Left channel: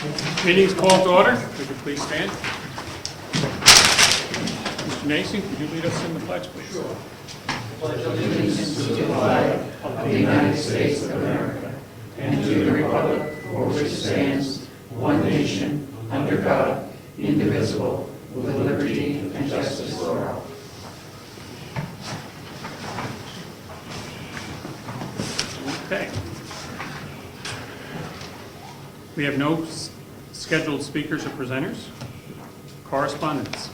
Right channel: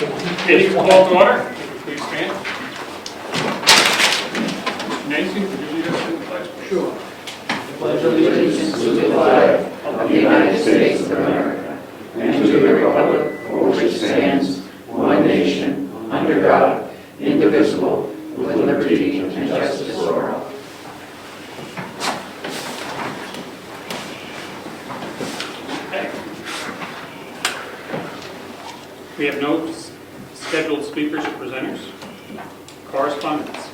Meeting called to order. Would you please stand? Mr. Mason, could you lead us in the pledge, please? Sure. Pledge allegiance to the flag of the United States of America and to the republic for which it stands, one nation, under God, indivisible, with liberty and justice for all. Okay. We have no scheduled speakers or presenters. Correspondence.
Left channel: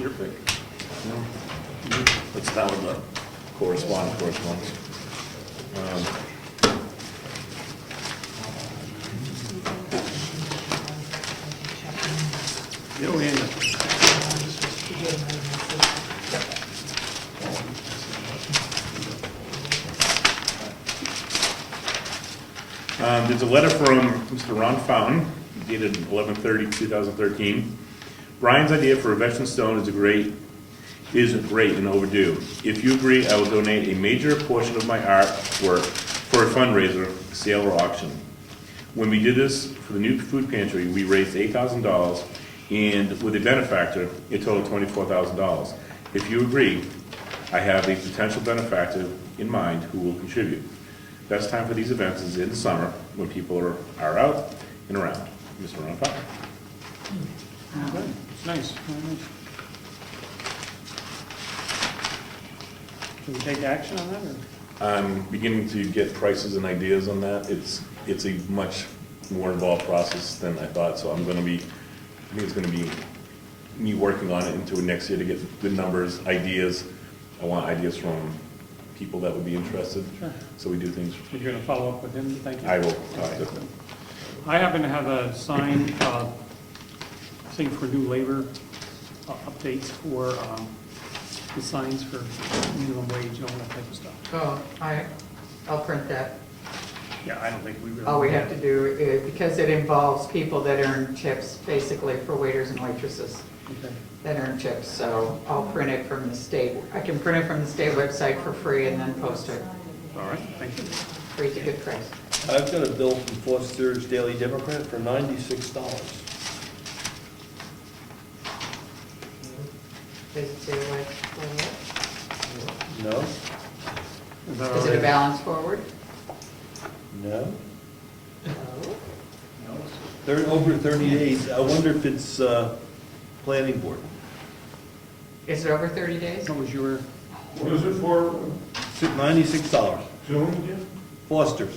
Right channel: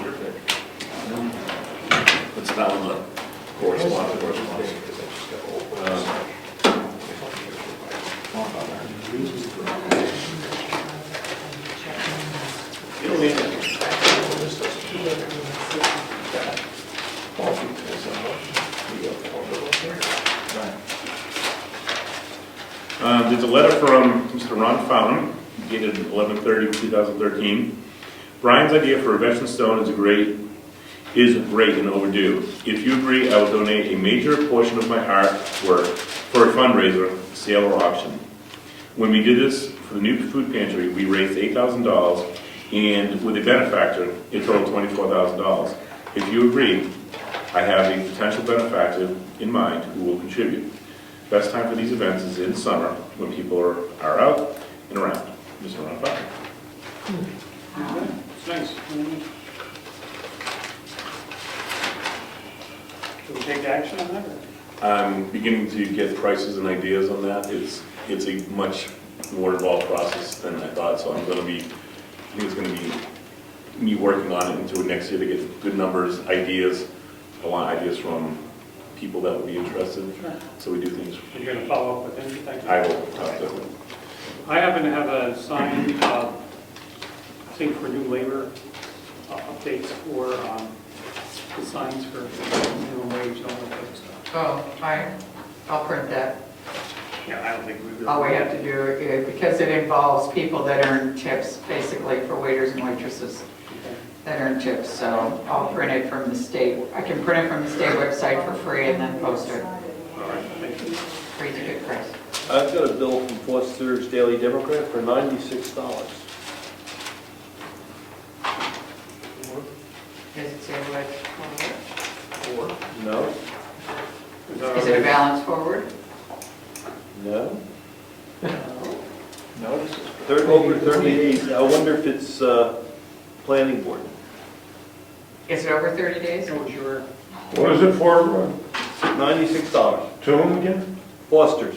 You're good. It's not on the correspondence. You'll be in there. There's a letter from Mr. Ron Fountain, dated 11/30/2013. Brian's idea for a veteran stone is great and overdue. If you agree, I will donate a major portion of my artwork for a fundraiser, sale, or auction. When we did this for the new food pantry, we raised $8,000, and with a benefactor, it totaled $24,000. If you agree, I have a potential benefactor in mind who will contribute. Best time for these events is in the summer, when people are out and around. Mr. Ron Fountain. It's nice. Can we take action on that? Or? I'm beginning to get prices and ideas on that. It's a much more involved process than I thought, so I think it's going to be me working on it into next year to get good numbers, ideas. I want ideas from people that would be interested. Sure. So we do things. You're going to follow up with him, you think? I will talk to them. I happen to have a sign, I think for new labor updates for the signs for minimum wage, all that type of stuff. Well, I'll print that. Yeah, I don't think we really. All we have to do is, because it involves people that earn tips, basically for waiters and waitresses Okay. that earn tips, so I'll print it from the state. I can print it from the state website for free and then post it. All right, thank you. Free's a good price. I've got a bill from Foster's Daily Democrat for $96. Does it say what? No? Is it a balance forward? No? Over 30 days. I wonder if it's planning board. Is it over 30 days? What was your, What is it for? $96. To whom again? Foster's.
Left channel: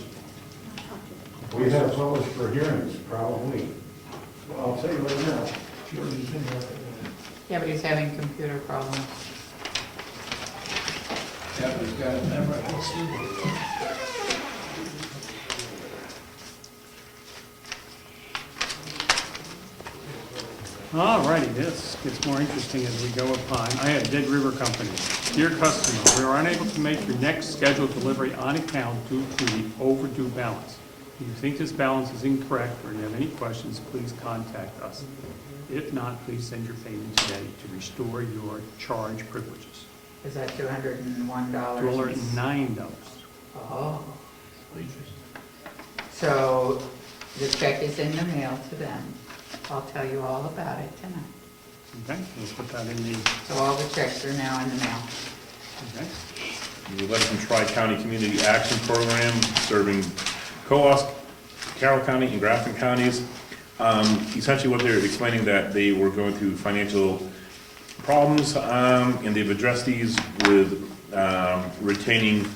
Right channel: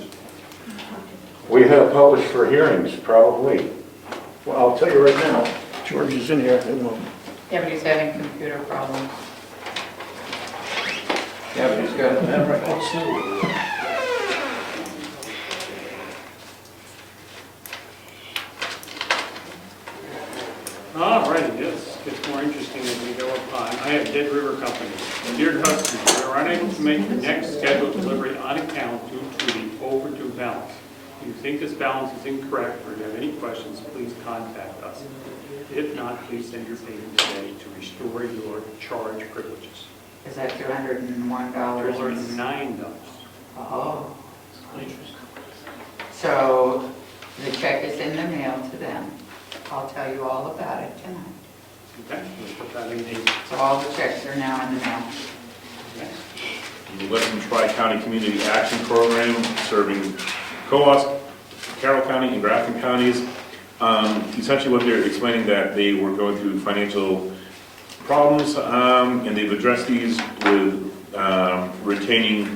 We have published for hearings, probably. Well, I'll tell you right now, George is in here. Yeah, but he's having computer problems. Yeah, but he's got it now, right? all righty, this gets more interesting as we go upon. I have Dead River Company. Dear customer, you are unable to make your next scheduled delivery on account due to the overdue balance. If you think this balance is incorrect or you have any questions, please contact us. If not, please send your payment today to restore your charge privileges. Is that $201? $9. Oh. So the check is in the mail to them. I'll tell you all about it tonight. Okay, we'll put that in the, So all the checks are now in the mail. okay. The Western Tri-County Community Action Program, serving Coos, Carroll County, and Grafton counties. Essentially what they're explaining that they were going through financial problems, and they've addressed these with retaining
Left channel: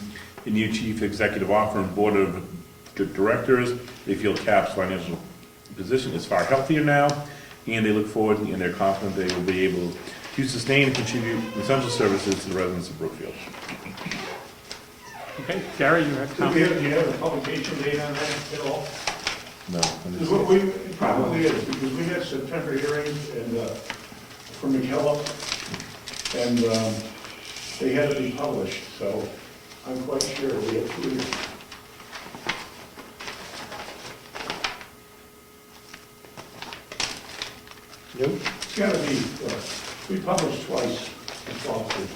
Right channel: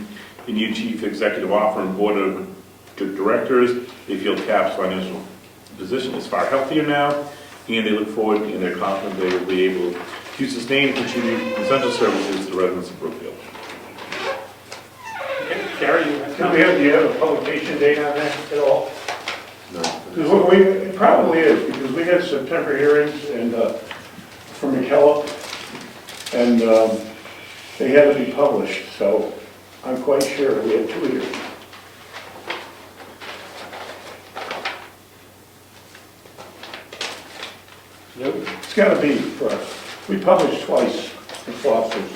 a new chief executive officer and board of directors. They feel CAP's financial position is far healthier now, and they look forward and they're confident they will be able to sustain and contribute essential services to the residents of Brookfield. Okay, Gary, you have Do you have a publication date on that at all? No. Because it probably is, because we had September hearings and, for McKellar, and they had to be published, so I'm quite sure we had 2 hearings. It's got to be, we published twice in Foster's.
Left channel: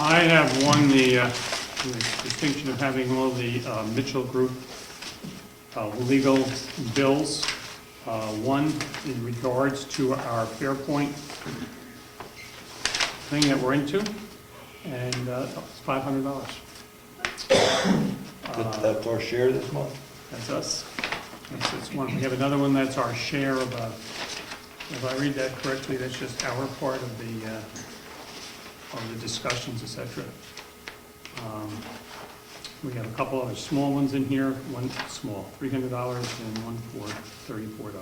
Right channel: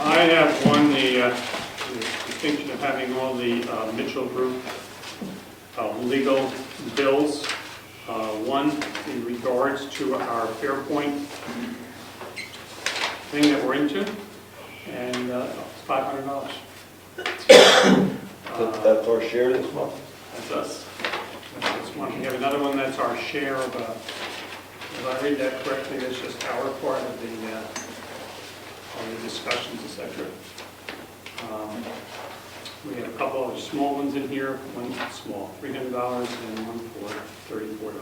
I I have won the distinction of having all the Mitchell Group legal bills. One in regards to our Fairpoint thing that we're into, and it's $500. That's our share this month? That's us. That's one. We have another one that's our share of, if I read that correctly, that's just our part of the discussions, et cetera. We have a couple of small ones in here, one small, $300, and one for $34.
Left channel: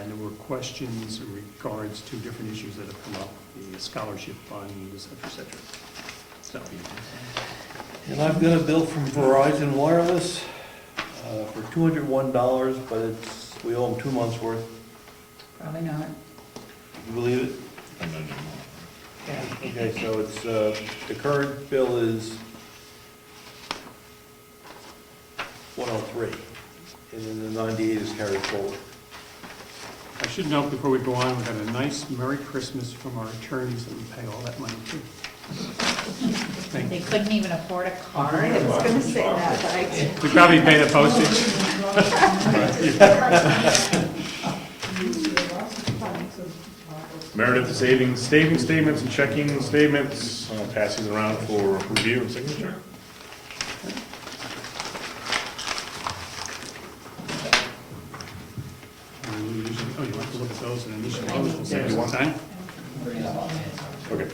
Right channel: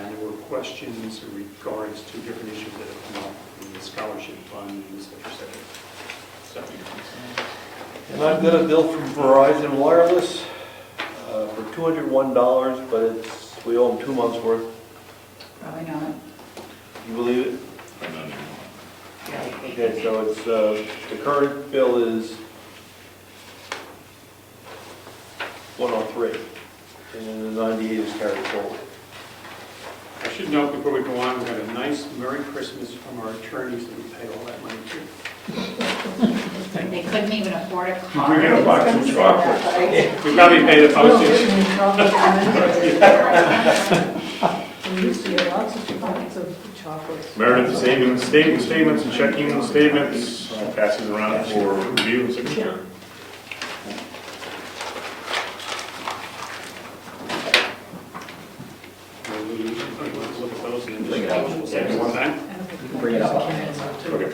And there were questions in regards to different issues that have come up, the scholarship fund, et cetera, stuff. And I've got a bill from Verizon Wireless for $201, but we owe them 2 months' worth. Probably not. You believe it? Okay, so it's, the current bill is 103, and the 98 is carried forward. I should note before we go on, we have a nice Merry Christmas from our attorneys that we pay all that money to. They couldn't even afford a We're car. gonna buy some chocolate. We probably pay the postage. Meredith, saving statements and checking statements, passes around for review and signature. We usually look at those and then just one time. Bring it up. Okay.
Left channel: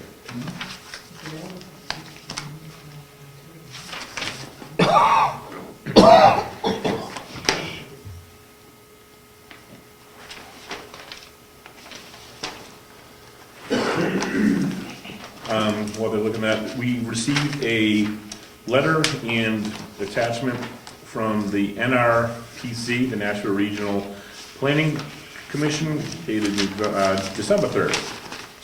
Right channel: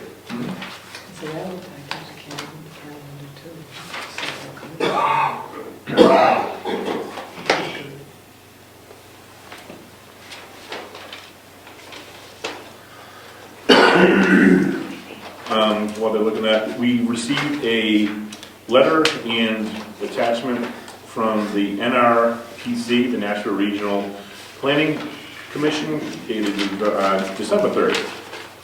While they're looking at, we received a letter and attachment from the NRPC, the National Regional Planning Commission, dated December 3rd,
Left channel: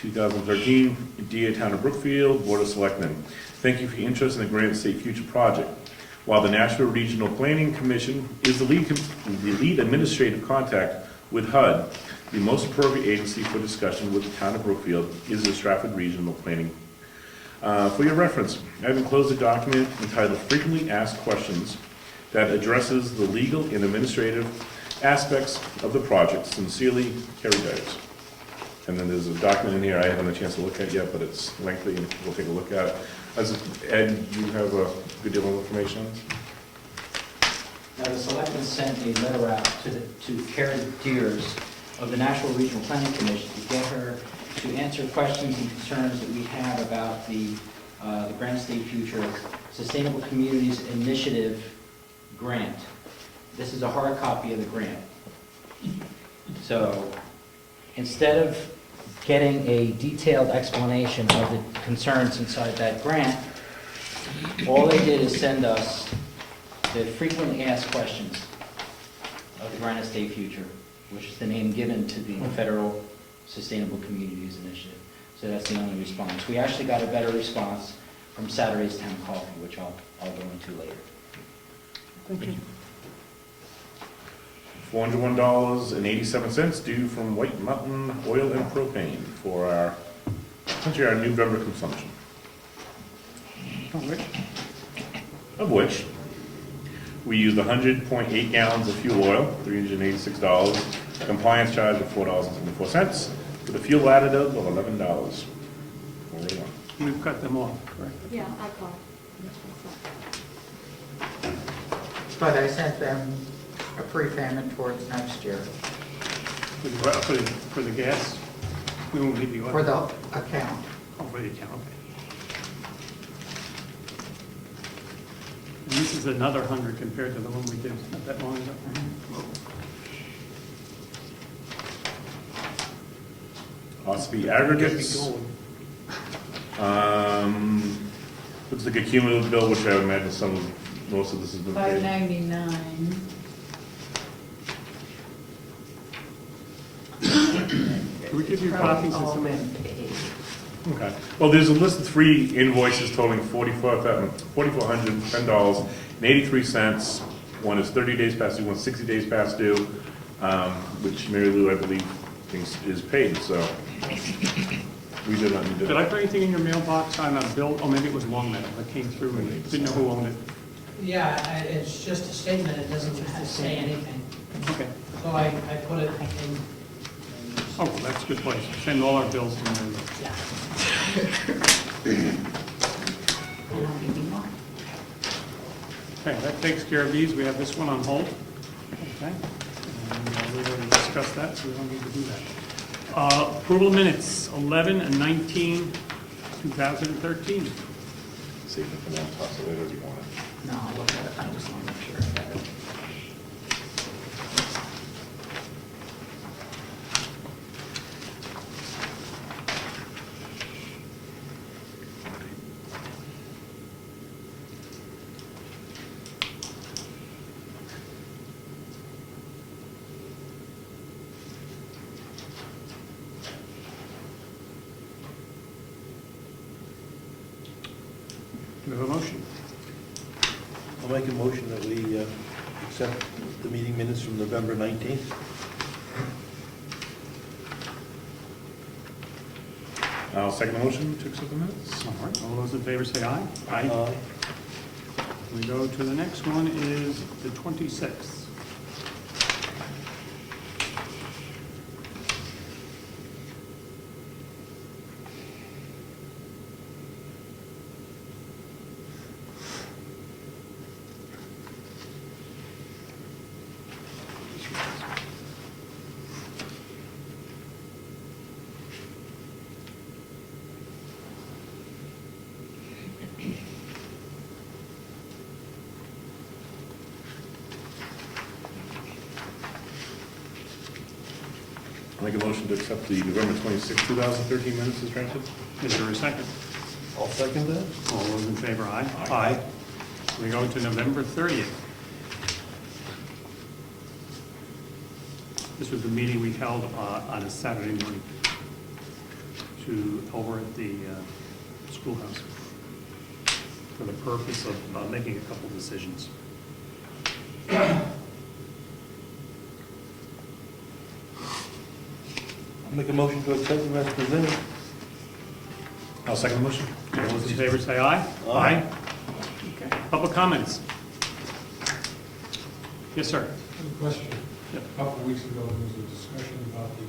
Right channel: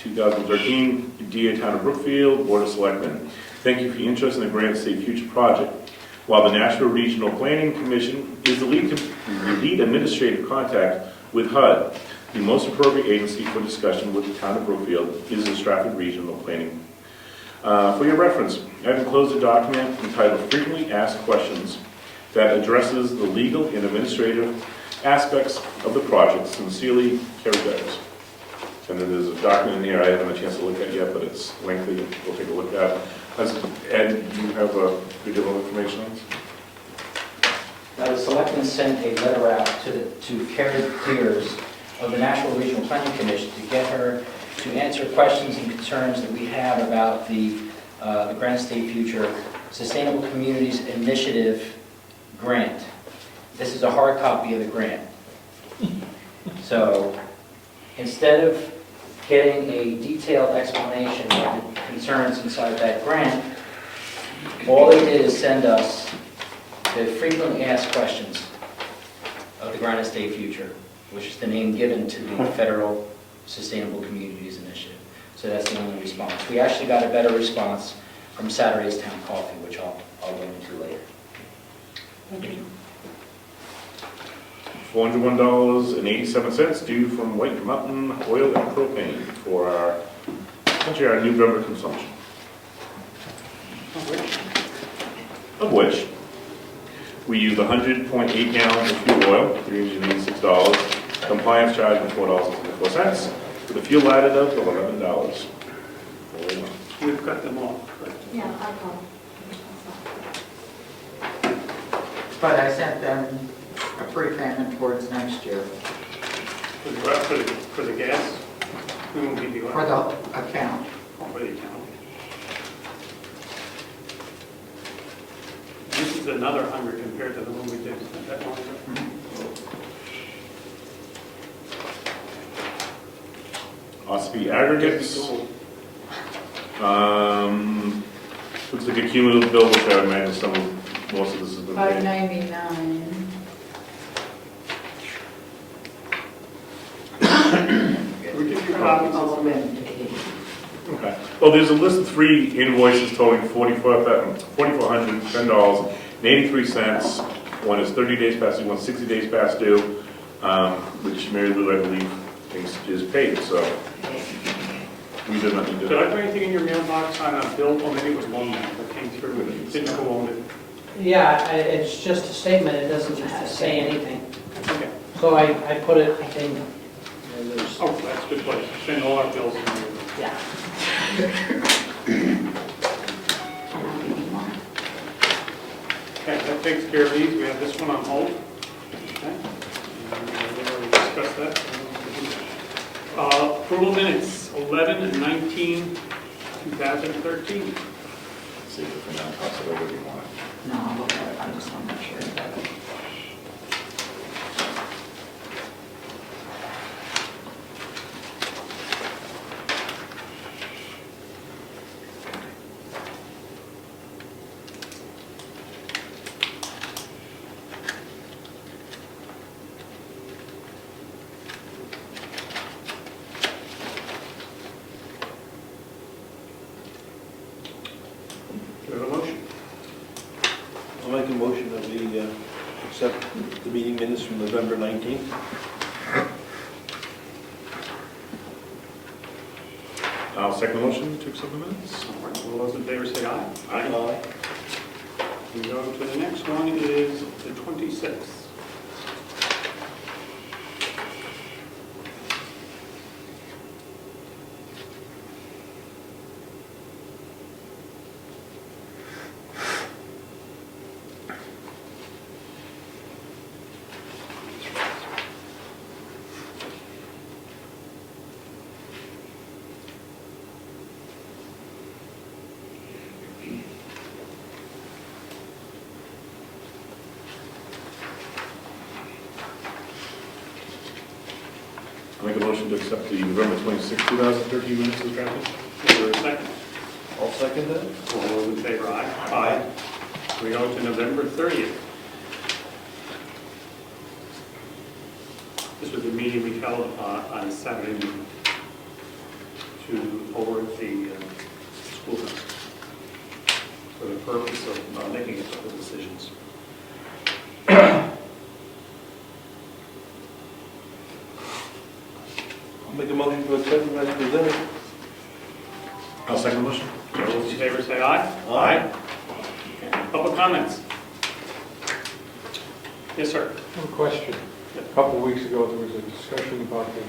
2013, DA Town of Brookfield, Board of Selectmen. Thank you for your interest in the Granite State Future Project. While the National Regional Planning Commission is the lead administrative contact with HUD, the most appropriate agency for discussion with the Town of Brookfield is the Stratford Regional Planning. For your reference, I have enclosed a document entitled Frequently Asked Questions that addresses the legal and administrative aspects of the project. Sincerely, Kerry Bears. And then there's a document in here I haven't had a chance to look at yet, but it's lengthy, and we'll take a look at it. Ed, do you have a good deal of information on this? The selectmen sent a letter out to Carrie Peters of the National Regional Planning Commission to get her to answer questions and concerns that we have about the Granite State Future Sustainable Communities Initiative grant. This is a hard copy of the grant. So instead of getting a detailed explanation of the concerns inside that grant, all they did is send us the frequently asked questions of the Granite State Future, which is the name given to the Federal Sustainable Communities Initiative. So that's the only response. We actually got a better response from Saturday's Town Coffee, which I'll go into later. Thank you. $401.87 due from White Mountain Oil and Propane for our new rubber consumption. Of which we used 100.8 gallons of fuel oil, $386, a compliance charge of $4.74, with a fuel additive of $11. We've cut them off, correct? Yeah, I've got. But I sent them a prepayment towards next year For the gas, we won't give you for one. the account. For the account. And this is another 100 compared to the one we did, not that long ago. Ospey aggregates. Looks like a cumulative bill, which I imagine most of this has been paid. $599. Can we give you copies of All some? been paid. Okay. Well, there's a list of 3 invoices totaling $4,410.83. One is 30 days past due, one's 60 days past due, which Mary Lou, I believe, thinks is paid. So We did not need Did to. I put anything in your mailbox on a bill, or maybe it was one that came through, didn't know who owned it? Yeah, it's just a statement, it doesn't say anything. Okay. So I put it in. Oh, that's a good place, send all our bills in there. Yeah. Okay, that takes care of these, we have this one on hold. Okay. And we already discussed that. So we don't need to do that. Approval minutes, 11/19/2013. See if we're not possible, whatever you want. No, I'll look at it, I'm just not sure. Do we have a motion? I'll make a motion that we accept the meeting minutes from November 19th. I'll second the motion to accept the minutes. All right, all those in favor say aye. Aye. We go to the next one is the 26th. I'll make a motion to accept the November 26, 2013 minutes as drafted. Is there a second? I'll second that. All those in favor, aye. Aye. We go to November 30th. This was the meeting we held on a Saturday evening over at the schoolhouse for the purpose of making a couple decisions. I'll make a motion to accept them as presented. I'll second the motion. All those in favor say aye. Aye. Okay. Public comments? Yes, sir. One question. A couple of weeks ago, there was a discussion about the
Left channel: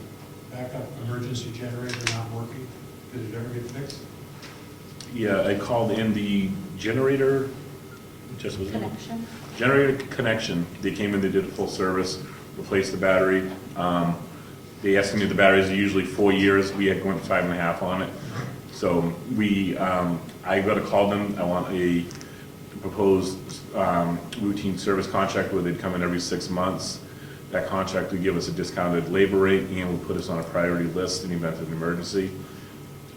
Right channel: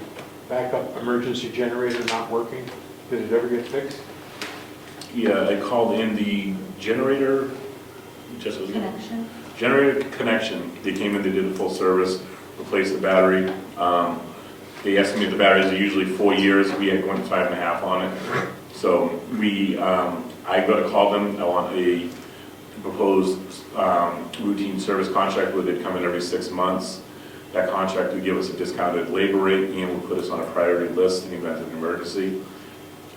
backup emergency generator not working. Did it ever get fixed? Yeah, I called in the generator, just was Connection. generator connection. They came in, they did a full service, replaced the battery. They estimate the batteries are usually 4 years. We had went 5.5 on it. So I got to call them. I want a proposed routine service contract where they'd come in every 6 months. That contract would give us a discounted labor rate and would put us on a priority list in the event of an emergency.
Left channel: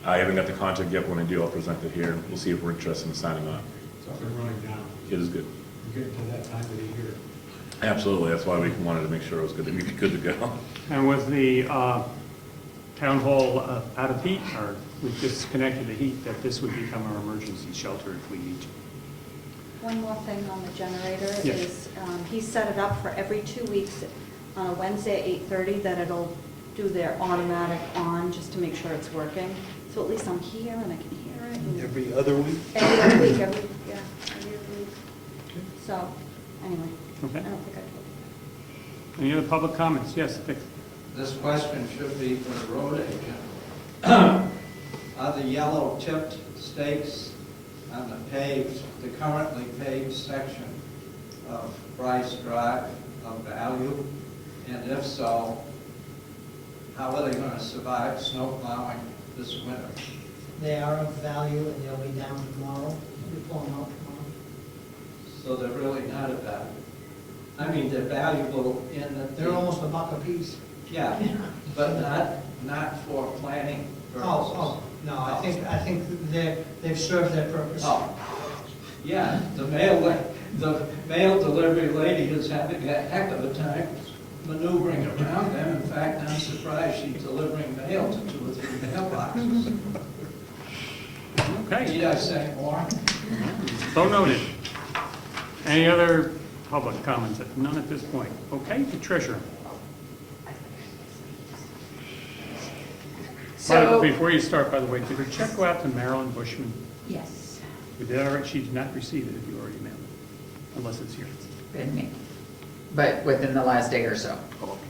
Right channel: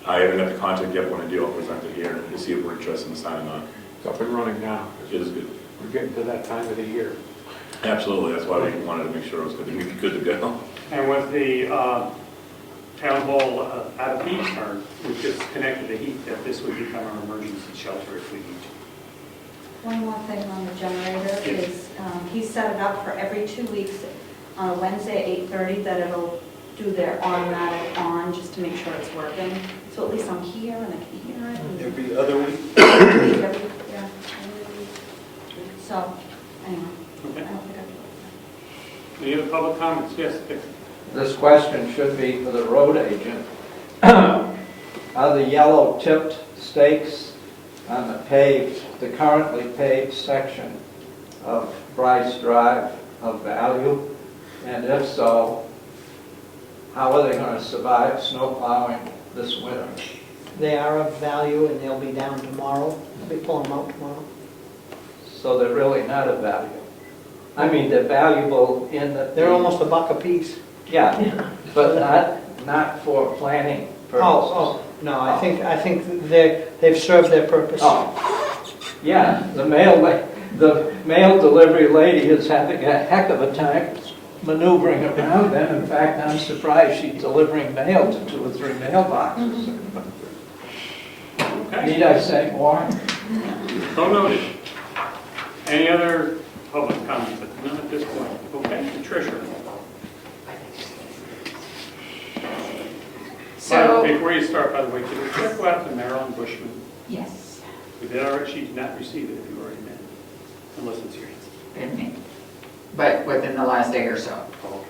I haven't got the contract yet, but when I do, I'll present it here to see if we're interested in signing on. It's up and running now. It is good. We're getting to that time of the year. Absolutely, that's why we wanted to make sure it was good to go. And was the town hall out of heat, or was just connected to heat, that this would become an emergency shelter if we need to? One more thing on the generator Yes. is, he set it up for every 2 weeks on a Wednesday at 8:30, that it'll do their automatic on, just to make sure it's working. So at least I'm here and I can hear it. and- Every other week. Yeah. So, anyway, I Okay. don't think I can. Any other public comments? Yes, Vic. This question should be for the road agent. Are the yellow tipped stakes on the currently paved section of Bryce Drive of value? And if so, how are they going to survive snow plowing this winter? They are of value and they'll be down tomorrow. They pull them out tomorrow. So they're really not of value. I mean, they're valuable in that They're almost $1 a piece. Yeah, but not for planning purposes. Oh, no, I think they've served their purpose. Oh, yeah, the mail delivery lady is having a heck of a time maneuvering around them. In fact, I'm surprised she's delivering mail to 2 or 3 mailboxes. Okay. Need I say more? So noted. Any other public comments? None at this point. Okay, the treasurer. So, Before you start, by the way, did the check go out to Marilyn Bushman? yes, We did already, she did not receive it if you already met, unless it's yours. didn't he? But within the last day or so, Oh,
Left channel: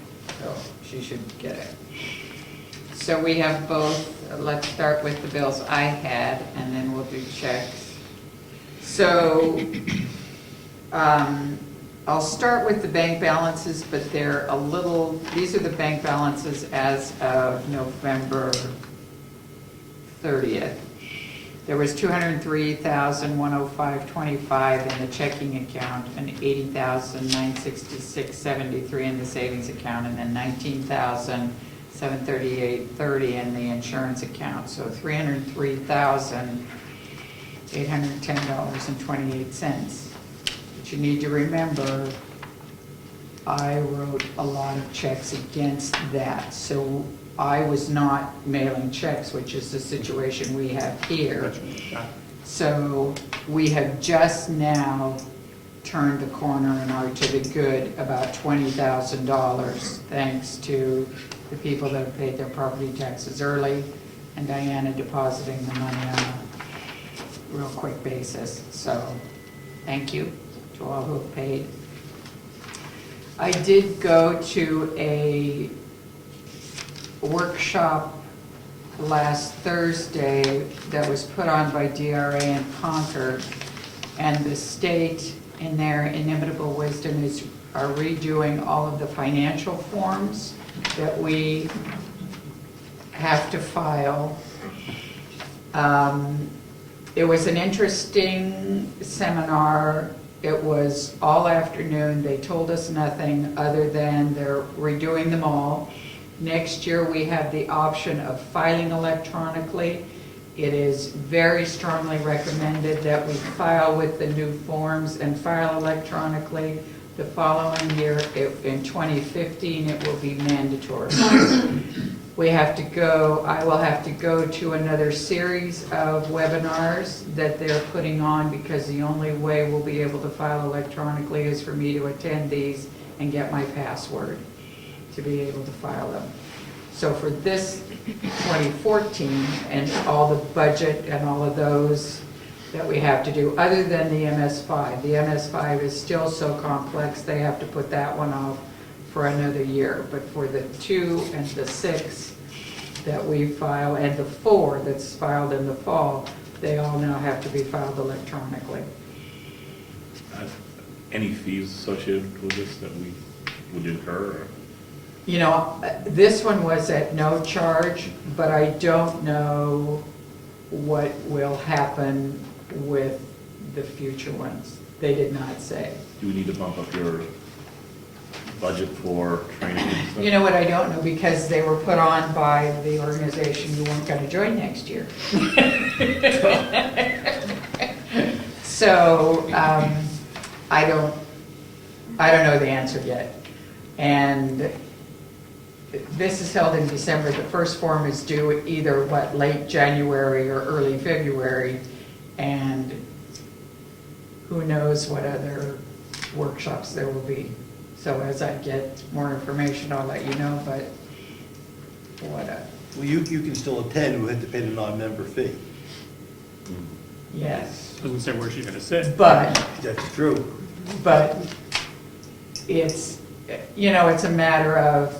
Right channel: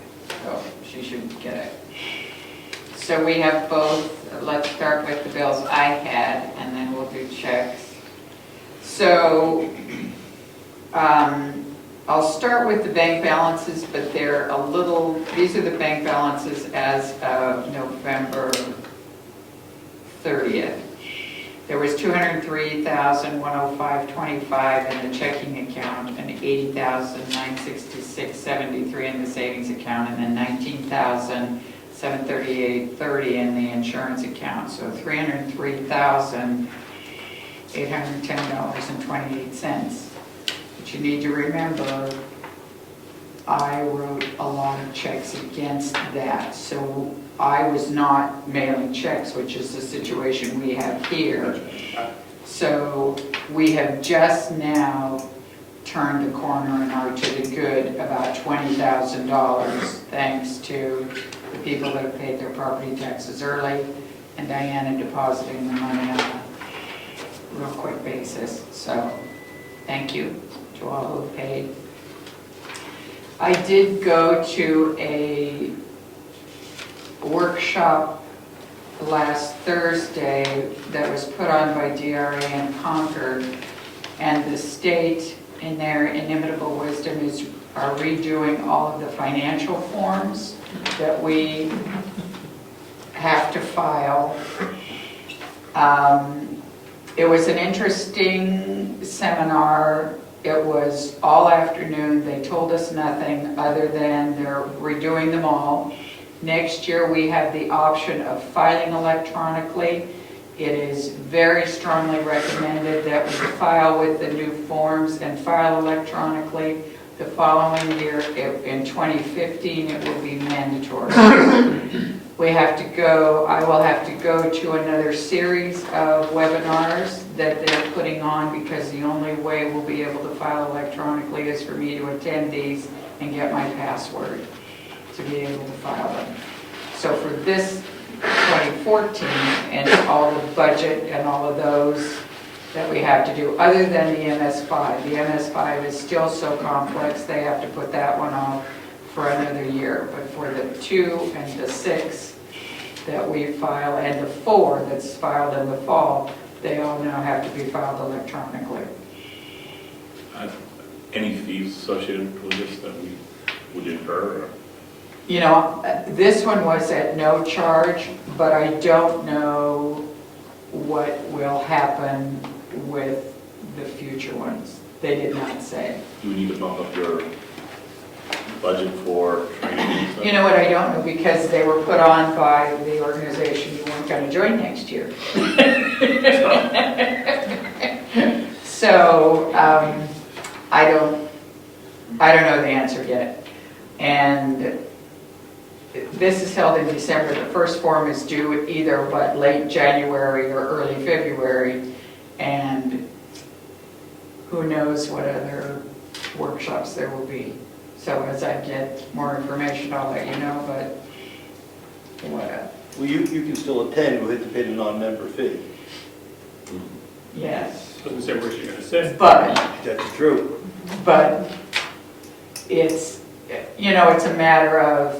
so she should get it. So we have both, let's start with the bills I had, and then we'll do checks. So, I'll start with the bank balances, but they're a little, these are the bank balances as of November 30th. There was $203,105.25 in the checking account and $80,966.73 in the savings account, and then $19,738.30 in the insurance account. So $303,810.28. But you need to remember, I wrote a lot of checks against that. So I was not mailing checks, which is the situation we have here. So we have just now turned the corner and are to the good about $20,000, thanks to the people that have paid their property taxes early and Diana depositing the money on a real quick basis. So thank you to all who have paid. I did go to a workshop last Thursday that was put on by DRA in Concord, and the state, in their inimitable wisdom, are redoing all of the financial forms that we have to file. It was an interesting seminar. It was all afternoon. They told us nothing other than they're redoing them all. Next year, we have the option of filing electronically. It is very strongly recommended that we file with the new forms and file electronically. The following year, in 2015, it will be mandatory. I will have to go to another series of webinars that they're putting on, because the only way we'll be able to file electronically is for me to attend these and get my password to be able to file them. So for this 2014 and all the budget and all of those that we have to do, other than the MS5. The MS5 is still so complex, they have to put that one off for another year. But for the 2 and the 6 that we file, and the 4 that's filed in the fall, they all now have to be filed electronically. Any fees associated with this that we would incur? You know, this one was at no charge, but I don't know what will happen with the future ones. They did not say. Do you need to bump up your budget for training and stuff? You know what, I don't know, because they were put on by the organization who weren't going to join next year. So, I don't know the answer yet. And this is held in December. The first form is due either, late January or early February, and who knows what other workshops there will be. So as I get more information, I'll let you know, but what? Well, you can still attend, we'll have to pay the non-member fee. Yes. Doesn't say where she's gonna sit. But That's true. it's, it's a matter of,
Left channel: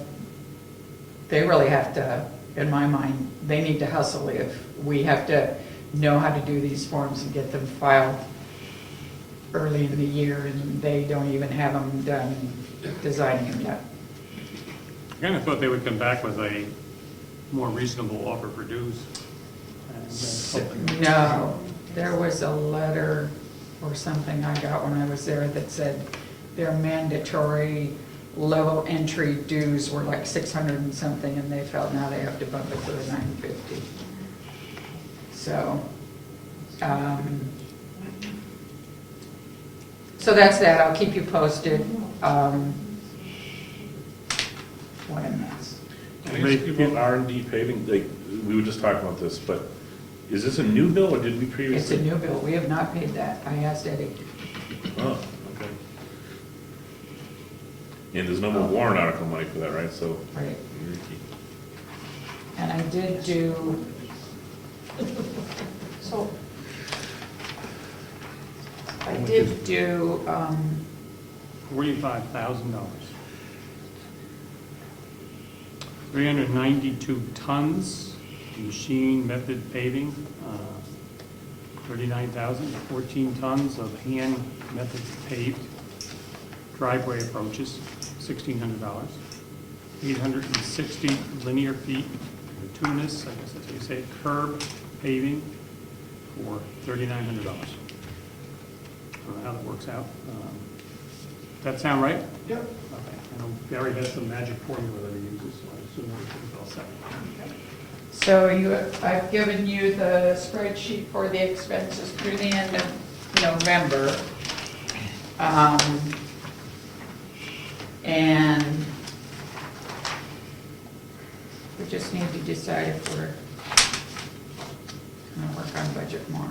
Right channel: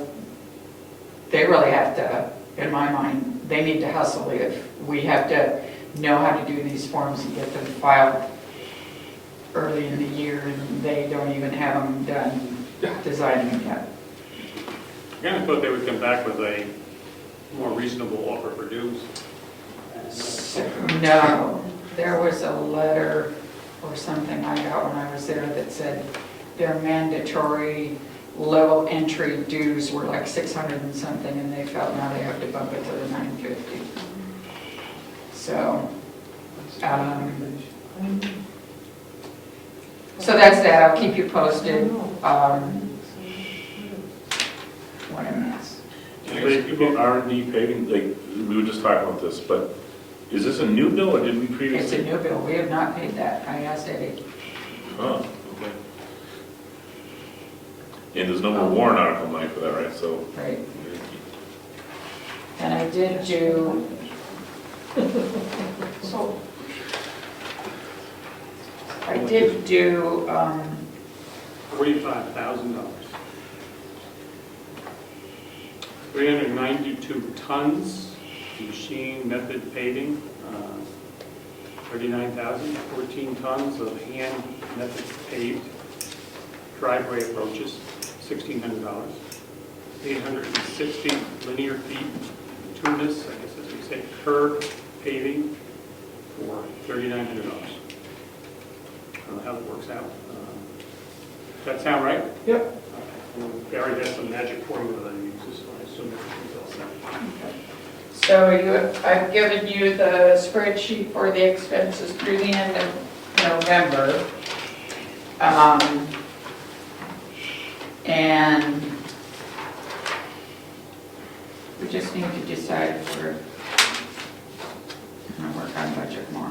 they really have to, in my mind, they need to hustle. If we have to know how to do these forms and get them filed early in the year, and they don't even have them done designing them yet. I kind of thought they would come back with a more reasonable offer for dues. No, there was a letter or something I got when I was there that said their mandatory level entry dues were like 600 and something, and they felt now they have to bump it to the 950. So, so that's that. I'll keep you posted. What a mess. People R&D paving, we were just talking about this, but is this a new bill or did we It's previously? a new bill. We have not paid that. I asked Eddie. Oh, okay. And there's no more warrant article money for that, right? So, Right. And I did do, so, I did do, $45,000. 392 tons, machine method paving, 39,000, 14 tons of hand method paved, driveway approaches, $1,600, 860 linear feet, bituminous, I guess as we say, curb paving for $3,900. I don't know how that works out. That sound right? Yep. Okay. I know Gary has some magic formula that he uses, so I assume it's all set. so I've given you the spreadsheet for the expenses through the end of November. And we just need to decide if we're going to work on budget more.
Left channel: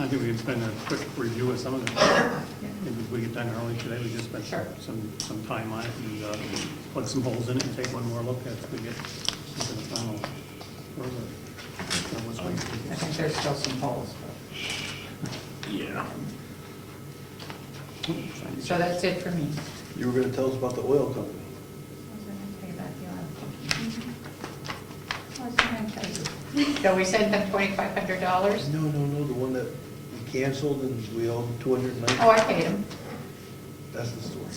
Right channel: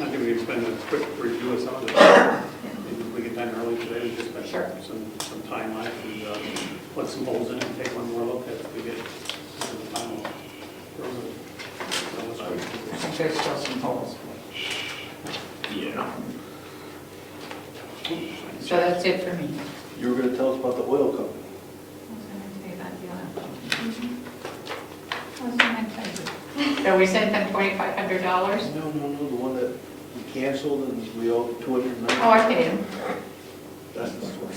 I think we can spend a quick review of some of it. Maybe we get done early today, we just Sure. spend some time on it and put some holes in it and take one more look at it. We get to the final. I think there's still some holes. Yeah. So that's it for me. You were gonna tell us about the oil company. So we sent them $2,500? No, the one that we canceled and we owe $290. Oh, I paid him. That's the story.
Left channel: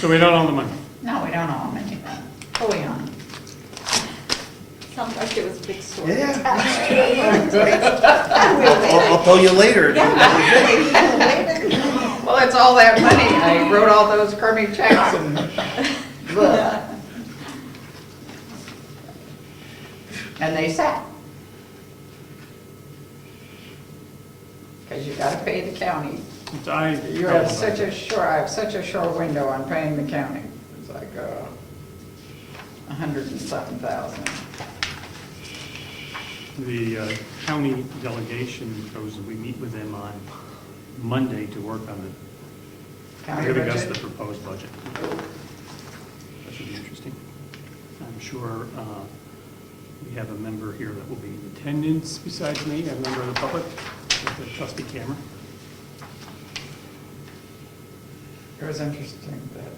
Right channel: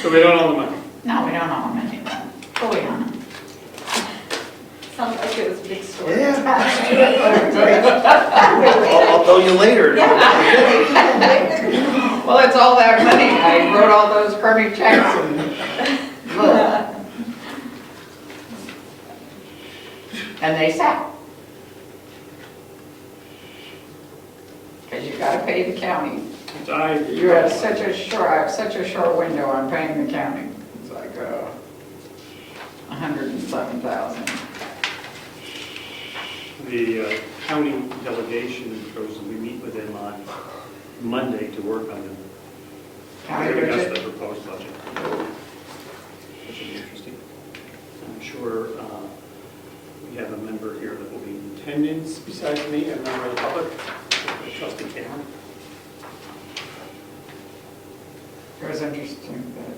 So we don't own the money. No, we don't owe him anything. Oh, we own him. Sounds like it was a big story. I'll tell you later. Well, it's all that money. I wrote all those crummy checks and they sat. Because you gotta pay the county. You have such a short, I have such a short window on paying the county. It's like $107,000. The county delegation goes, we meet with them on Monday to work on it. County Giving us budget. the proposed budget. That should be interesting. I'm sure we have a member here that will be in attendance besides me, a member of the public, trustee Cameron. It was interesting, but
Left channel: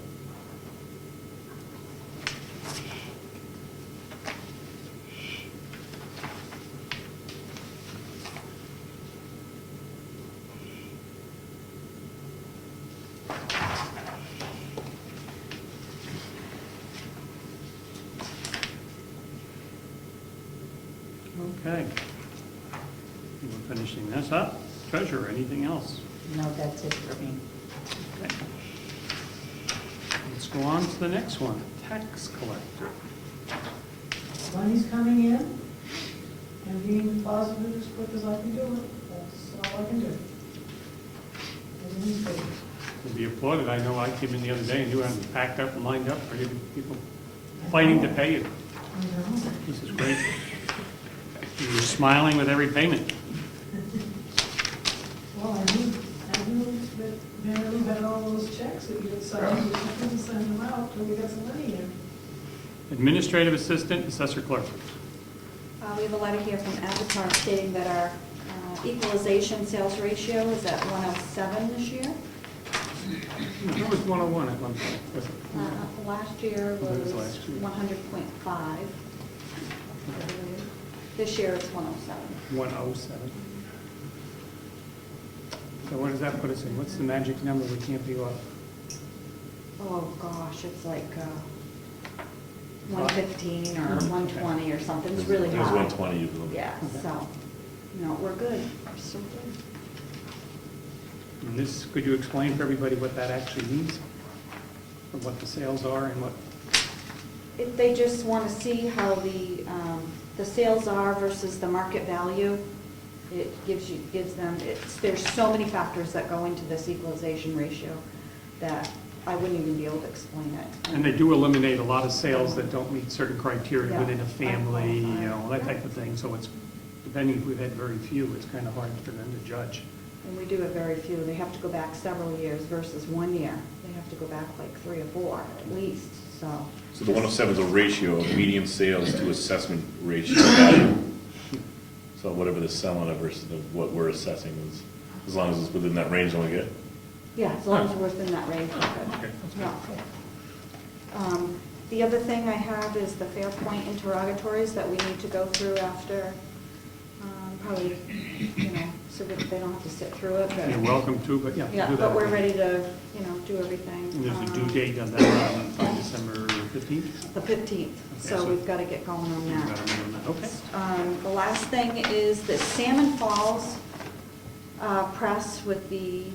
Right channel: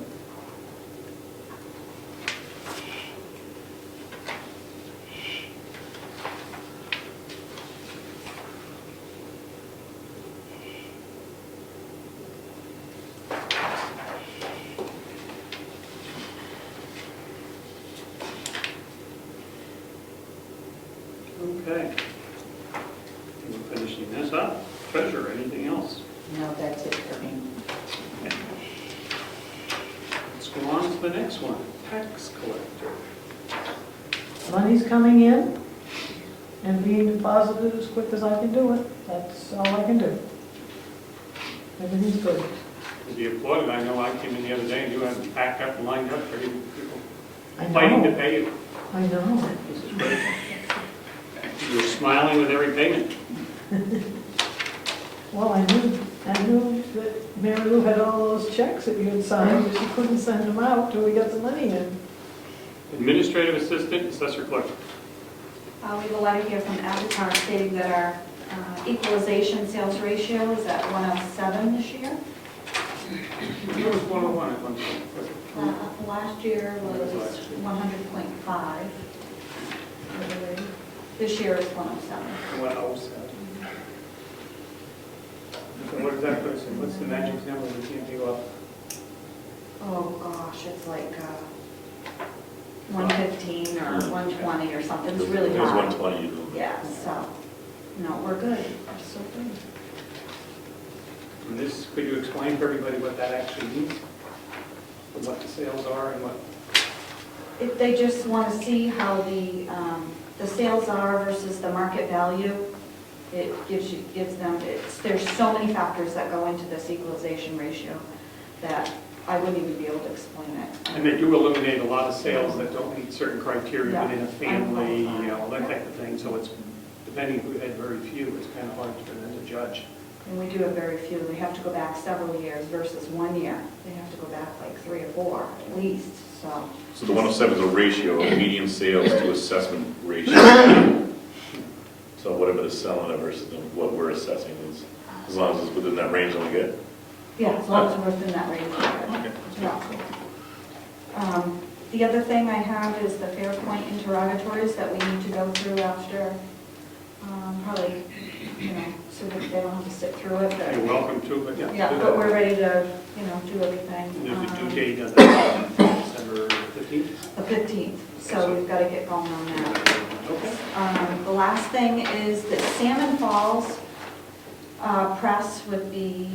Okay. We're finishing this up. Treasurer, anything else? no, that's it for me. Okay. Let's go on to the next one, tax collector. Money's coming in and being deposited as quick as I can do it. That's all I can do. Everything's good. To be applauded, I know I came in the other day and you had them packed up and lined up, ready, people I fighting to know. pay you. I know. This is great. You're smiling with every payment. Well, I knew that Mary Lou had all those checks that you had signed, but she couldn't send them out till we got some money in. Administrative assistant, assessor clerk. We have a letter here from Avatar stating that our equalization sales ratio is at 107 this year. It was 101 at one point. Last year was 100.5. This year is 107. 107. So what does that put us in? What's the magic number we can't be off? Oh, gosh, it's like 115 or 120 or something. It's really It was high. 120. Yeah, so, no, we're good. We're so good. And this, could you explain for everybody what that actually means? Or what the sales are and what? If they just want to see how the sales are versus the market value, it gives them, there's so many factors that go into this equalization ratio that I wouldn't even be able to explain it. And they do eliminate a lot of sales that don't meet certain criteria Yeah. within a family, that type of thing. So it's, depending if we had very few, it's kind of hard for them to judge. And we do have very few. They have to go back several years versus 1 year. They have to go back like 3 or 4 at least, so. So the 107 is a ratio of median sales to assessment ratio. So whatever they're selling it versus what we're assessing is, as long as it's within that range, only good. Yeah, as long as we're within that range. Okay. Yeah. The other thing I have is the Fairpoint interrogatories that we need to go through after, probably, so that they don't have to sit through it, You're but, welcome to, but yeah. yeah, but we're ready to, do everything. And there's a due date on that, December 15th? The 15th, so we've got to get going on that. Okay. The last thing is the Salmon Falls press with the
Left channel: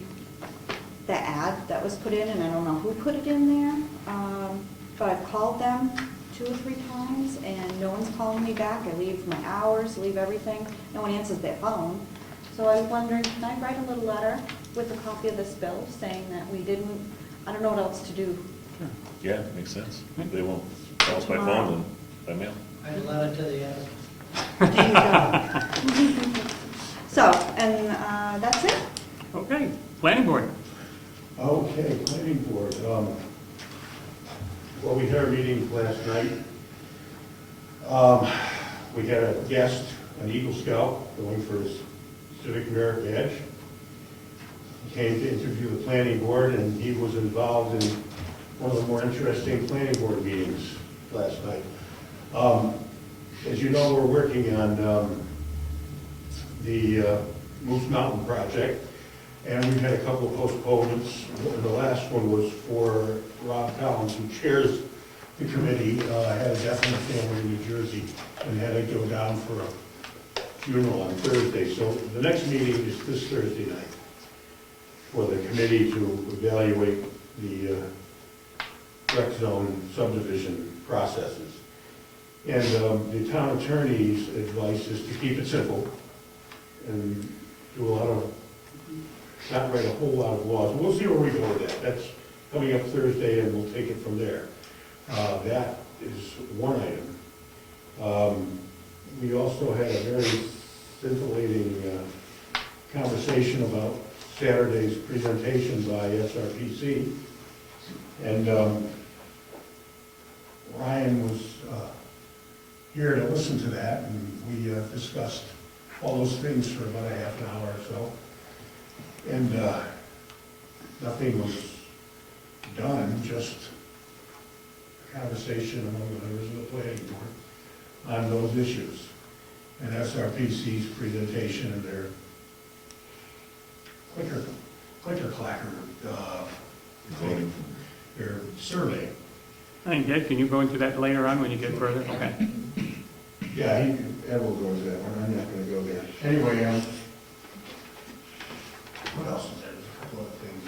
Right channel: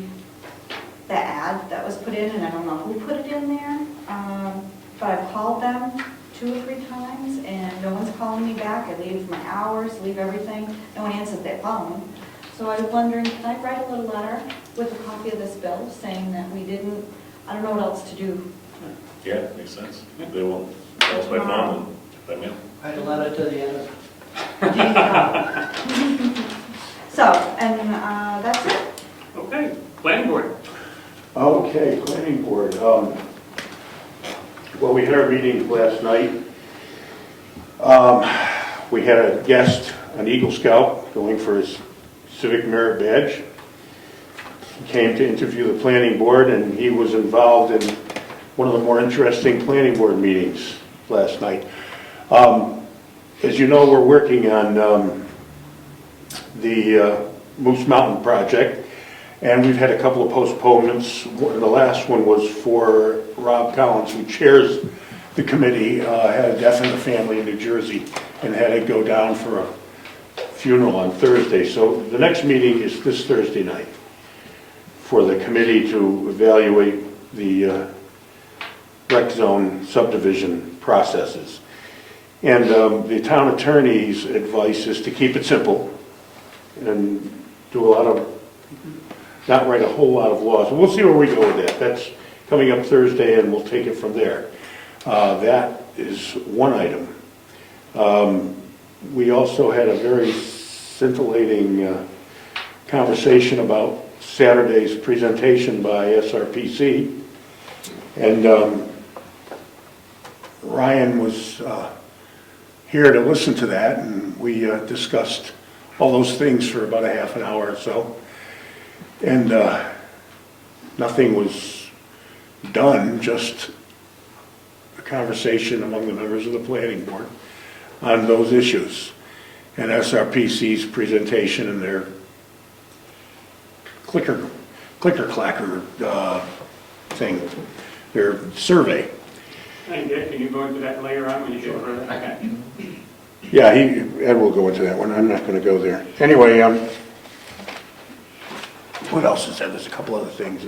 ad that was put in, and I don't know who put it in there, but I've called them 2 or 3 times, and no one's calling me back. I leave my hours, leave everything, no one answers their phone. So I was wondering, can I write a little letter with a copy of this bill saying that we didn't, I don't know what else to do. Yeah, makes sense. They will tell us by phone and by mail. Write a letter to the editor. So, and that's it. Okay, planning board. Okay, planning board. Well, we had our meeting last night. We had a guest, an Eagle Scout, going for his Civic Merit Badge. He came to interview the planning board, and he was involved in one of the more interesting planning board meetings last night. As you know, we're working on the Moose Mountain project, and we've had a couple of postponements. The last one was for Rob Collins, who chairs the committee, had a death in the family in New Jersey and had to go down for a funeral on Thursday. So the next meeting is this Thursday night for the committee to evaluate the rec zone subdivision processes. And the town attorney's advice is to keep it simple and do a lot of, not write a whole lot of laws. And we'll see where we go with that. That's coming up Thursday, and we'll take it from there. That is one item. We also had a very scintillating conversation about Saturday's presentation by SRPC. And Ryan was here to listen to that, and we discussed all those things for about a half an hour or so. And nothing was done, just a conversation among the members of the planning board on those issues. And SRPC's presentation and their clicker-clacker thing, their survey. Hey, Dick, can you go into that later on when you get further? Okay. Yeah, Ed will go into that one. I'm not going to go there. Anyway, what else is there? There's a couple other things.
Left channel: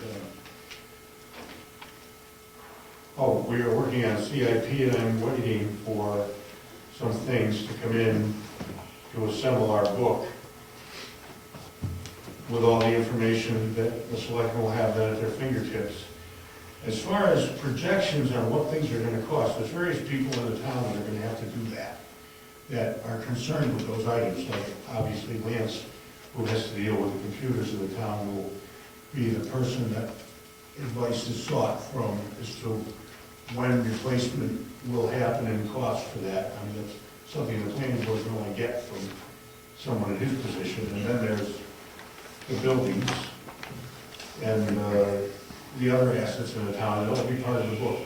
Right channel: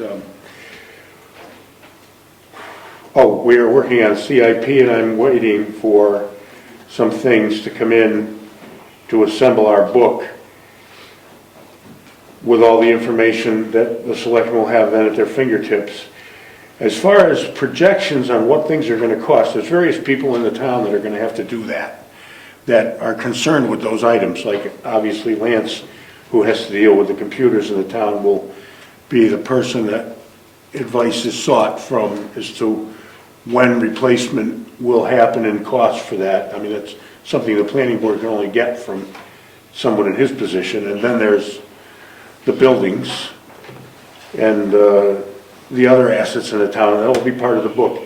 We are working on CIP, and I'm waiting for some things to come in to assemble our book with all the information that the selectmen will have then at their fingertips. As far as projections on what things are going to cost, there's various people in the town that are going to have to do that are concerned with those items. Like obviously Lance, who has to deal with the computers in the town, will be the person that advice is sought from as to when replacement will happen and cost for that. I mean, that's something the planning board can only get from someone in his position. And then there's the buildings and the other assets in the town. That will be part of the book.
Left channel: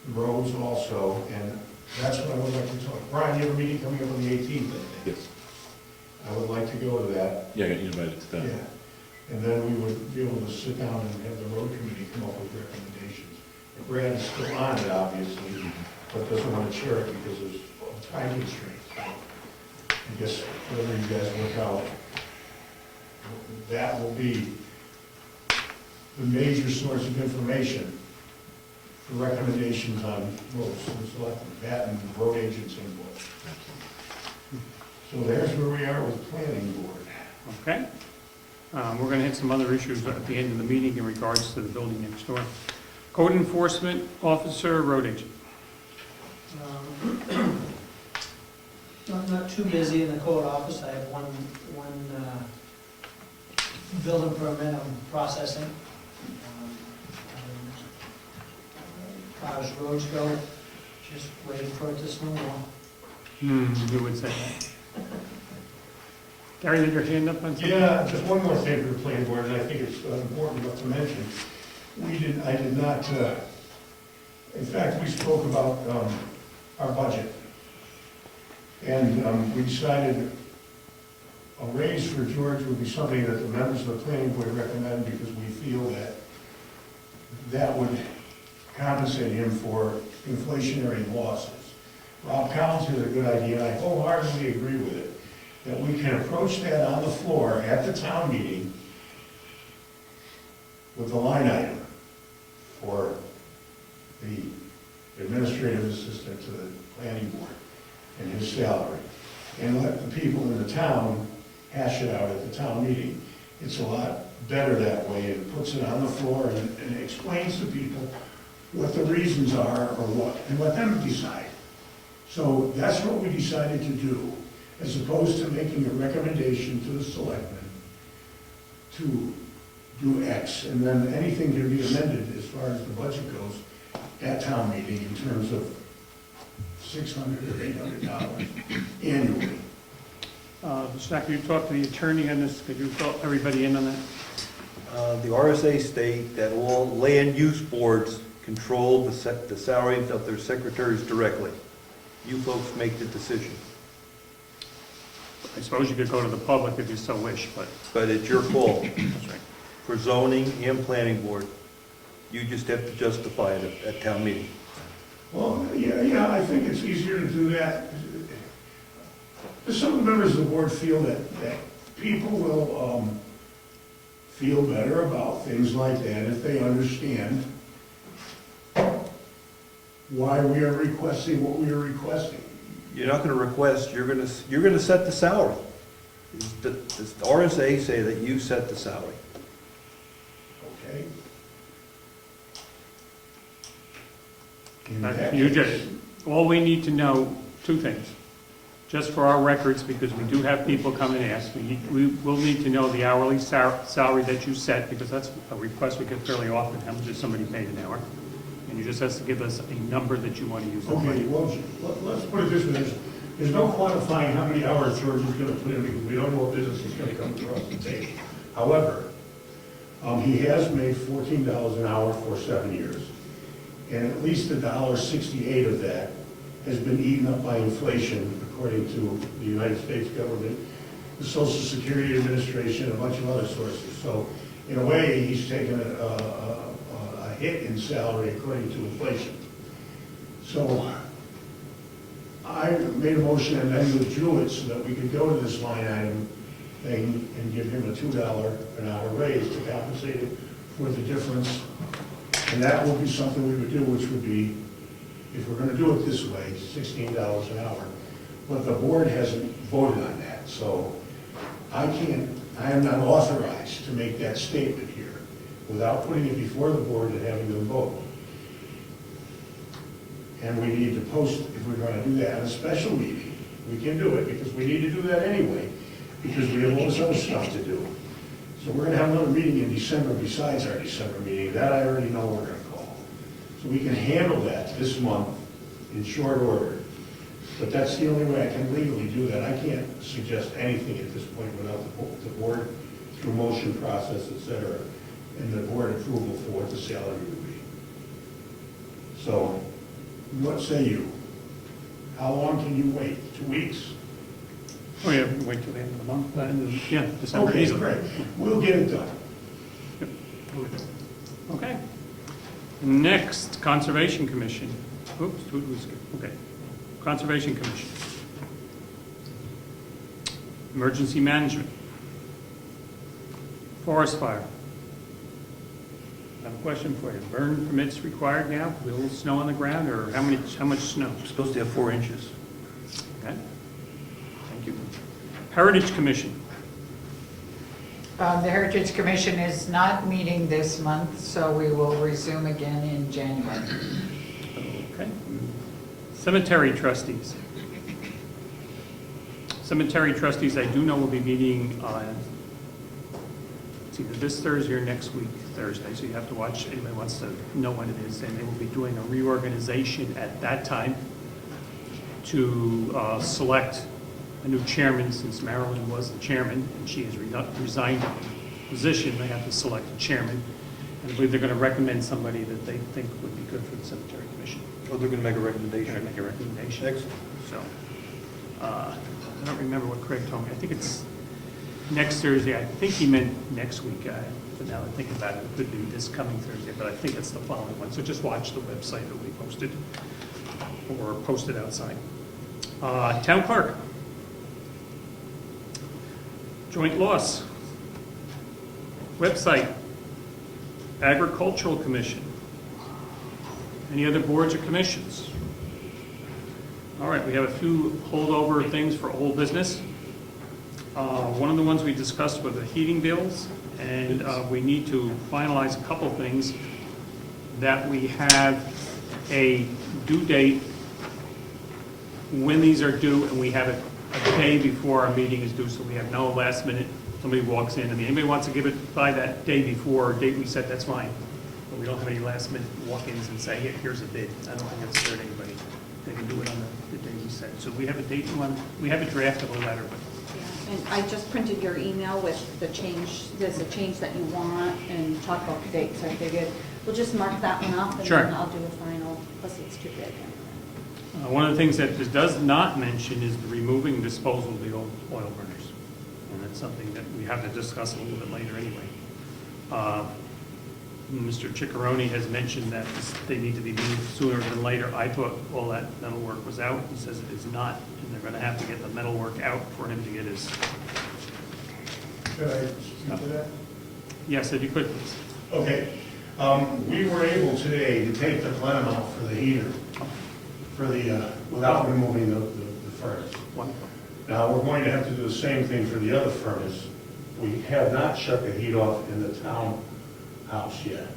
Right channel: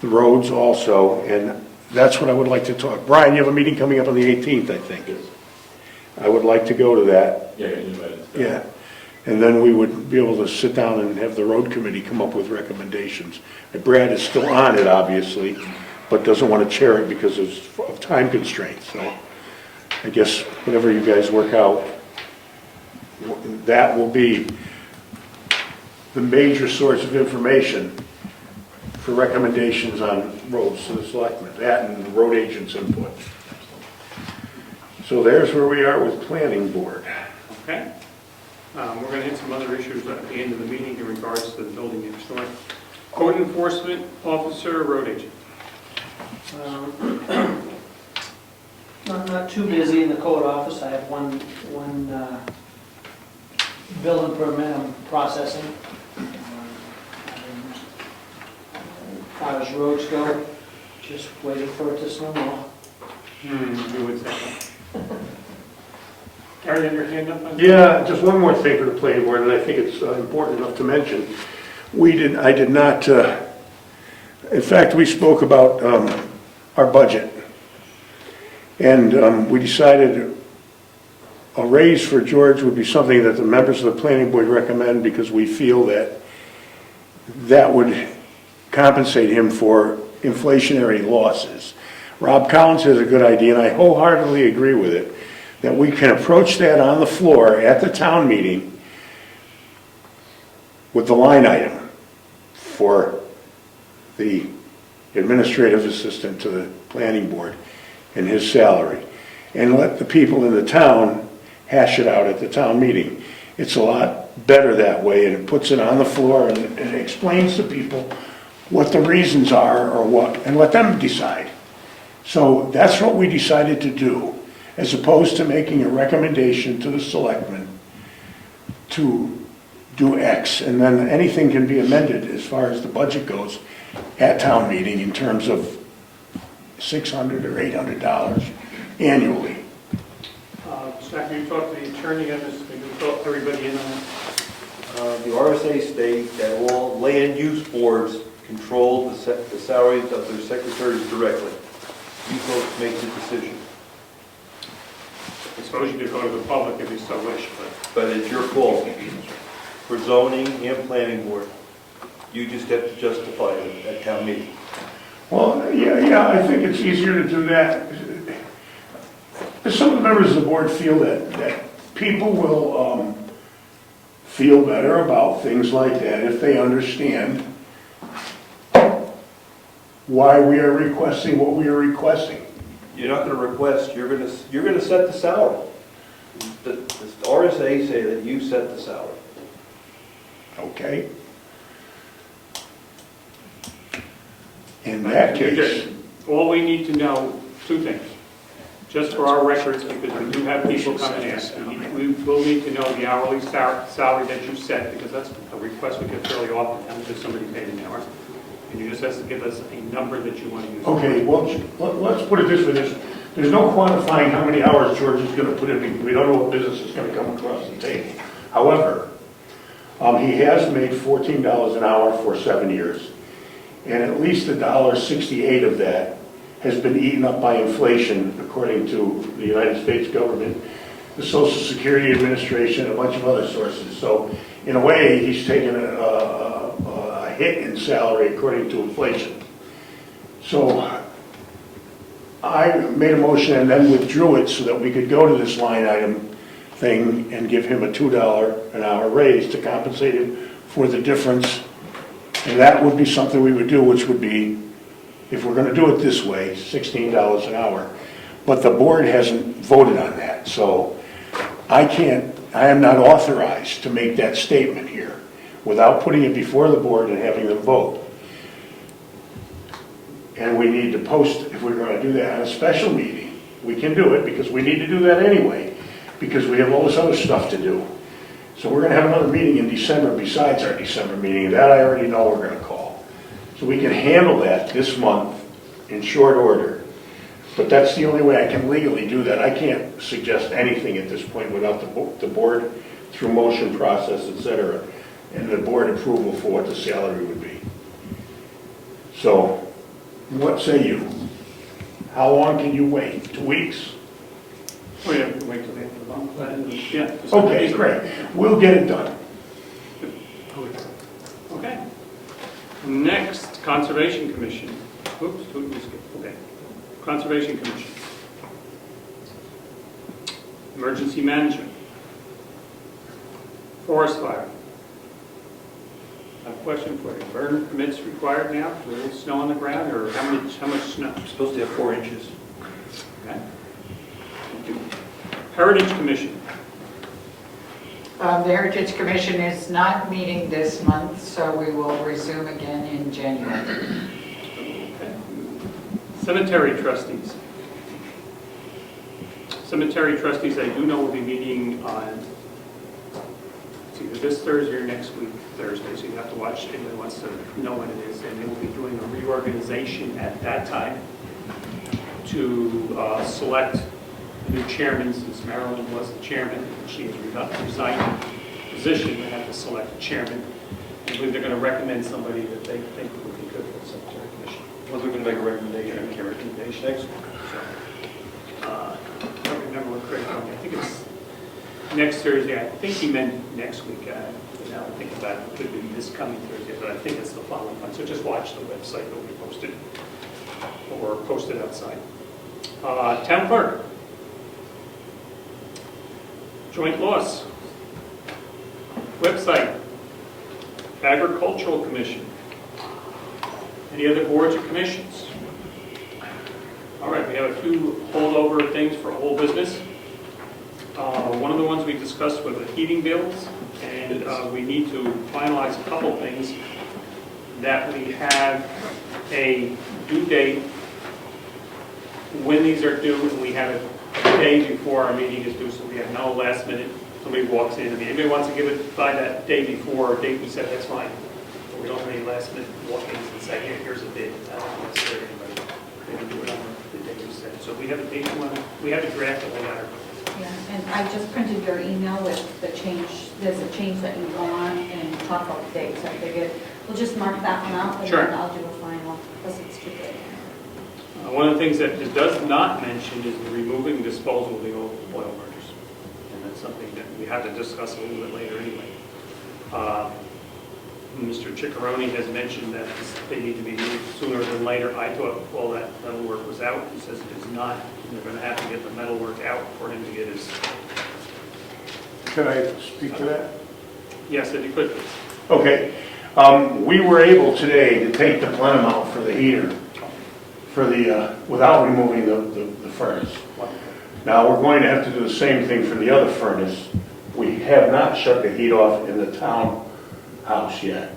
The roads also, and that's what I would like to talk. Brian, you have a meeting coming up on the 18th, I think. Yes. I would like to go to that. Yeah, you invited. Yeah. And then we would be able to sit down and have the road committee come up with recommendations. Brad is still on it, obviously, but doesn't want to chair it because of time constraints. So I guess whatever you guys work out, that will be the major source of information for recommendations on roads to the selectmen, that and the road agents' input. So there's where we are with planning board. Okay. We're going to hit some other issues at the end of the meeting in regards to the building next door. Code enforcement officer, road agent. Not too busy in the code office. I have one building permit, I'm processing. As far as roads go, just waiting for it to snow more. We would say. Gary, you have your hand up? Yeah, just one more thing for the planning board, and I think it's important enough to mention. I did not, in fact, we spoke about our budget. And we decided a raise for George would be something that the members of the planning board recommend because we feel that that would compensate him for inflationary losses. Rob Collins has a good idea, and I wholeheartedly agree with it, that we can approach that on the floor at the town meeting with the line item for the administrative assistant to the planning board and his salary, and let the people in the town hash it out at the town meeting. It's a lot better that way, and it puts it on the floor and it explains to people what the reasons are or what, and let them decide. So that's what we decided to do, as opposed to making a recommendation to the selectmen to do X, and then anything can be amended as far as the budget goes at town meeting in terms of $600 or $800 annually. Zach, will you talk to the attorney on this? Can you fill everybody in on it? The RSA state that all land use boards control the salaries of their secretaries directly. You folks make the decision. I suppose you could go to the public if you so wish, But it's your call. For zoning and planning board, you just have to justify it at town meeting. Well, yeah, I think it's easier to do that. Some of the members of the board feel that people will feel better about things like that if they understand why we are requesting what we are requesting. You're not going to request, you're going to set the salary. The RSA say that you set the salary. Okay? In that case, all we need to know, two things. Just for our records, because we do have people coming in, we will need to know the hourly salary that you set, because that's a request we get fairly often, not just somebody paid an hour. And you just have to give us a number that you want to use. okay, well, let's put it this way. There's no quantifying how many hours George is going to put in, because we don't know what business is going to come across the table. However, he has made $14 an hour for 7 years, and at least $1.68 of that has been eaten up by inflation, according to the United States government, the Social Security Administration, a bunch of other sources. So, in a way, he's taken a hit in salary according to inflation. So, I made a motion and then withdrew it so that we could go to this line item thing and give him a $2 an hour raise to compensate him for the difference. And that would be something we would do, which would be, if we're gonna do it this way, $16 an hour. But the board hasn't voted on that, so I am not authorized to make that statement here without putting it before the board and having them vote. And we need to post, if we're gonna do that at a special meeting, we can do it, because we need to do that anyway, because we have all this other stuff to do. So we're gonna have another meeting in December besides our December meeting, and that I already know we're gonna call. So we can handle that this month in short order. But that's the only way I can legally do that. I can't suggest anything at this point without the board, through motion process, et cetera, and the board approval for what the salary would be. So, what say you? How long can you wait? 2 weeks? Oh, yeah, we can wait till the end of the month, then, yeah. Okay, great. We'll get it done. Okay. Next, Conservation Commission. Whoops, okay. Conservation Commission. Emergency Management. Forest Fire. A question for you. Burn permits required now? Is there any snow on the ground, or how much snow? We're supposed to have 4 inches. Okay. Thank you. Heritage Commission. The Heritage Commission is not meeting this month, so we will resume again in January. Okay. Cemetery Trustees. Cemetery Trustees, I do know will be meeting on, it's either this Thursday or next week, Thursday, so you have to watch, if anyone wants to know when it is, and they will be doing a reorganization at that time to select a new chairman, since Marilyn was the chairman, and she has resigned her position, they have to select a chairman. I believe they're going to recommend somebody that they think would be good for the cemetery commission. Well, they're gonna make a recommendation. Make a recommendation. Excellent. So, I don't remember what Craig told me. I think it's next Thursday. I think he meant next week. Now I think about it, it could be this coming Thursday, but I think it's the following one. So just watch the website. It'll be posted or posted outside. Town clerk. Joint loss. Website. Agricultural Commission. Any other boards or commissions? All right, we have a few holdover things for old business. One of the ones we discussed were the heating bills, and we need to finalize a couple things. That we have a due date when these are due, and we have it a day before our meeting is due, so we have no last minute, somebody walks in, and anybody wants to give it by that day before, or date we set, that's fine. But we don't have any last minute walk-ins and say, here's a bid, I don't know what's there anybody. They can do it on the day we set. So we have a date one, we have a draft of a letter. Yeah, and I just printed your email with the change, there's a change that you want, and talk about the dates. I figured we'll just mark that one out, and Sure. then I'll do a final, because it's too big. One of the things that it does not mention is the removing and disposal of the old oil burners. And that's something that we have to discuss a little bit later anyway. Mr. Ciccarone has mentioned that they need to be moved sooner than later. I thought all that metal work was out. He says it's not, and they're going to have to get the metal work out for him to get his... Can I speak to that? Yes, if you could. Okay. We were able today to take the plenum out for the heater, for the, without removing the furnace. Now, we're going to have to do the same thing for the other furnace. We have not shut the heat off in the townhouse yet.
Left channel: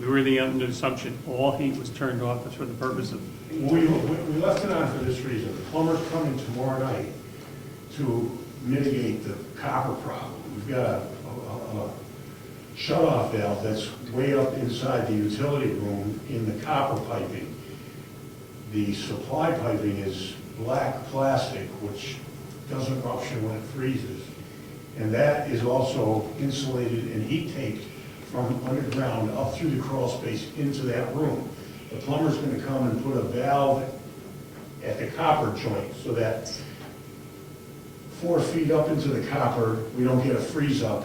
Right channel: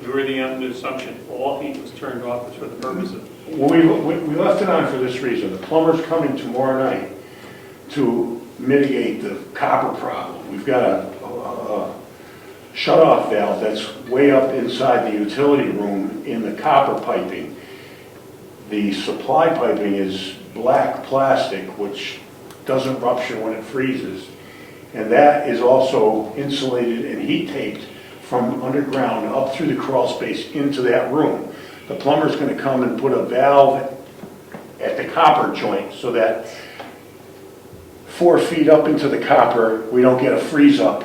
We were under the assumption all heat was turned off for the purpose of... Well, we left it on for this reason. The plumber's coming tomorrow night to mitigate the copper problem. We've got a shut-off valve that's way up inside the utility room in the copper piping. The supply piping is black plastic, which doesn't rupture when it freezes. And that is also insulated and heat taped from underground up through the crawl space into that room. The plumber's going to come and put a valve at the copper joint so that 4 feet up into the copper, we don't get a freeze up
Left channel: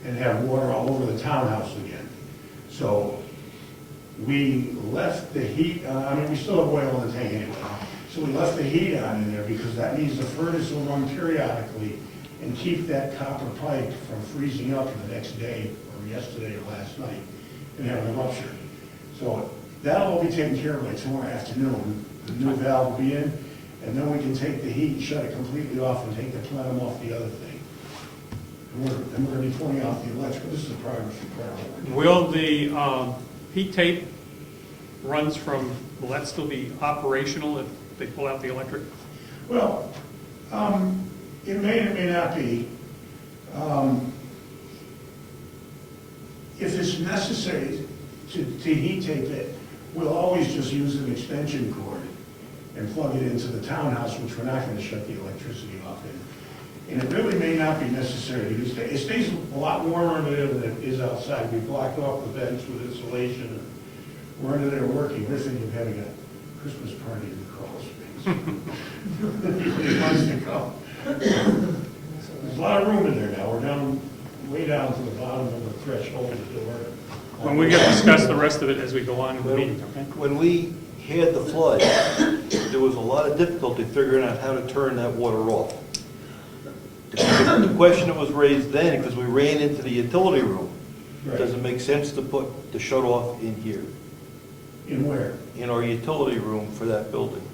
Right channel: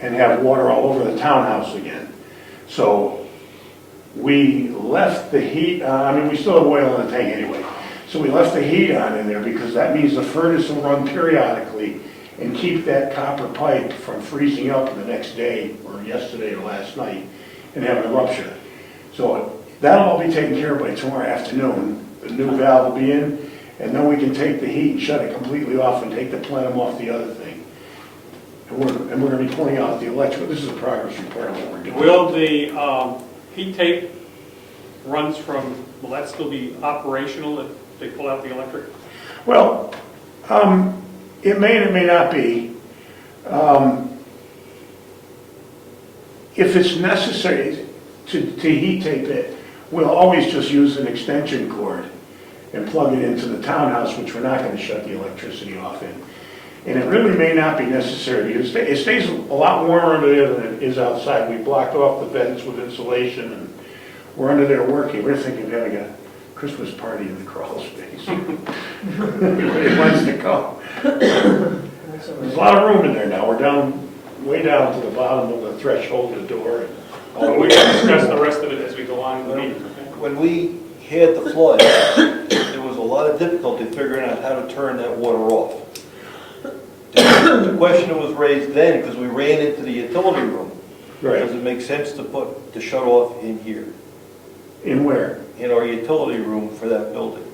and have water all over the townhouse again. So we left the heat, we still have oil in the tank anyway. So we left the heat on in there because that means the furnace will run periodically and keep that copper pipe from freezing up the next day or yesterday or last night and having a rupture. So that'll all be taken care of by tomorrow afternoon. The new valve will be in, and then we can take the heat and shut it completely off and take the plenum off the other thing. And we're going to be pulling out the electrical. This is a progress repair on what we're doing. Will the heat tape runs from, will that still be operational if they pull out the electric? Well, it may and it may not be. If it's necessary to heat tape it, we'll always just use an extension cord and plug it into the townhouse, which we're not going to shut the electricity off in. And it really may not be necessary because it stays a lot warmer under there than it is outside. We blocked off the vents with insulation and we're under there working. We're thinking of having a Christmas party in the crawl space. Everybody wants to come. There's a lot of room in there now. We're down, way down to the bottom of the threshold of the door. And we can discuss the rest of it as we go on in the meeting. When we had the flood, there was a lot of difficulty figuring out how to turn that water off. The question that was raised then, because we ran into the utility room, does it make sense to put the shut off in here? In where? In our utility room for that building.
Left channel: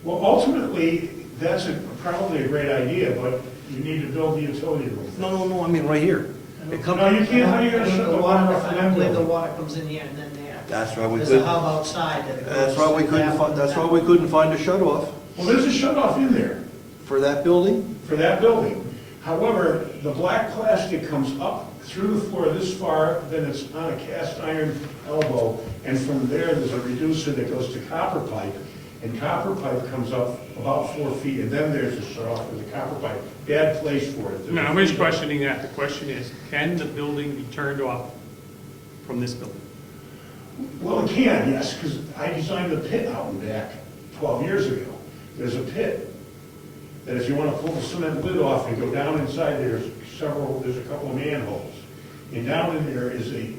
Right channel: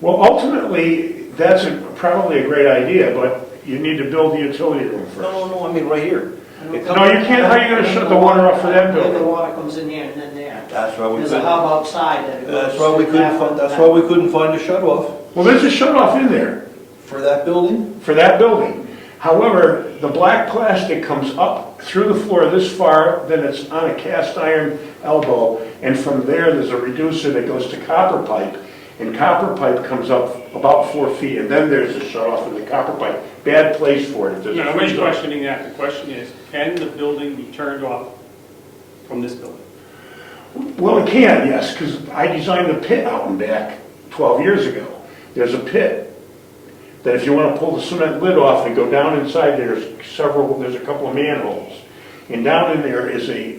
Well, ultimately, that's probably a great idea, but you need to build the utility room first. No, I mean right here. No, you can't. How are you going to shut the water off for that The building? water comes in here and then there. That's why we There's a couldn't. hub outside that goes. That's why we couldn't find. That's why we couldn't find a shut off Well, there's a shut off in there for that building. for that building. However, the black plastic comes up through the floor this far, then it's on a cast iron elbow, and from there's a reducer that goes to copper pipe, and copper pipe comes up about 4 feet, and then there's a shut off of the copper pipe. Bad place for it. No, nobody's questioning that. The question is, can the building be turned off from this building? Well, it can, yes, because I designed the pit out and back 12 years ago. There's a pit that if you want to pull the cement lid off and go down inside, there's a couple of manholes. And down in there is a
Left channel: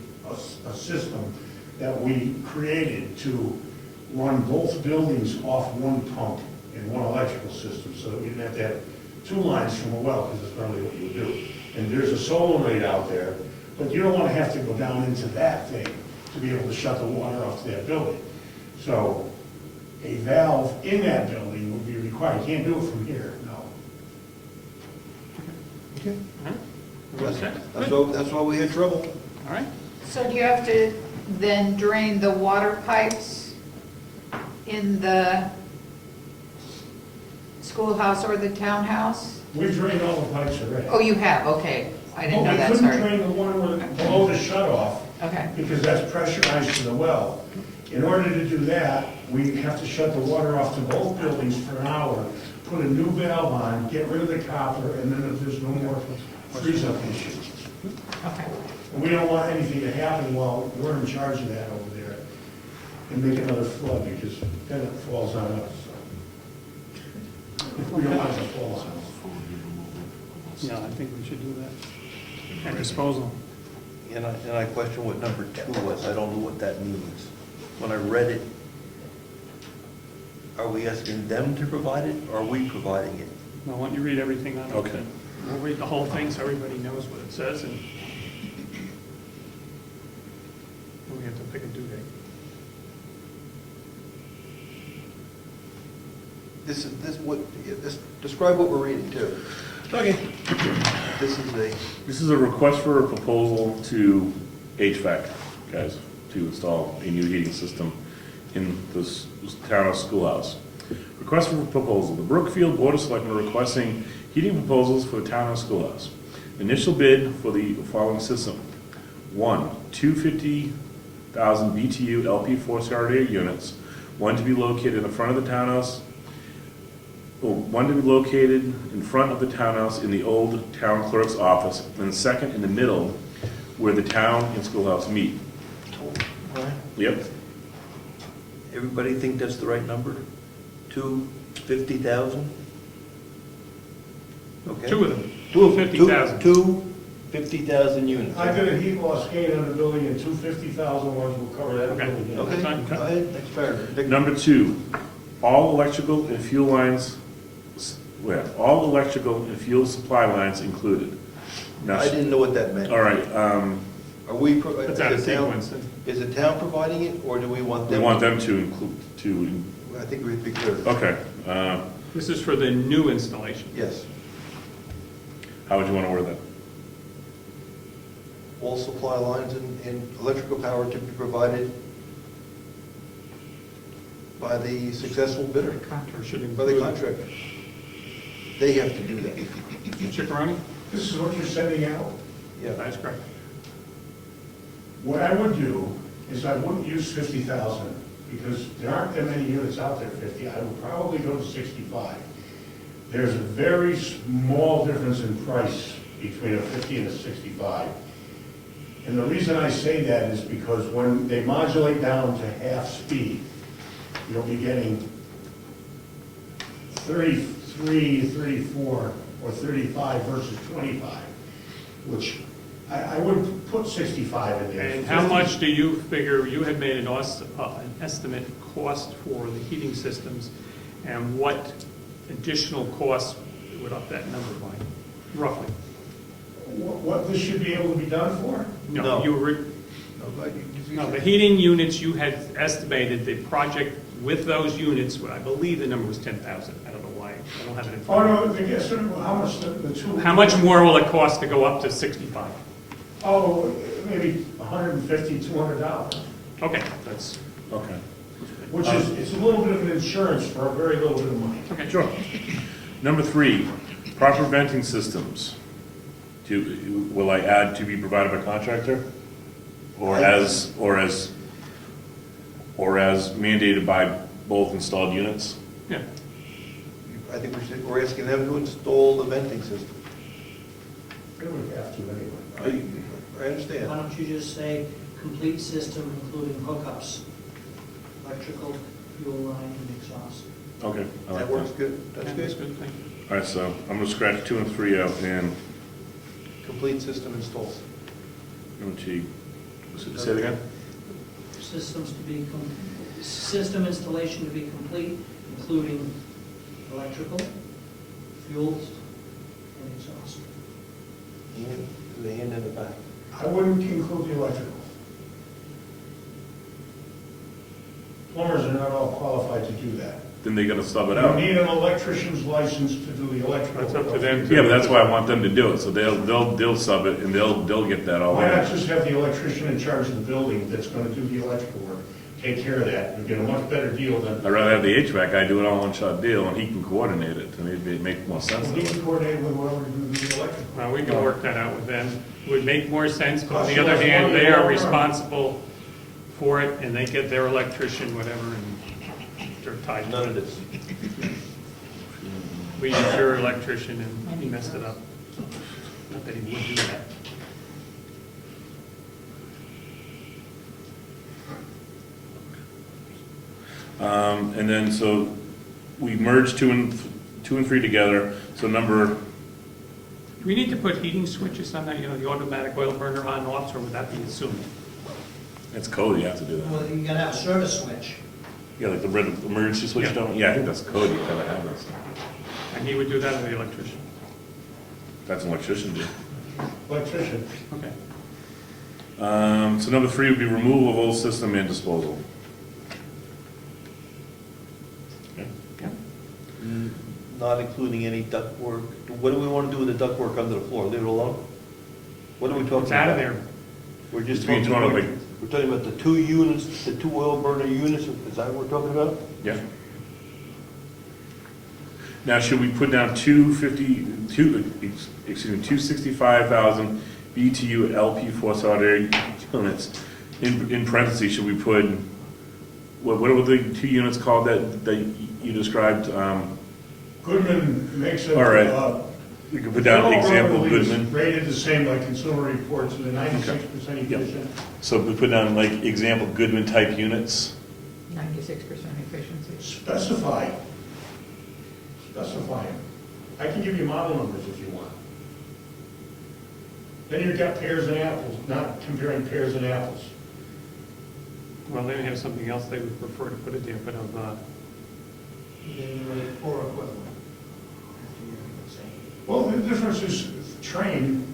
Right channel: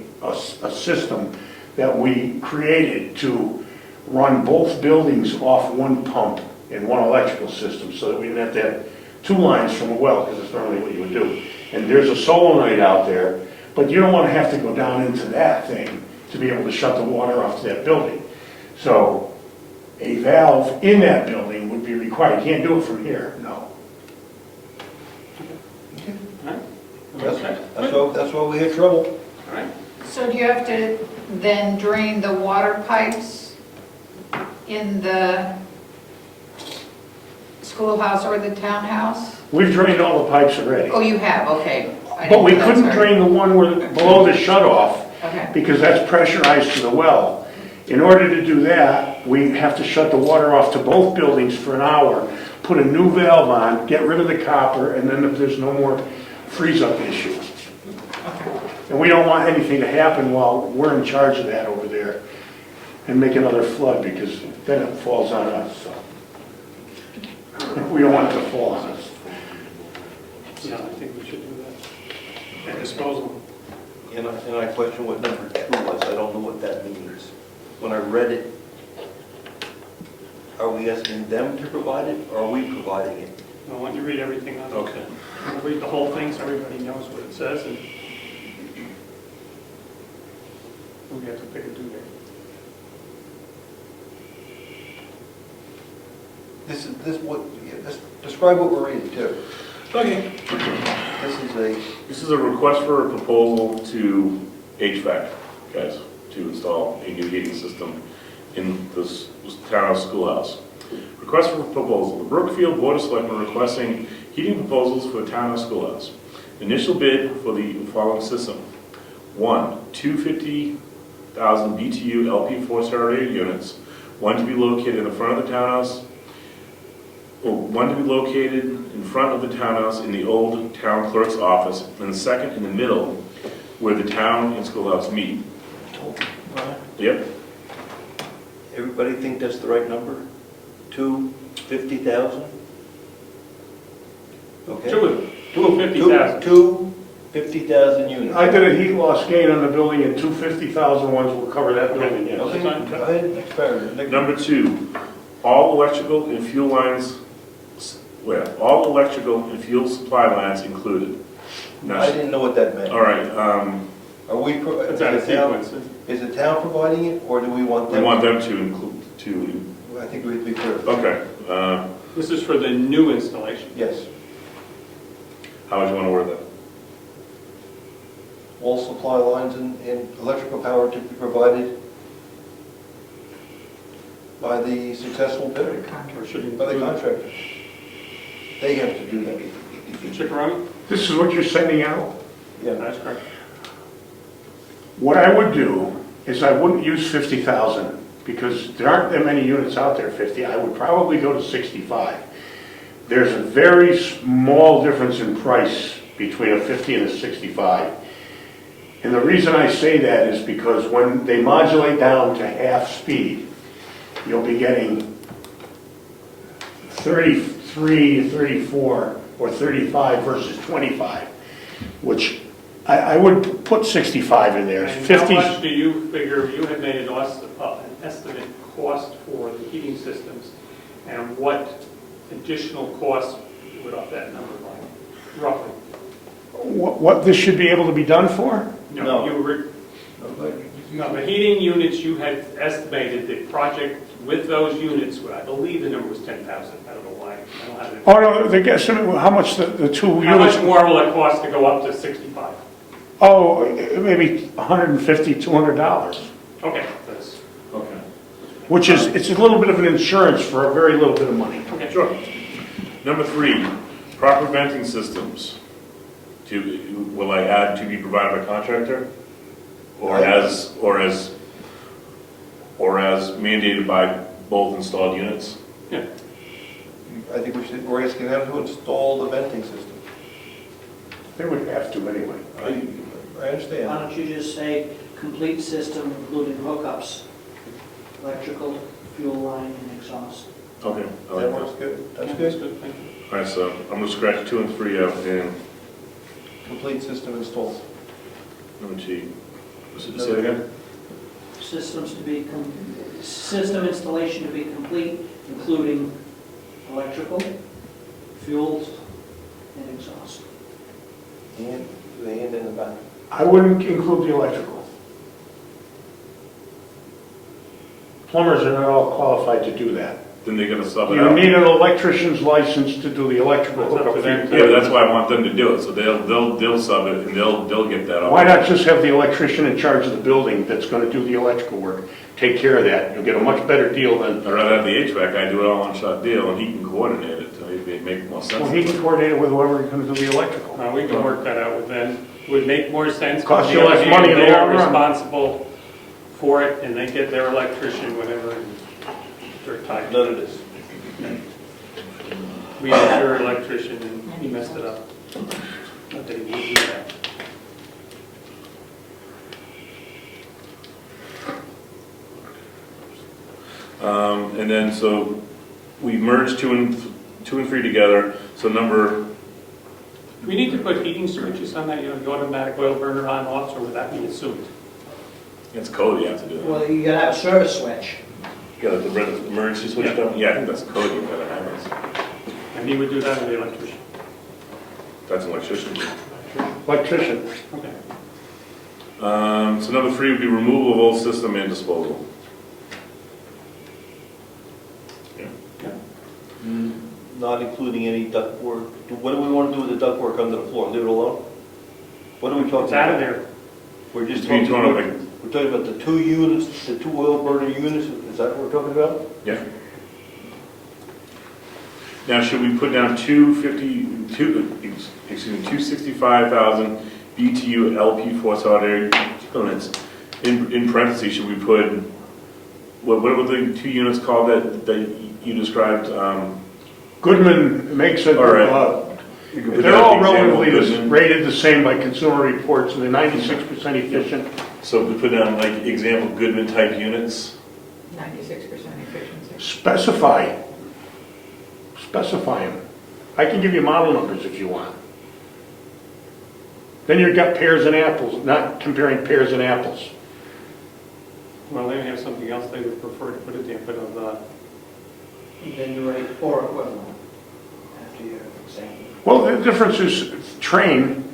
system that we created to run both buildings off one pump and one electrical system, so that we didn't have to have 2 lines from a well, because it's normally what you would do. And there's a solenoid out there, but you don't want to have to go down into that thing to be able to shut the water off to that building. So a valve in that building would be required. You can't do it from here, no. That's why we had trouble. All right. So do you have to then drain the water pipes in the schoolhouse or the townhouse? We've drained all the pipes already. Oh, you have, okay. I But didn't we know that, couldn't sorry. drain the one below the shut-off, Okay. because that's pressurized to the well. In order to do that, we have to shut the water off to both buildings for an hour, put a new valve on, get rid of the copper, and then there's no more freeze-up issue. And we don't want anything to happen while we're in charge of that over there and make another flood, because then it falls on us, so. We don't want it to fall on us. Yeah, I think we should do that. And disposal. And I question what number 2 was. I don't know what that means. When I read it, are we asking them to provide it, or are we providing it? Now, why don't you read everything on it? Okay. We'll read the whole thing so everybody knows what it says, and we have to pick a due date. Describe what we're reading too. Okay. This is This is a request for a proposal to HVAC, guys, to install a new heating system in this townhouse schoolhouse. Request for proposal, the Brookfield Board of Selectmen requesting heating proposals for the townhouse schoolhouse. Initial bid for the following system. 1, 250,000 BTU LP4 starter units, one to be located in the front of the townhouse, one to be located in front of the townhouse in the old town clerk's office, and the second in the middle where the town and schoolhouse meet. Yep. Everybody think that's the right number? 250,000? Okay. 2 of them, 250,000. 250,000 units. I did a heat loss gain on the building, and 250,000 ones will cover that building, yes. Okay, go ahead, next paragraph. Number 2, all electrical and fuel lines, all electrical and fuel supply lines included. Now, I didn't know what that meant. all right, Are we, It's out of sequence. is the town providing it, or do we want we them? want them to include, I think we'd be clear. okay, This is for the new installation. Yes. how would you want to word that? All supply lines and electrical power to be provided by the successful bidder, Or should by the include contractor. They have to do that. Chickaroni? This is what you're sending out? Yeah. That's correct. What I would do is I wouldn't use 50,000, because there aren't that many units out there, 50. I would probably go to 65. There's a very small difference in price between a 50 and a 65. And the reason I say that is because when they modulate down to half speed, you'll be getting 33, 34, or 35 versus 25, which I would put 65 in there. And 50. how much do you figure, you have made an estimate cost for the heating systems, and what additional costs would up that number by, roughly? What this should be able to be done for? No. No, the heating units, you had estimated the project with those units, I believe the number was 10,000. I don't know why, I don't have it. Oh, no, the guess, how much the two How much units? more will it cost to go up to 65? Oh, maybe $150, $200, Okay, that's, Okay. which is, it's a little bit of an insurance for a very little bit of money. okay. Sure. Number 3, Proper venting systems. Will I add to be provided by contractor? Or as mandated by both installed units? Yeah. I think we're asking them to install the venting system. They would have to anyway. I understand. Why don't you just say complete system including hookups, electrical, fuel line, and exhaust? Okay. I like That works good. That's good. Good, thank you. All right, so I'm gonna scratch 2 and 3 out, and, Complete system installed. say it again? System installation to be complete, including electrical, fuels, and exhaust. And the end and the back. I wouldn't include the electrical. Plumbers are not all qualified to do that. Then they gotta sub it You out? need an electrician's license to do the electrical That's up to hookup. them. Yeah, but that's why I want them to do it, so they'll sub it, and they'll get that out. Why not just have the electrician in charge of the building that's gonna do the electrical work? Take care of that. You'll get a much better deal than, I'd rather have the HVAC guy do it all one-shot deal, and he can coordinate it, to maybe make more sense. well, he can coordinate it with whoever's gonna do the electrical. We can work that out with them. Would make more sense. Cost On you the other less money hand, in the They are long run. responsible for it, and they get their electrician, whatever, and they're tied. None of this. We had your electrician, and he messed it up. Not that he would do that. And then, so, we merged 2 and 3 together, so number, We need to put heating switches on that, the automatic oil burner on off, or would that be assumed? it's code, you have to do that. Well, you gotta have a service switch. Yeah, like the emergency switch, Yeah. don't, yeah, I think that's code, you gotta have it. And he would do that with the electrician. That's an electrician. Electrician. Okay. So number 3 would be removal of old system and disposal. Not including any ductwork. What do we want to do with the ductwork under the floor? Leave it alone? What are we talking about? It's out of there. We're just Between talking two about, and we're talking about the 2 units, the 2 oil burner units, is that what we're talking about? Yeah. Now, should we put down 265,000 BTU LP forced out area units? In parentheses, should we put, what were the 2 units called that you described? Goodman makes it, All right. You could put they're down all example relatively Goodman. rated the same by Consumer Reports, and they're 96% efficient. So we put down like example Goodman type units. 96% efficiency. Specify them. I can give you model numbers if you want. Then you've got pears and apples, not comparing pears and apples. Well, they may have something else they would prefer to put it there, but of the, Then you rate 4 equivalent after your example. Well, the difference is Train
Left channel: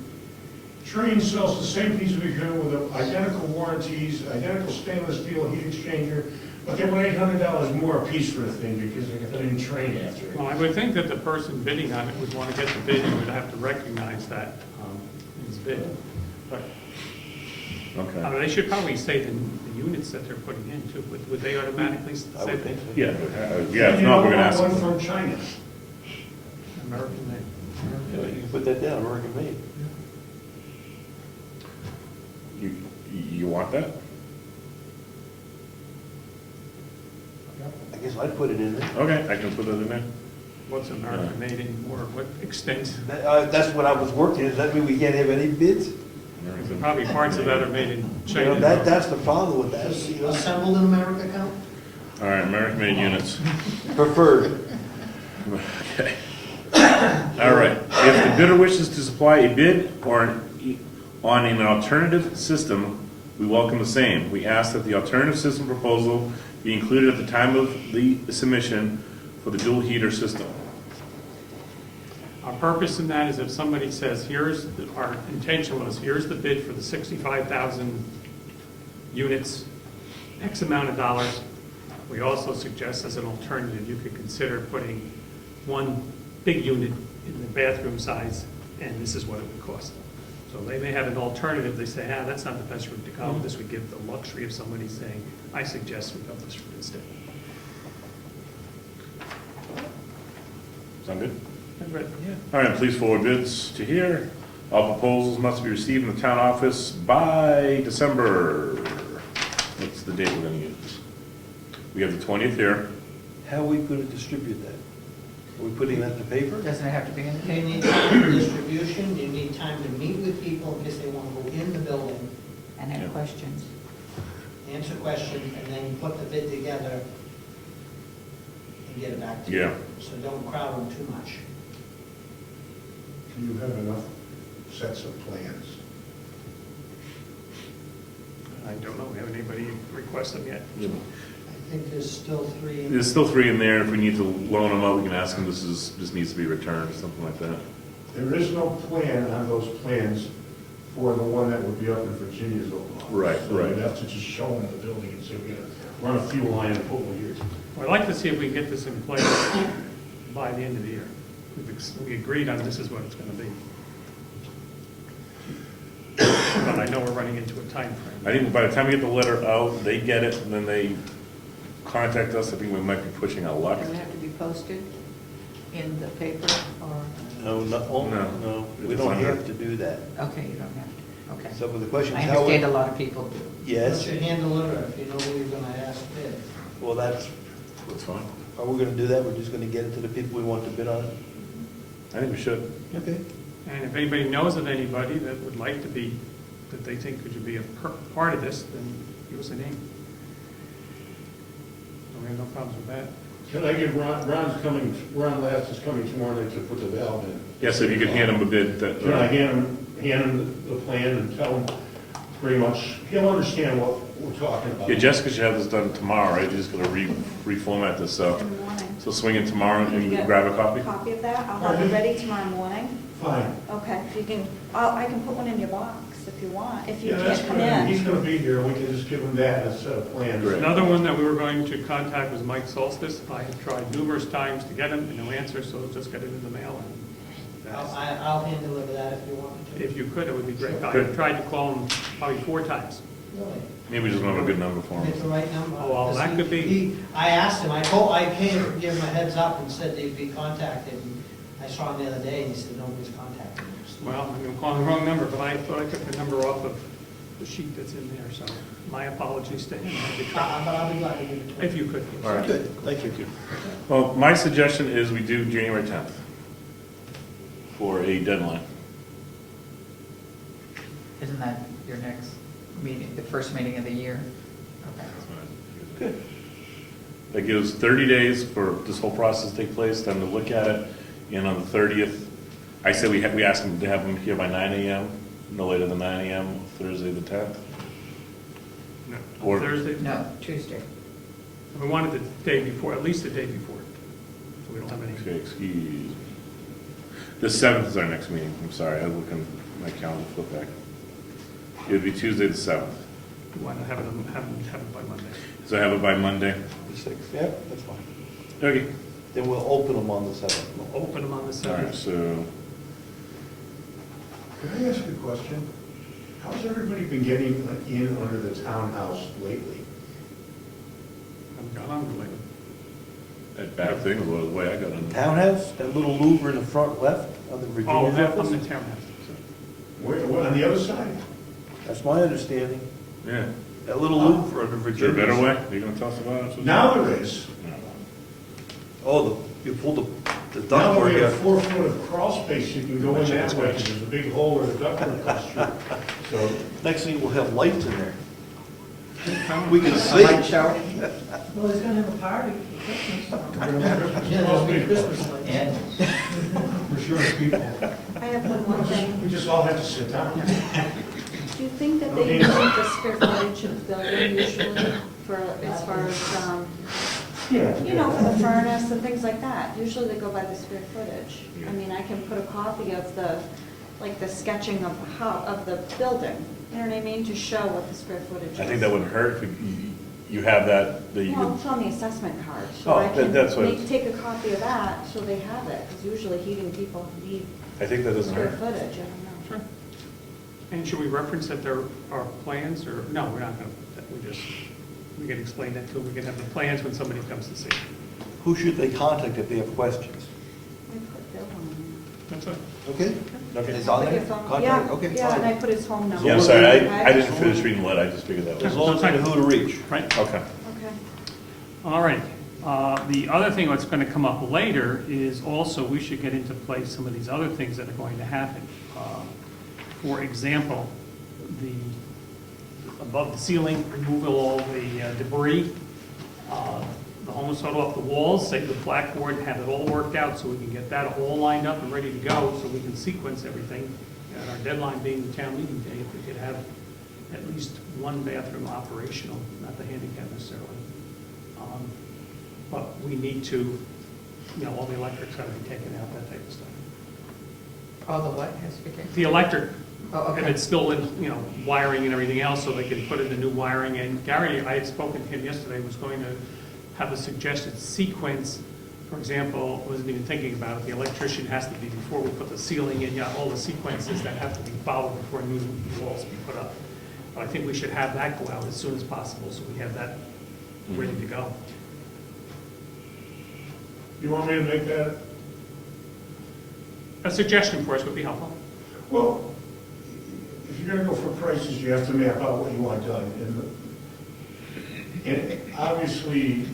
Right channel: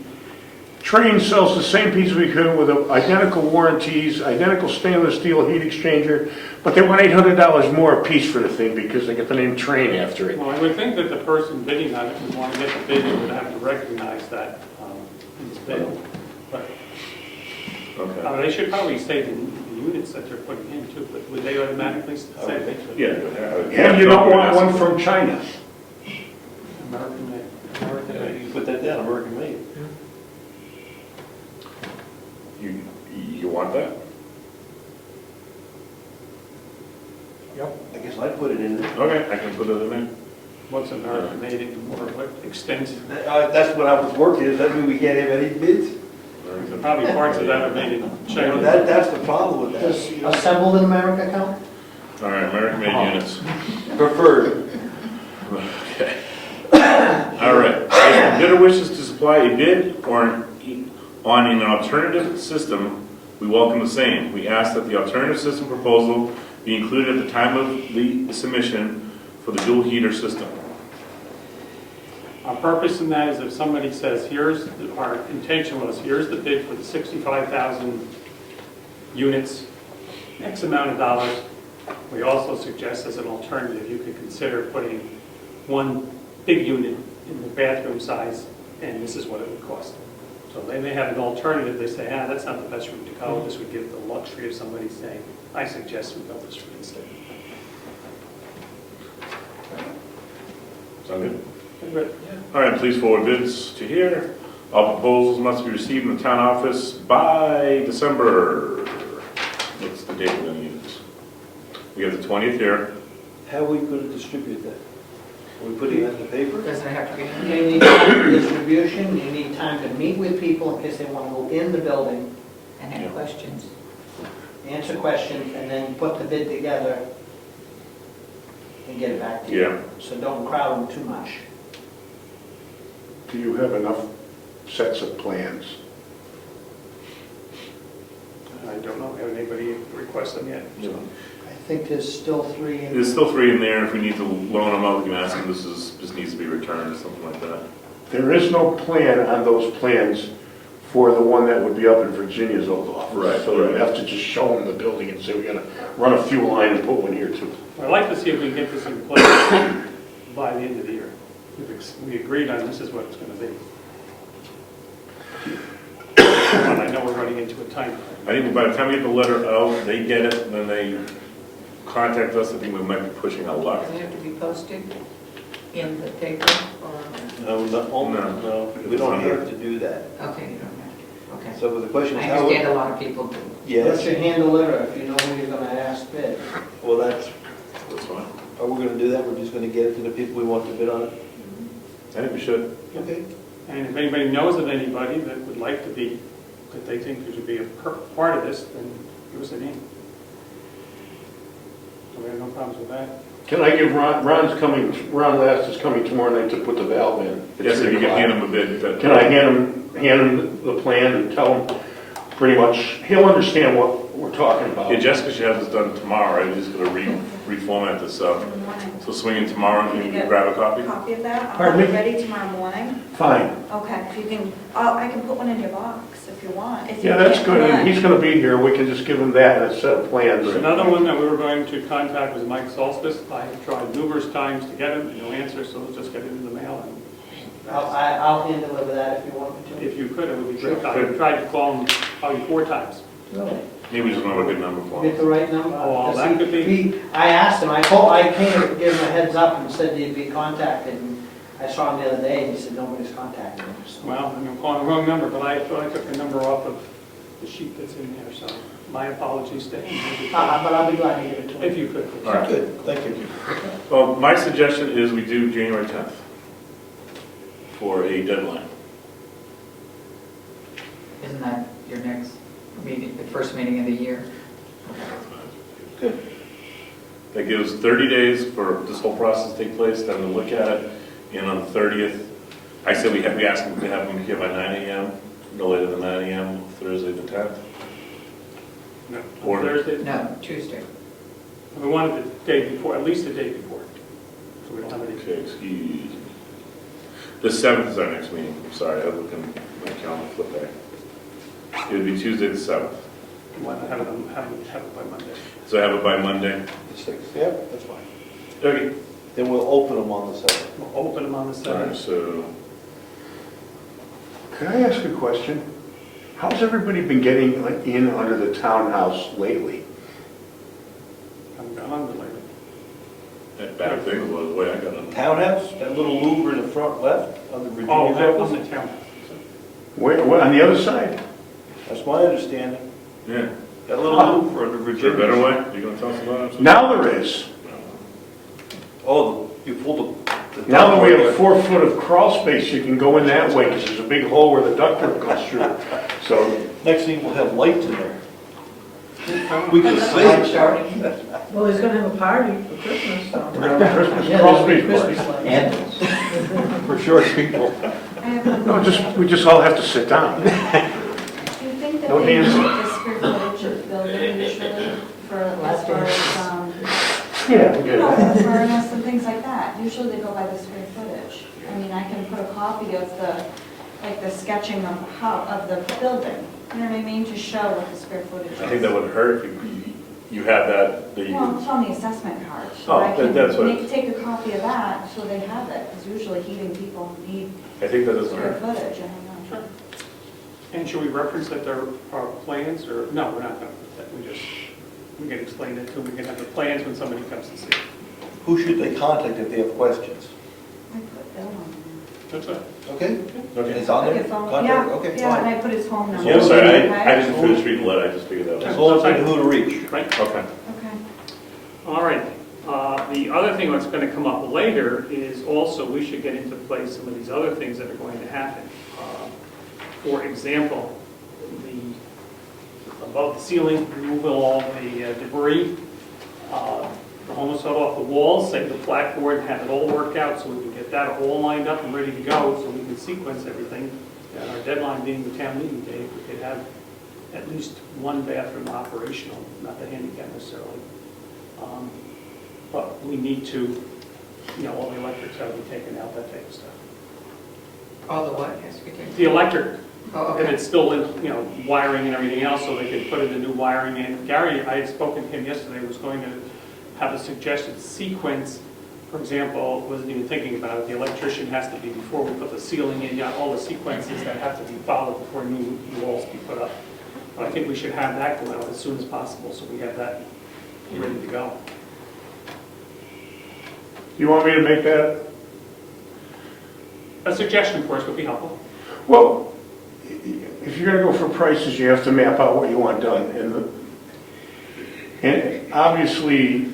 sells the same piece of equipment with identical warranties, identical stainless steel heat exchanger, but they want $800 more a piece for the thing because they get the name Train after it. well, I would think that the person bidding on it would want to get the bid and would have to recognize that in his bid. But Okay. they should probably say the units that they're putting in too, but would they automatically I say would think so. Yeah. Yeah, you don't want one from China. American made? Yeah, you can put that down, American made. You want that? I guess I'd put it in there. Okay, I can put it in. What's American made anymore, what extent? That's what I was working, does that mean we can't have any bids? Probably parts of that are made in You know, China. that's the problem with Does that. assembled in America count? All right, American made units. Preferred. Okay. All right, if the bidder wishes to supply a bid on an alternative system, we welcome the same. We ask that the alternative system proposal be included at the time of the submission for the dual heater system. Our purpose in that is if somebody says, our intention was, here's the bid for the 65,000 units, X amount of dollars, we also suggest as an alternative, you could consider putting one big unit in the bathroom size, and this is what it would cost. So they may have an alternative, they say, that's not the best route to go, this would give the luxury of somebody saying, I suggest we go this route instead. Sound good? All right, please forward bids to here. All proposals must be received in the town office by December. That's the date we're gonna use. We have the 20th here. How are we going to distribute that? Are we putting that in the paper? Doesn't it have to be in You need time for distribution, you need time to meet with people in case they want to go in the building, and have questions? answer questions, and then put the bid together and get it back to you. Yeah. So don't crowd them too much. Do you have enough sets of plans? I don't know, have anybody requested yet? I think there's still 3 in. There's still 3 in there, and if we need to loan them out, we can ask them, this needs to be returned, or something like that. There is no plan on those plans for the one that would be up in Virginia's old office. Right, So right. you'd have to just show them the building and say, we're gonna run a fuel line and put one here too. I'd like to see if we can get this in place by the end of the year. We agreed on this is what it's going to be. But I know we're running into a time frame. I think by the time we get the letter out, they get it, and then they contact us, I think we might be pushing our luck. Does it have to be posted in the paper or? No, we don't have to do that. Okay, you don't have to, okay. So the question I is how... understand a lot of people do. Yes, What's your hand deliver if you know who you're going to ask bid? well, that's, That's fine. are we going to do that? We're just going to get it to the people we want to bid on it? I think we should. Okay. And if anybody knows of anybody that would like to be, that they think should be a part of this, then give us a name. So we have no problems with that. Can I give Ron Ron Last is coming tomorrow night to put the valve in. Yes, if you can hand them a bid. Can I hand him the plan and tell him pretty much, he'll understand what we're talking about. Yeah, Jessica should have this done tomorrow, right? We're just gonna reformat this, so swing in tomorrow, and you can grab a copy? Copy of that, I'll have Pardon it me? ready tomorrow morning. Fine. Okay, you can, I can put one in your box if you want. If you Yeah, that's can't good. come And in. he's gonna be here. We can just give him that and a set of plans. Another one that we were going to contact was Mike Solstice. I have tried numerous times to get him, no answer, so let's just get it in the mail. I'll hand deliver that if you want me And to. if you could, it would be great. I tried to call him probably 4 times. Really? Maybe we just don't have a good number for Get the them. right number? Oh, well, that Because could be- I asked him, I came to give him a heads up and said he'd be contacted, and I saw him the other day, and he said nobody's contacted him. So- Well, I'm calling the wrong number, but I thought I took the number off of the sheet that's in there, so my apologies to him. But I'll be glad to get it to him. If you could. All right. Good, thank you. Well, my suggestion is we do January 10th for a deadline. Isn't that your next meeting, the first meeting of the year? Okay. That gives 30 days for this whole process to take place, them to look at it, and on the 30th, I say we ask them to have them here by 9 AM, no later than 9 AM, Thursday the 10th. No, Or- Thursday. No, Tuesday. We wanted the day before, at least the day before, so we don't have any. Okay, excuse me. The 7th is our next meeting, I'm sorry, I was looking at my calendar, flip back. It would be Tuesday the 7th, We want to have it by Monday. so I have it by Monday. The 6th, yeah, that's fine. Okay. Then we'll open them on the 7th. We'll open them on the All right, 7th. so, Can I ask a question? How's everybody been getting in under the townhouse lately? I'm gone later. that bad thing was the way I got them. Townhouse, that little louver in the front left on the Virginia Oh, that was office? the town. Where, on the other side? That's my understanding. Yeah. That little louver on the Is there a Virginia. better way? You gonna tell us about it? Now there is. No. Oh, you pull the... Now that we have 4 foot of crawl space, you can go in that way, because there's a big hole where the ductwork goes through. So, Next thing, we'll have lights in there. We can see. Well, he's gonna have a party for Christmas, so. Christmas Yeah, crawl there'll be space. Christmas lights. And For short people. I have a No, we just all have to sit down. Do you think that No they use hands. the square footage of the building usually for, as far as, Yeah. the furnace and things like that? Usually they go by the square footage. I mean, I can put a copy of the sketching of the building, you know what I mean, to show what the square footage is. I think that would hurt if you have that you Well, could- it's on the assessment card. So Oh, I can that's what- take a copy of that so they have it, because usually heating people need I think that doesn't square hurt. footage, I don't know. And should we reference that there are plans, or, no, we're not going to, we can explain that to them, we can have the plans when somebody comes to see. Who should they contact if they have questions? I put Bill on That's it. Okay? Okay. It's on there? His phone- Contact, Yeah, okay, yeah, fine. and I put his phone number. Yeah, I'm sorry, Okay? I just finished reading the letter, I just figured that As was. long as I know who to reach. Right? Okay. Okay. All right. The other thing that's going to come up later is also we should get into place some of these other things that are going to happen. For example, above the ceiling, removal of all the debris, almost cut off the walls, save the blackboard, have it all worked out so we can get that all lined up and ready to go so we can sequence everything. And our deadline being the town meeting day, if we could have at least one bathroom operational, not the handicap necessarily. But we need to, all the electrics got to be taken out, that type of stuff. All the what has to be taken? The electric, Oh, if okay. it's still in, wiring and everything else, so they can put in the new wiring in. Gary, I had spoken to him yesterday, was going to have a suggested sequence. For example, wasn't even thinking about it, the electrician has to be, before we put the ceiling in, all the sequences that have to be followed before new walls be put up. But I think we should have that go out as soon as possible, so we have that ready to go. You want me to make that? A suggestion for us would be helpful. Well, if you're gonna go for prices, you have to map out what you want done. And obviously,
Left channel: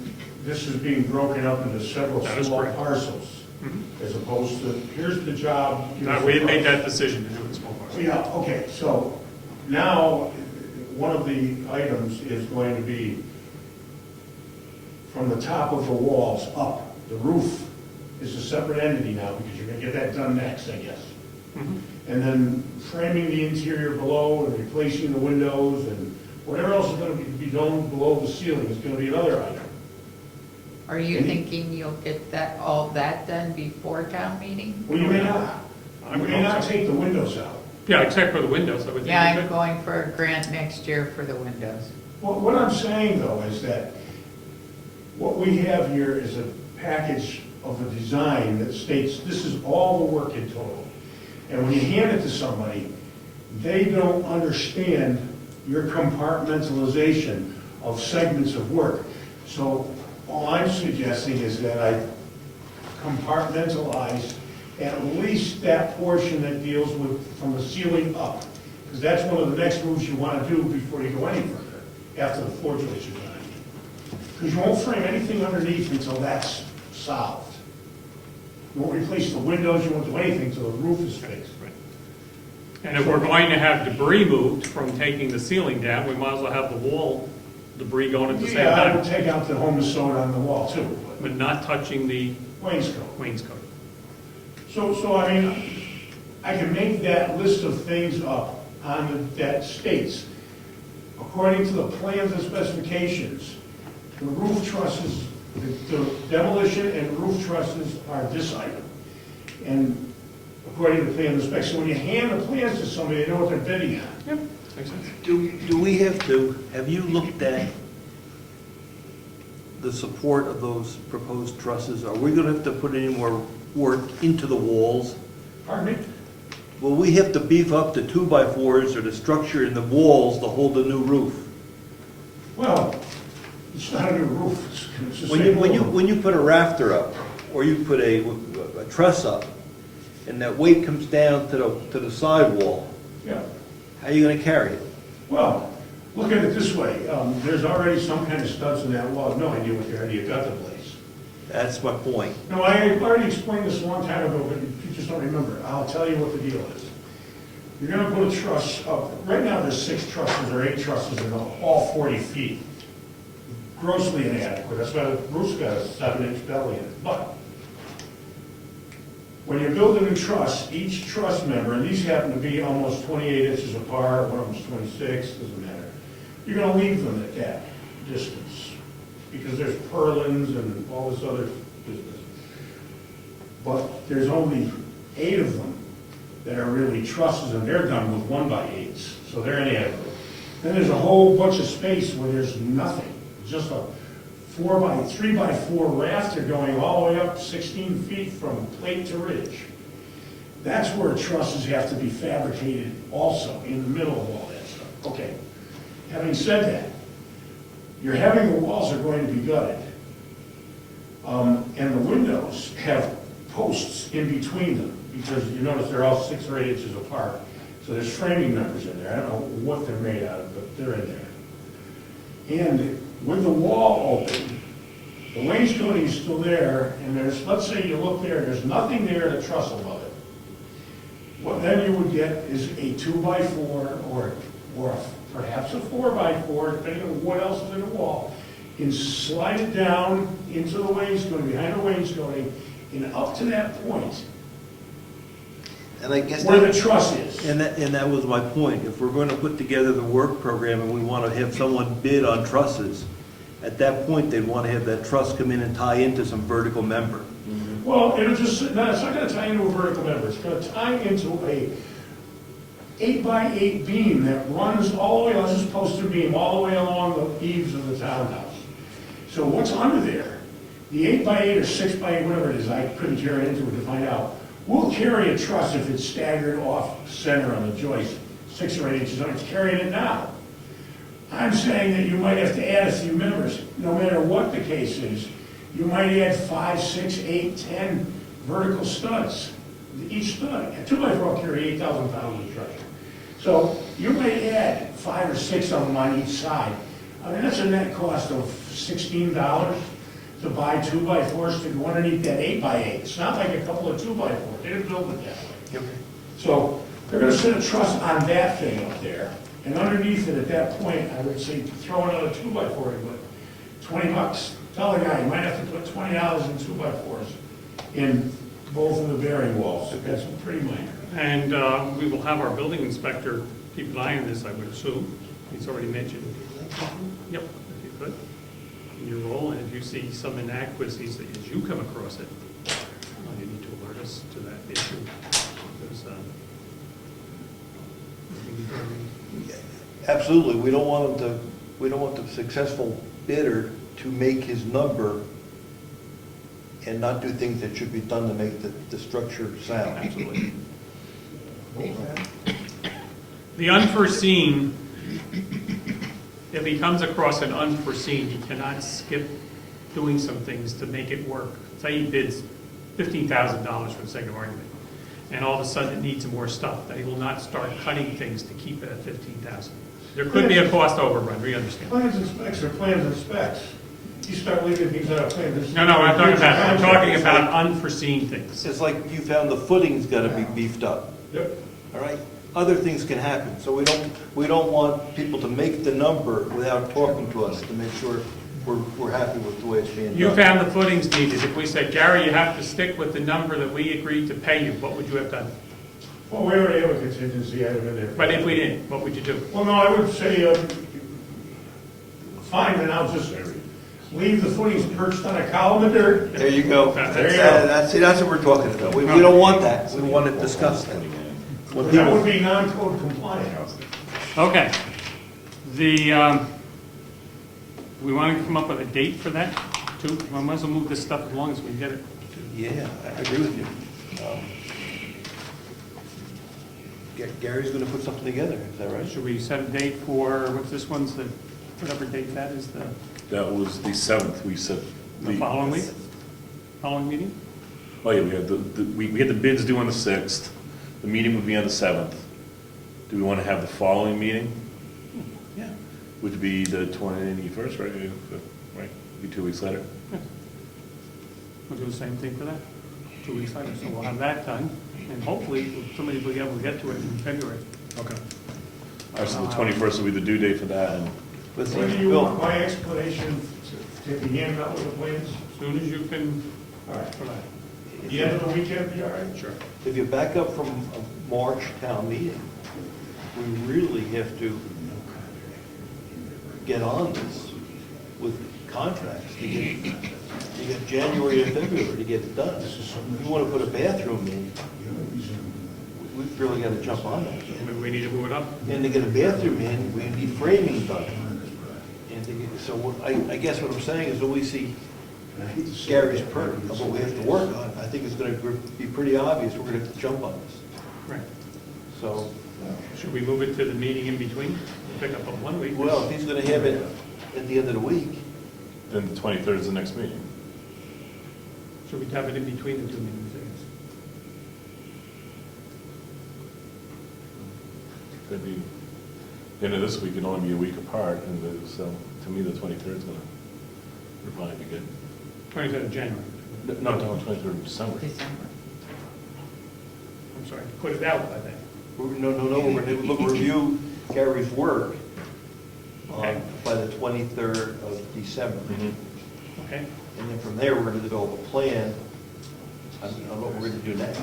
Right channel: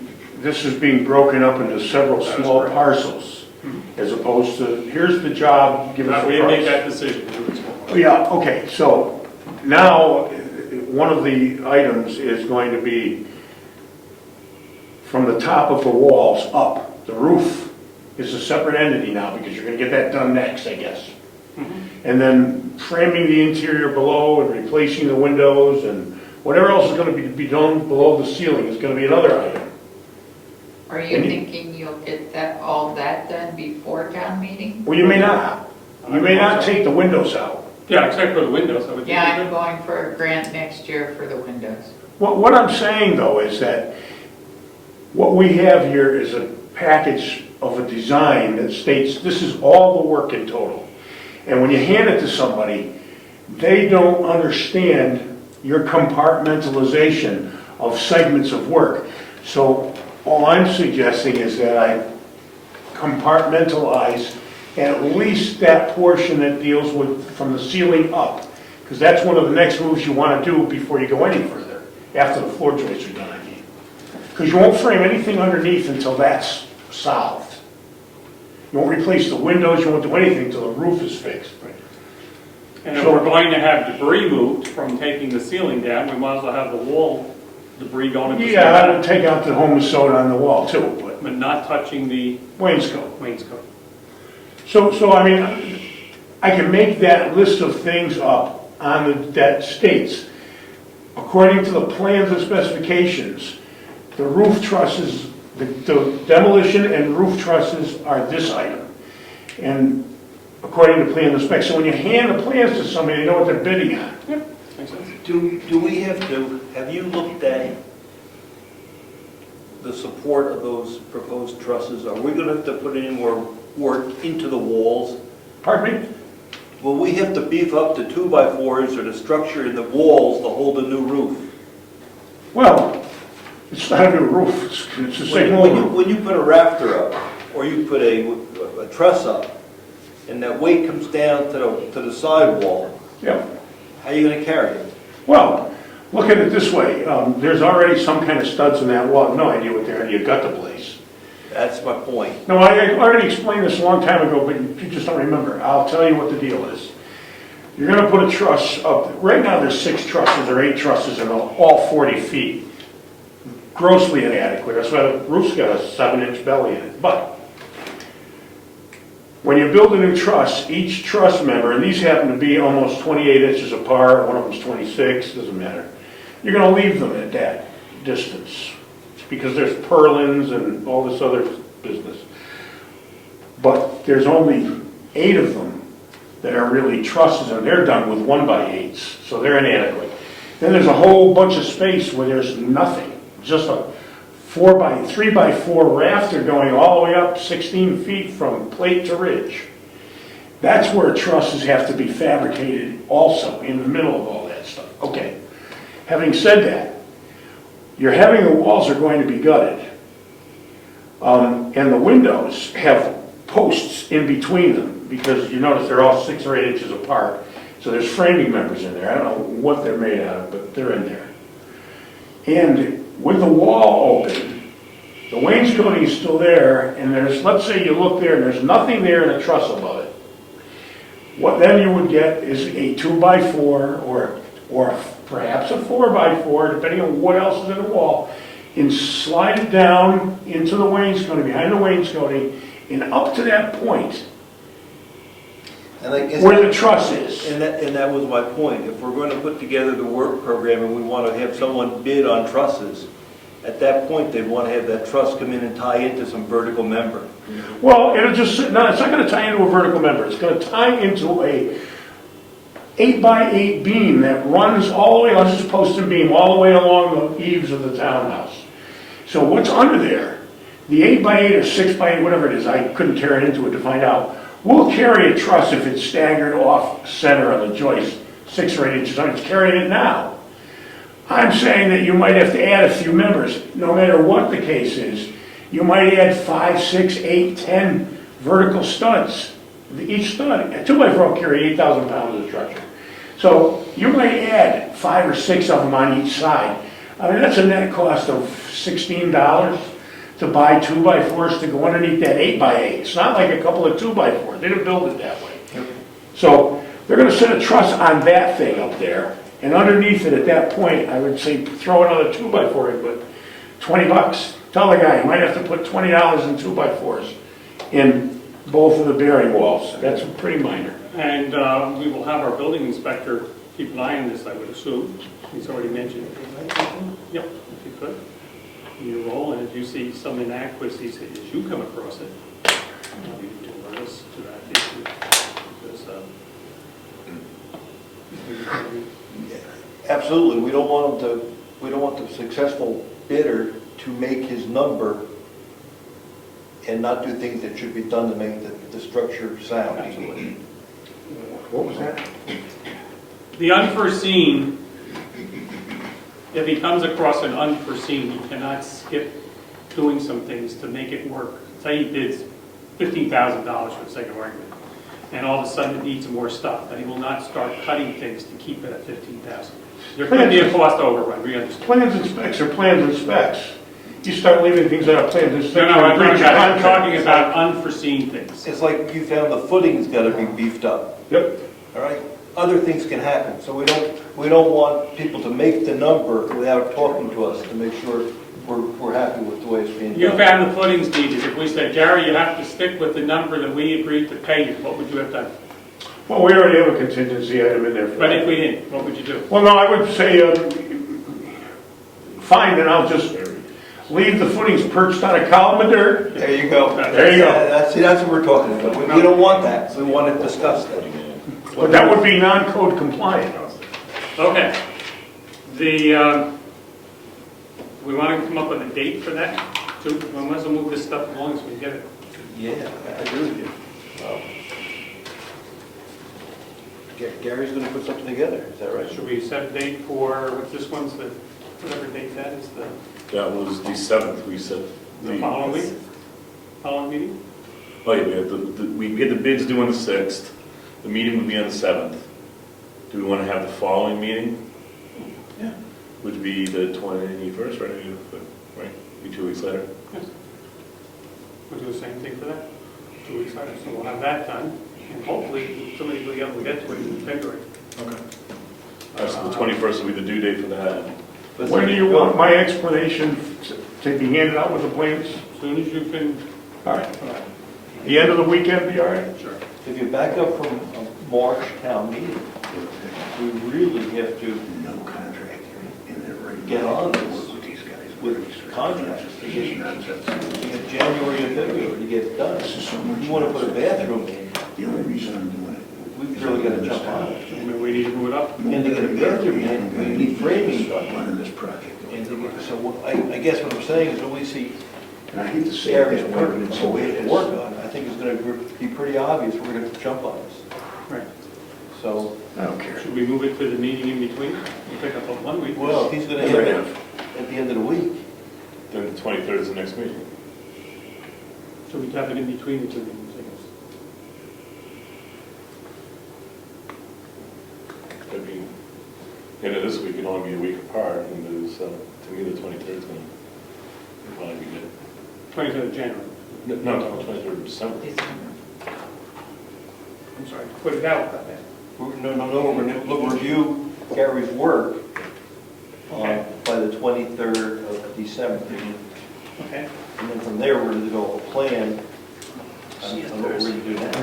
this is being broken up into several That is small correct. parcels, as opposed to, here's the job, give us We a have made price. that decision to do it small. Yeah, okay, so now, one of the items is going to be from the top of the walls up. The roof is a separate entity now, because you're gonna get that done next, I guess. And then framing the interior below and replacing the windows and whatever else is gonna be done below the ceiling is gonna be another item. Are you thinking you'll get all that done before town meeting? Well, you may not. You may not take the windows out. Yeah, except for the windows, I would think. Yeah, we I'm could. going for a grant next year for the windows. What I'm saying, though, is that what we have here is a package of a design that states this is all the work in total. And when you hand it to somebody, they don't understand your compartmentalization of segments of work. So all I'm suggesting is that I compartmentalize at least that portion that deals with from the ceiling up, because that's one of the next moves you want to do before you go any further, after the floor joists are done, I mean. Because you won't frame anything underneath until that's solved. You won't replace the windows, you won't do anything until the roof is fixed. And if we're going to have debris moved from taking the ceiling down, we might as well have the wall debris going at the same Yeah, I would time, take out the home soda on the wall too, but but not touching the wainscot. wainscot. So I mean, I can make that list of things up on that states, according to the plans and specifications, the roof trusses, the demolition and roof trusses are this item. And according to plan and specs, so when you hand the plans to somebody, they know what they're bidding on. Makes sense. Do we have you looked at the support of those proposed trusses? Are we gonna have to put any more work into the walls? Pardon me? Will we have to beef up the 2x4s or the structure in the walls to hold the new roof? Well, it's not a new roof, it's the same When roof. you put a rafter up, or you put a truss up, and that weight comes down to the sidewall, Yeah. how are you gonna carry it? Well, look at it this way, there's already some kind of studs in that wall, I have no idea what they are, you gut the place. That's my point. No, I already explained this a long time ago, but you just don't remember. I'll tell you what the deal is. You're gonna put a truss up, right now there's 6 trusses or 8 trusses in all 40 feet. Grossly inadequate, that's why the roof's got a 7-inch belly in it. But when you build a new truss, each truss member, and these happen to be almost 28 inches apart, one of them's 26, doesn't matter. You're gonna leave them at that distance, because there's purlins and all this other business. But there's only 8 of them that are really trusses, and they're done with 1x8s, so they're inadequate. Then there's a whole bunch of space where there's nothing, just a 3x4 rafter going all the way up 16 feet from plate to ridge. That's where trusses have to be fabricated also, in the middle of all that stuff. Okay, having said that, you're having the walls are going to be gutted. And the windows have posts in between them, because you notice they're all 6 or 8 inches apart. So there's framing members in there. I don't know what they're made out of, but they're in there. And with the wall open, the wainscoting is still there, and there's, let's say you look there, and there's nothing there and a truss above it. What then you would get is a 2x4 or perhaps a 4x4, depending on what else is in the wall, and slide it down into the wainscoting, behind the wainscoting, and up to that point And I guess. where the truss is. And that was my point. If we're going to put together the work program and we want to have someone bid on trusses, at that point, they'd want to have that truss come in and tie into some vertical member. Well, it'll just, no, it's not gonna tie into a vertical member, it's gonna tie into a 8x8 beam that runs all the way, let's just post a beam, all the way along the eaves of the townhouse. So what's under there, the 8x8 or 6x8, whatever it is, I couldn't tear it into it to find out, will carry a truss if it's staggered off center on the joist, 6 or 8 inches, it's carrying it now. I'm saying that you might have to add a few members, no matter what the case is. You might add 5, 6, 8, 10 vertical studs. Each stud, a 2x4 will carry 8,000 pounds of structure. So you might add 5 or 6 of them on each side. I mean, that's a net cost of $16 to buy 2x4s to go underneath that 8x8. It's not like a couple of 2x4s. They didn't build it that way. So they're going to set a truss on that thing up there. And underneath it, at that point, I would say throw another 2x4 in, but $20. Tell the guy, you might have to put $20 in 2x4s in both of the bearing walls. That's pretty minor. And we will have our building inspector keep an eye on this, I would assume. He's already mentioned it. Yep, if you could, in your role, and if you see some inadequacies that you come across it, you need to alert us to that issue. Because, Absolutely, we don't want the successful bidder to make his number and not do things that should be done to make the structure sound. What was that? the unforeseen, if he comes across an unforeseen, he cannot skip doing some things to make it work. Say he bids $15,000 for the sake of argument, and all of a sudden it needs more stuff, then he will not start cutting things to keep it at $15,000. There could be a cost overrun, we understand. Plans and specs are plans and specs. You start leaving things out of plans and specs. No, I'm talking about unforeseen things. It's like you found the footing's got to be beefed up, Yep. all right? Other things can happen, so we don't want people to make the number without talking to us to make sure we're happy with the way it's being done. You found the footings needed. If we said, Jerry, you have to stick with the number that we agreed to pay you, what would you have done? Well, we already have a contingency item in there. But if we didn't, what would you do? Well, no, I would say, fine, then I'll just leave the footings perched on a column of dirt. There you go. There you go. That's what we're talking about. We don't want that. We want to discuss that. But that would be non-code compliant. Okay. We want to come up with a date for that, too? We might as well move this stuff along as we can get it. Yeah, I agree with you. Gary's going to put something together, is that right? Should we set a date for, what's this one's, whatever date that is, That was the 7th, we said. the following week? Following meeting? Oh, yeah, we had the bids due on the 6th, the meeting would be on the 7th. Do we want to have the following meeting? Yeah. Would be the 21st, right? Right, be 2 weeks later. Yes. We'll do the same thing for that, 2 weeks later, so we'll have that done, and hopefully, somebody will be able to get to it in February. Okay. All right, so the 21st will be the due date for that, and When do you want my explanation to be handed out with the plans? As soon as you can. All right. The end of the weekend be all right? Sure. If you back up from a March town meeting, we really have to get on this with contracts to get January and February to get it done. If you want to put a bathroom in, we've really got to jump on it. We need to move it up. And to get a bathroom in, we need framing done. And so I guess what I'm saying is when we see Gary's purpose, what we have to work on, I think it's going to be pretty obvious we're going to jump on this. Right. So, Should we move it to the meeting in between? We'll pick up on 1 week. well, if he's going to have it at the end of the week, then the 23rd is the next meeting. Should we have it in between the two meetings? end of this week can only be a week apart, and there's, to me, the 23rd is gonna probably be good. 23rd of January. No, I'm talking 23rd of December. I'm sorry, put it out by then. No, we're going to review Gary's work by the 23rd of December. Okay. And then from there, we're going to develop a plan on what we're going to do next.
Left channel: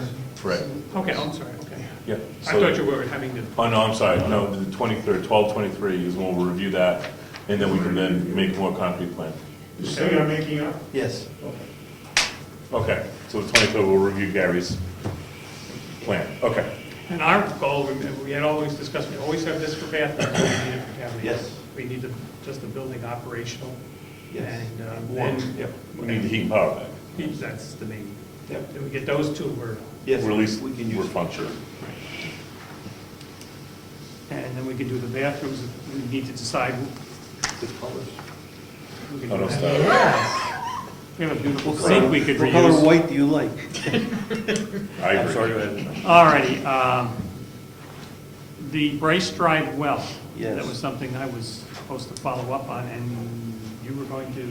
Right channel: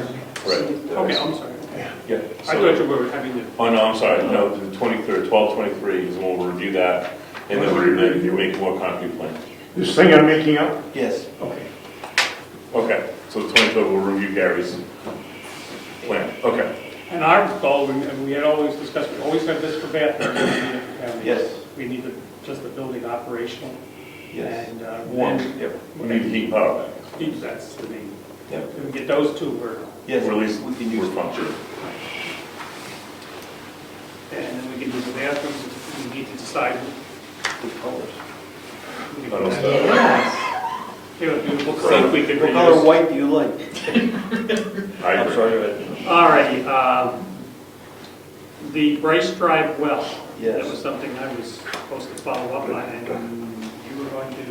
Right. Okay, I'm sorry, okay. Yeah. I thought you were having the, Oh, no, I'm sorry, no, the 23rd, 12/23 is when we'll review that, and then we'll make a more concrete plan. This thing I'm making up? Yes. Okay, so the 23rd, we'll review Gary's plan, okay. and our goal, we had always discussed, we always have this for bathrooms. Yes. We need just the building operational. Yes. And One. then, Yep. We need heat and power back, that's the main, Yep. if we get those two, we're, Yes. or at least we can we're use. functional. and then we can do the bathrooms, we need to decide. The colors. We I don't can- know. We have a beautiful sink we could What color reuse. white do you like? I I'm agree. sorry, go ahead. All righty, the Bryce Drive well. Yes. That was something I was supposed to follow up on, and you were going to, did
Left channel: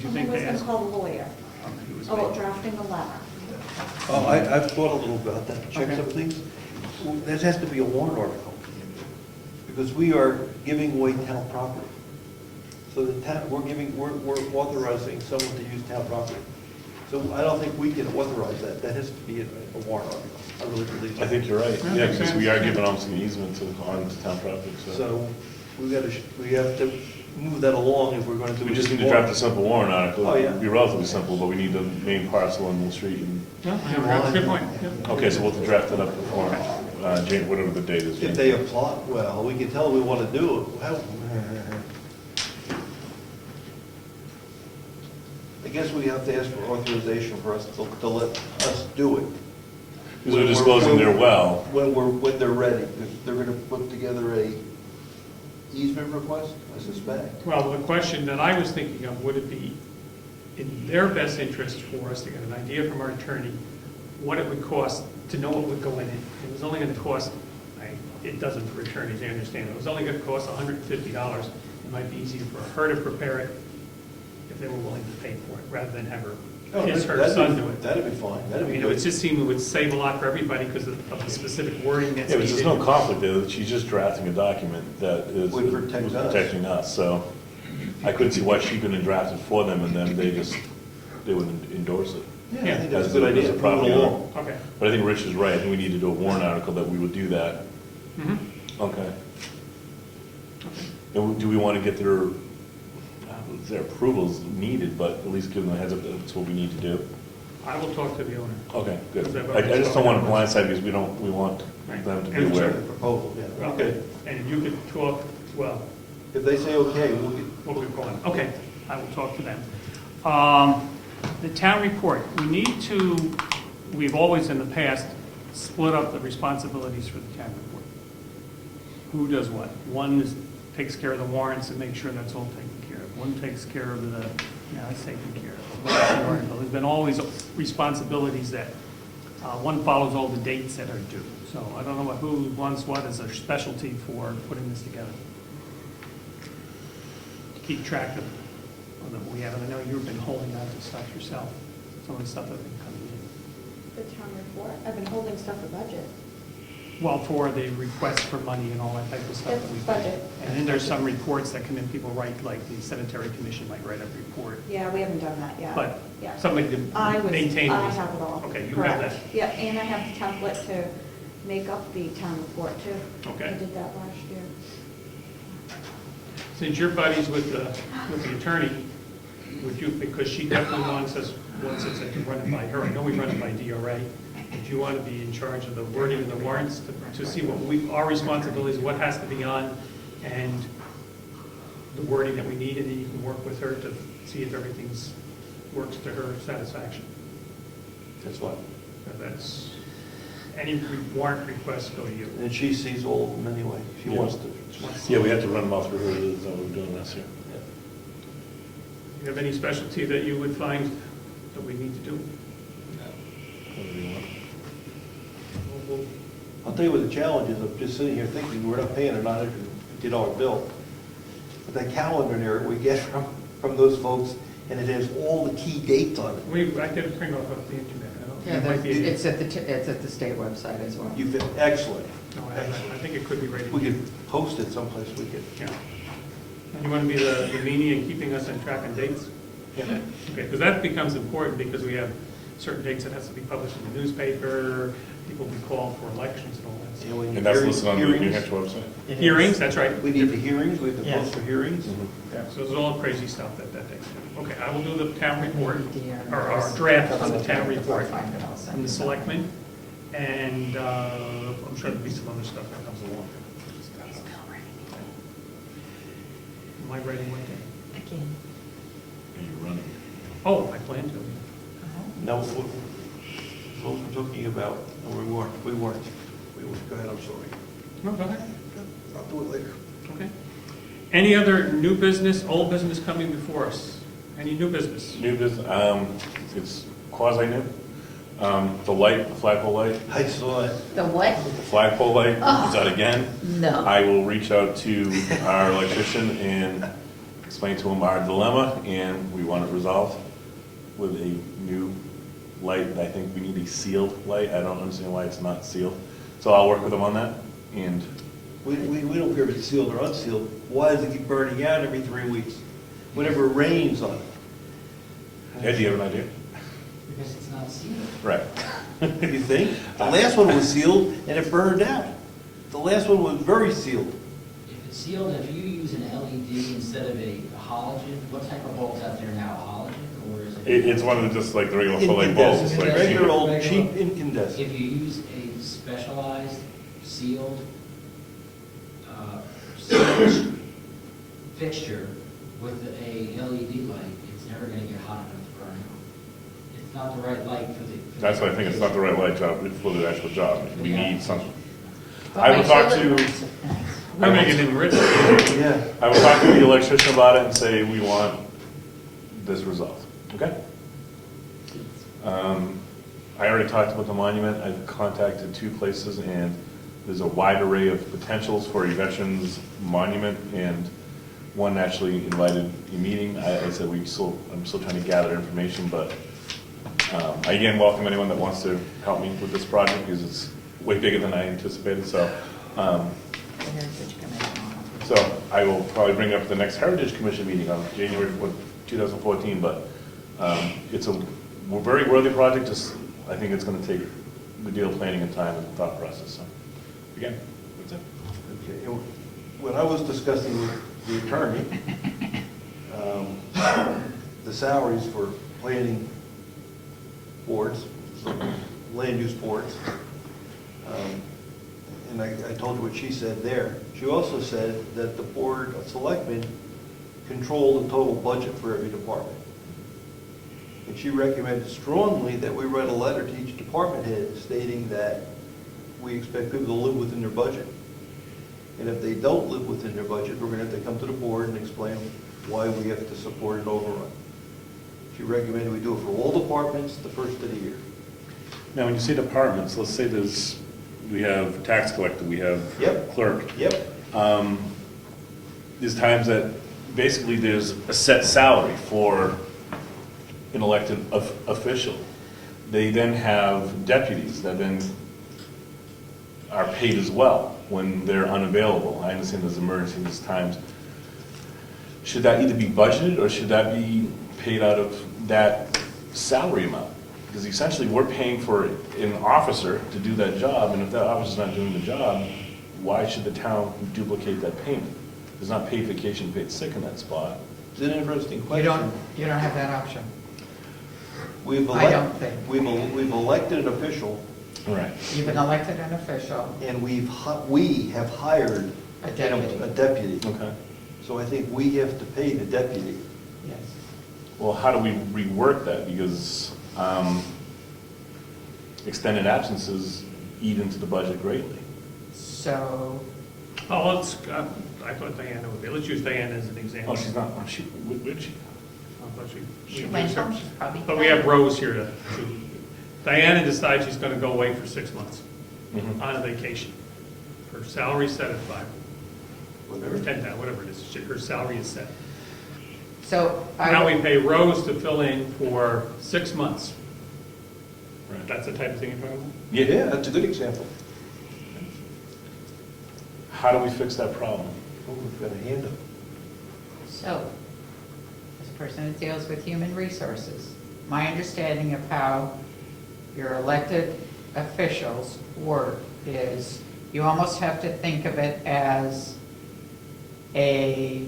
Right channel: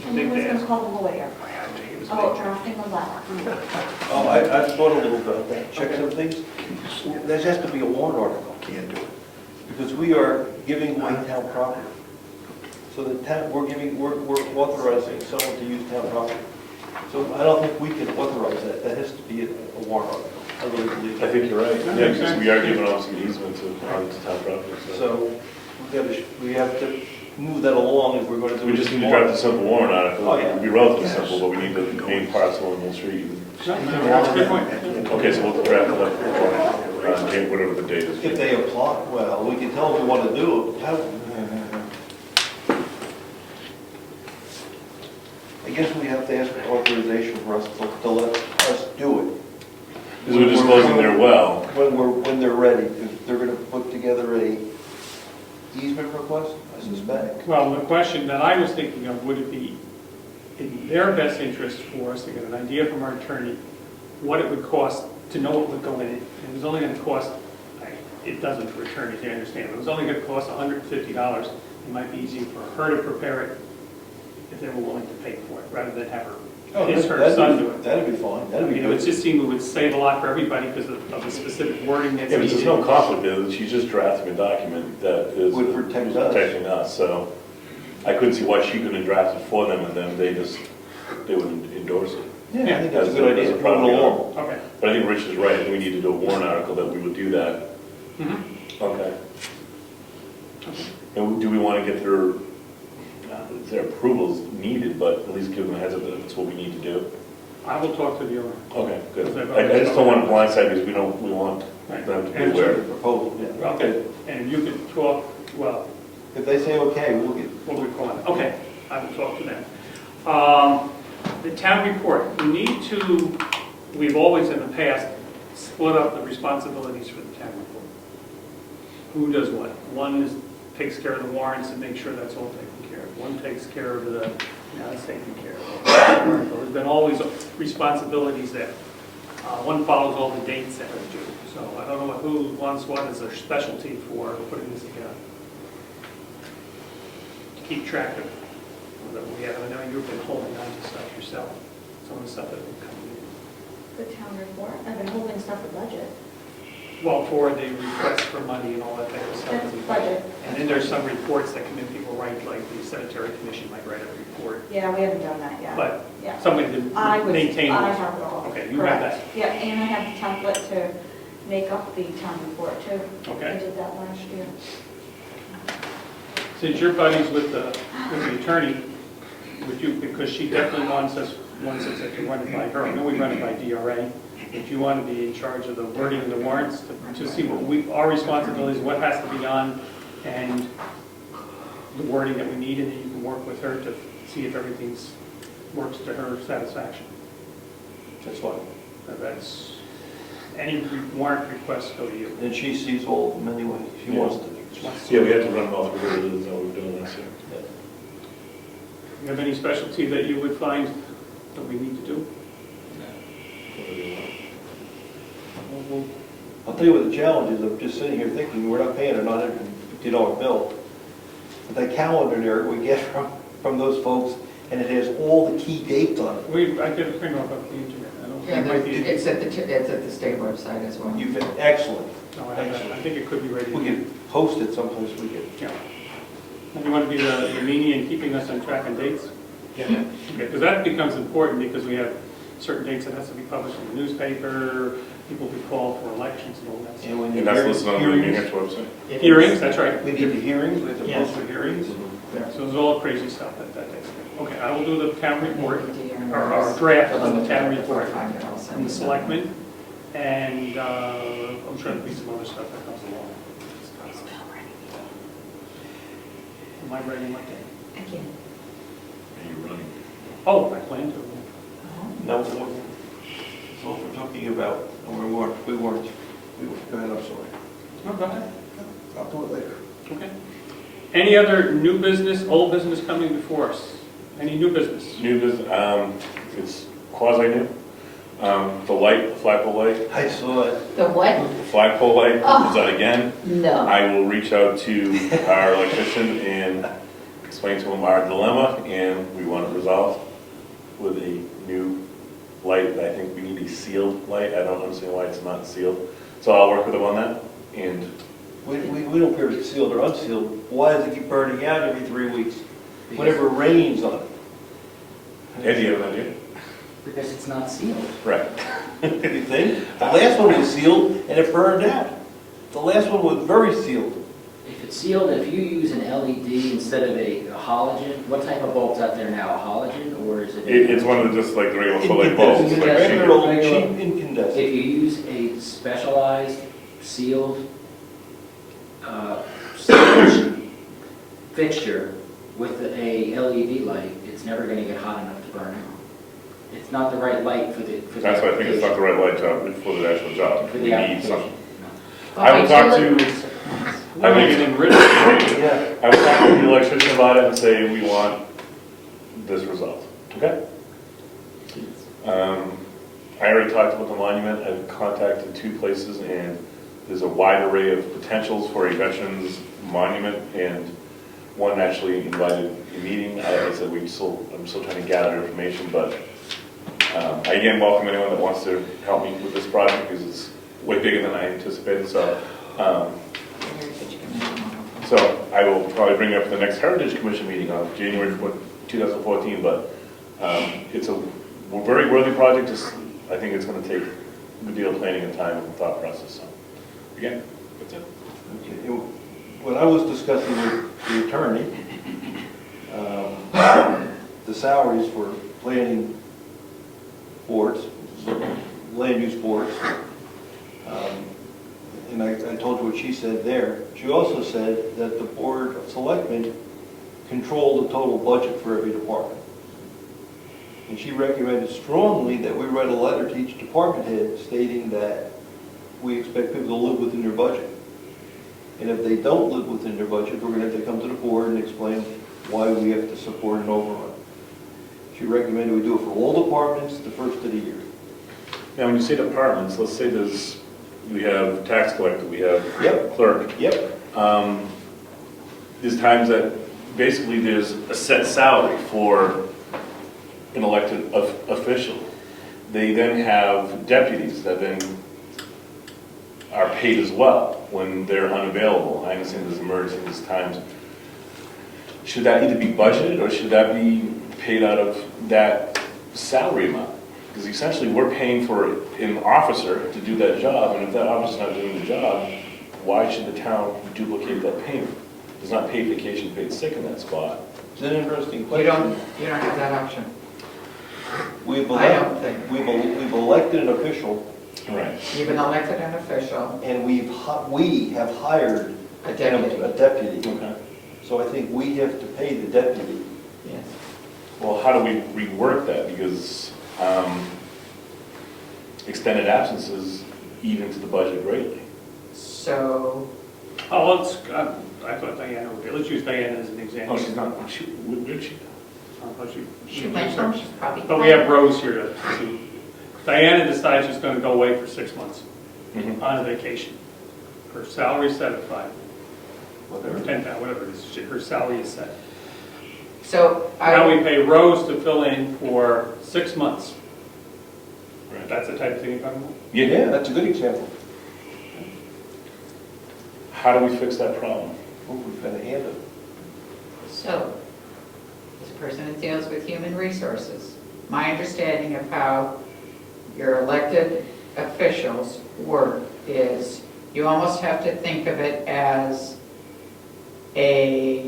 you And think it was to going ask? to call the lawyer I think it was about me. drafting a letter. Oh, I've thought a little about that, check some things. That has to be a warrant article, can't do it. Because we are giving away town property. So the town, we're authorizing someone to use town property. So I don't think we can authorize that, that has to be a warrant article. I really believe I that. think you're right, That yeah, makes because sense. we are giving them some easements on town property, so. So we have to move that along if we're going to do. We just need to draft a simple warrant article. Oh, yeah. It'd be relatively simple, but we need the main parcel in the street. No, that's a good point. Okay, so we'll draft it up for, whatever the date is. If they apply, well, we can tell them we want to do it. I guess we have to ask for authorization for us to let us do it. Because we're disclosing their well. When they're ready. They're going to put together a easement request, I suspect. Well, the question that I was thinking of, would it be in their best interest for us to get an idea from our attorney what it would cost to know what would go in it? It was only going to cost, it doesn't for attorneys, I understand, but it was only going to cost $150. It might be easier for her to prepare it if they were willing to pay for it, rather than have her, her son do it. That'd be fine, that'd be You know, it good. just seemed it would save a lot for everybody because of the specific wording that's Yeah, because there's no needed. conflict there, she's just drafting a document that is Would protect us. protecting us, so I could see why she couldn't draft it for them, and then they would endorse it. Yeah, I think that's a good idea. As a Move it property owner. along. Okay. But I think Rich is right, I think we need to do a warrant article that we would do that. Mhm. Okay. And do we want to get their approvals needed, but at least give them a heads up that that's what we need to do? I will talk to the owner. Okay, good. I just don't want to blindside because we want them to be aware. Proposal, yeah. Well, Okay. and you could talk, well, If they say okay, we'll get, what we want. Okay, I will talk to them. The town report, we've always in the past split up the responsibilities for the town report. Who does what? One takes care of the warrants and makes sure that's all taken care of. One takes care of the, it's taken care of. There's been always responsibilities that, one follows all the dates that are due. So I don't know who wants what as their specialty for putting this together. Keep track of that we have. I know you've been holding on to stuff yourself, some of the stuff that we've come to. The town report, I've been holding stuff for budget. Well, for the request for money and all that type of stuff. That's budget. And then there's some reports that come in, people write, like the cemetery commission might write a report. Yeah, we haven't done that yet. But Yeah. somebody I to was, maintain. I this. have it all. Okay, you have Correct. that. Yeah, and I have the template to make up the town report too. Okay. I did that last year. Since you're buddies with the attorney, would you, because she definitely wants us that you run it by her, I know we run it by DRA, would you want to be in charge of the wording of the warrants to see what our responsibilities, what has to be on, and the wording that we need, and then you can work with her to see if everything's works to her satisfaction? that's what. That's, any warrant requests go to you. And she sees all of them anyway, she wants to. Yeah, we have to run them all through here, that's how we're doing this. You have any specialty that you would find that we need to do? I'll tell you what the challenge is, I'm just sitting here thinking, we're not paying a $950 bill. But that calendar there we get from those folks, and it has all the key dates on it. I could print off of the internet. I don't- Yeah, it might be- it's at the state website as well. You've been excellent. No, I think it could be ready. We could post it someplace we can. Yeah. And you want to be the meanie in keeping us on track and dates? Yeah. Okay, because that becomes important because we have certain dates that has to be published in the newspaper, people will be called for elections and all that. And when you And that's listed on the New hearings, Hampshire website. Hearings, that's right. we need the hearings, we have to Yes. post for hearings. Yeah, so there's all crazy stuff that takes. Okay, I will do the town report, Yeah. or our draft of the town Before I report find it, I'll send from the it. selectmen, and I'm sure there'll be some other stuff that comes along. Am I ready, Mark? Again. Oh, I plan to. No, what we're talking about, we weren't. Go ahead, I'm sorry. No, go ahead. I'll do it later. Okay. Any other new business, old business coming before us? Any new business? New business, it's quasi-new. The light, the flagpole light, I saw it. The what? flagpole light Oh. is out again. No. I will reach out to our electrician and explain to him our dilemma, and we want it resolved with a new light. I think we need a sealed light. I don't understand why it's not sealed. So I'll work with him on that, and We don't care if it's sealed or unsealed. Why does it keep burning out every 3 weeks? Whenever it rains on it. Eddie, you have an idea? Because it's not sealed. Right. You think? The last one was sealed and it burned out. The last one was very sealed. If it's sealed, if you use an LED instead of a halogen, what type of bulb's out there now, a halogen, or is it? It's one of the, just like the regular full light bulbs. like Regular old Regular. cheap incandescent. If you use a specialized sealed storage fixture with a LED light, it's never gonna get hot enough to burn out. It's not the right light for the. That's why I think it's not the right light job for the actual job. For We the need application. something. I will Okay, talk so to, We're making it rich. Yeah. I will talk to the electrician about it and say we want this resolved. Okay? I already talked about the monument. I've contacted 2 places, and there's a wide array of potentials for a veterans monument, and one actually invited a meeting. I said I'm still trying to gather information, but I again welcome anyone that wants to help me with this project because it's way bigger than I anticipated. So I will probably bring up the next Heritage Commission meeting on January 2014, but it's a very worthy project. Just, I think it's going to take a good deal of planning and time and thought process. So, again, that's it. Okay. When I was discussing with the attorney, the salaries for planning boards, land use boards, and I told you what she said there. She also said that the Board of Selectmen control the total budget for every department. And she recommended strongly that we write a letter to each department head stating that we expect people to live within their budget. And if they don't live within their budget, we're going to have to come to the board and explain why we have to support an overrun. She recommended we do it for all departments the first of the year. Now, when you say departments, let's say we have tax collector, we have Yep. clerk. Yep. There's times that basically there's a set salary for an elected official. They then have deputies that then are paid as well when they're unavailable. I understand there's emergency, there's times. Should that either be budgeted or should that be paid out of that salary amount? Because essentially we're paying for an officer to do that job, and if that officer's not doing the job, why should the town duplicate that payment? There's not paid vacation, paid sick in that spot. It's an interesting You question. don't have that option. We've I don't think. We've elected an official, Right. You've been elected an official, and we have hired a deputy. a deputy. Okay. So I think we have to pay the deputy. Yes. Well, how do we rework that? Because extended absences eat into the budget greatly. So, Oh, let's, I thought Diana would be, let's use Diana as an Oh, example. she's not, where is she? she went home, she's probably. But we have Rose here to Diana decides she's gonna go away for 6 months. Mhm. on vacation. Her salary's set at 5, or 10,000, whatever it is, her salary is set. So Now I, we pay Rose to fill in for 6 months. Right. That's the type of thing you're talking about? Yeah, that's a good example. How do we fix that problem? We've got to handle it. so, as a person that deals with human resources, my understanding of how your elected officials work is you almost have to think of it as a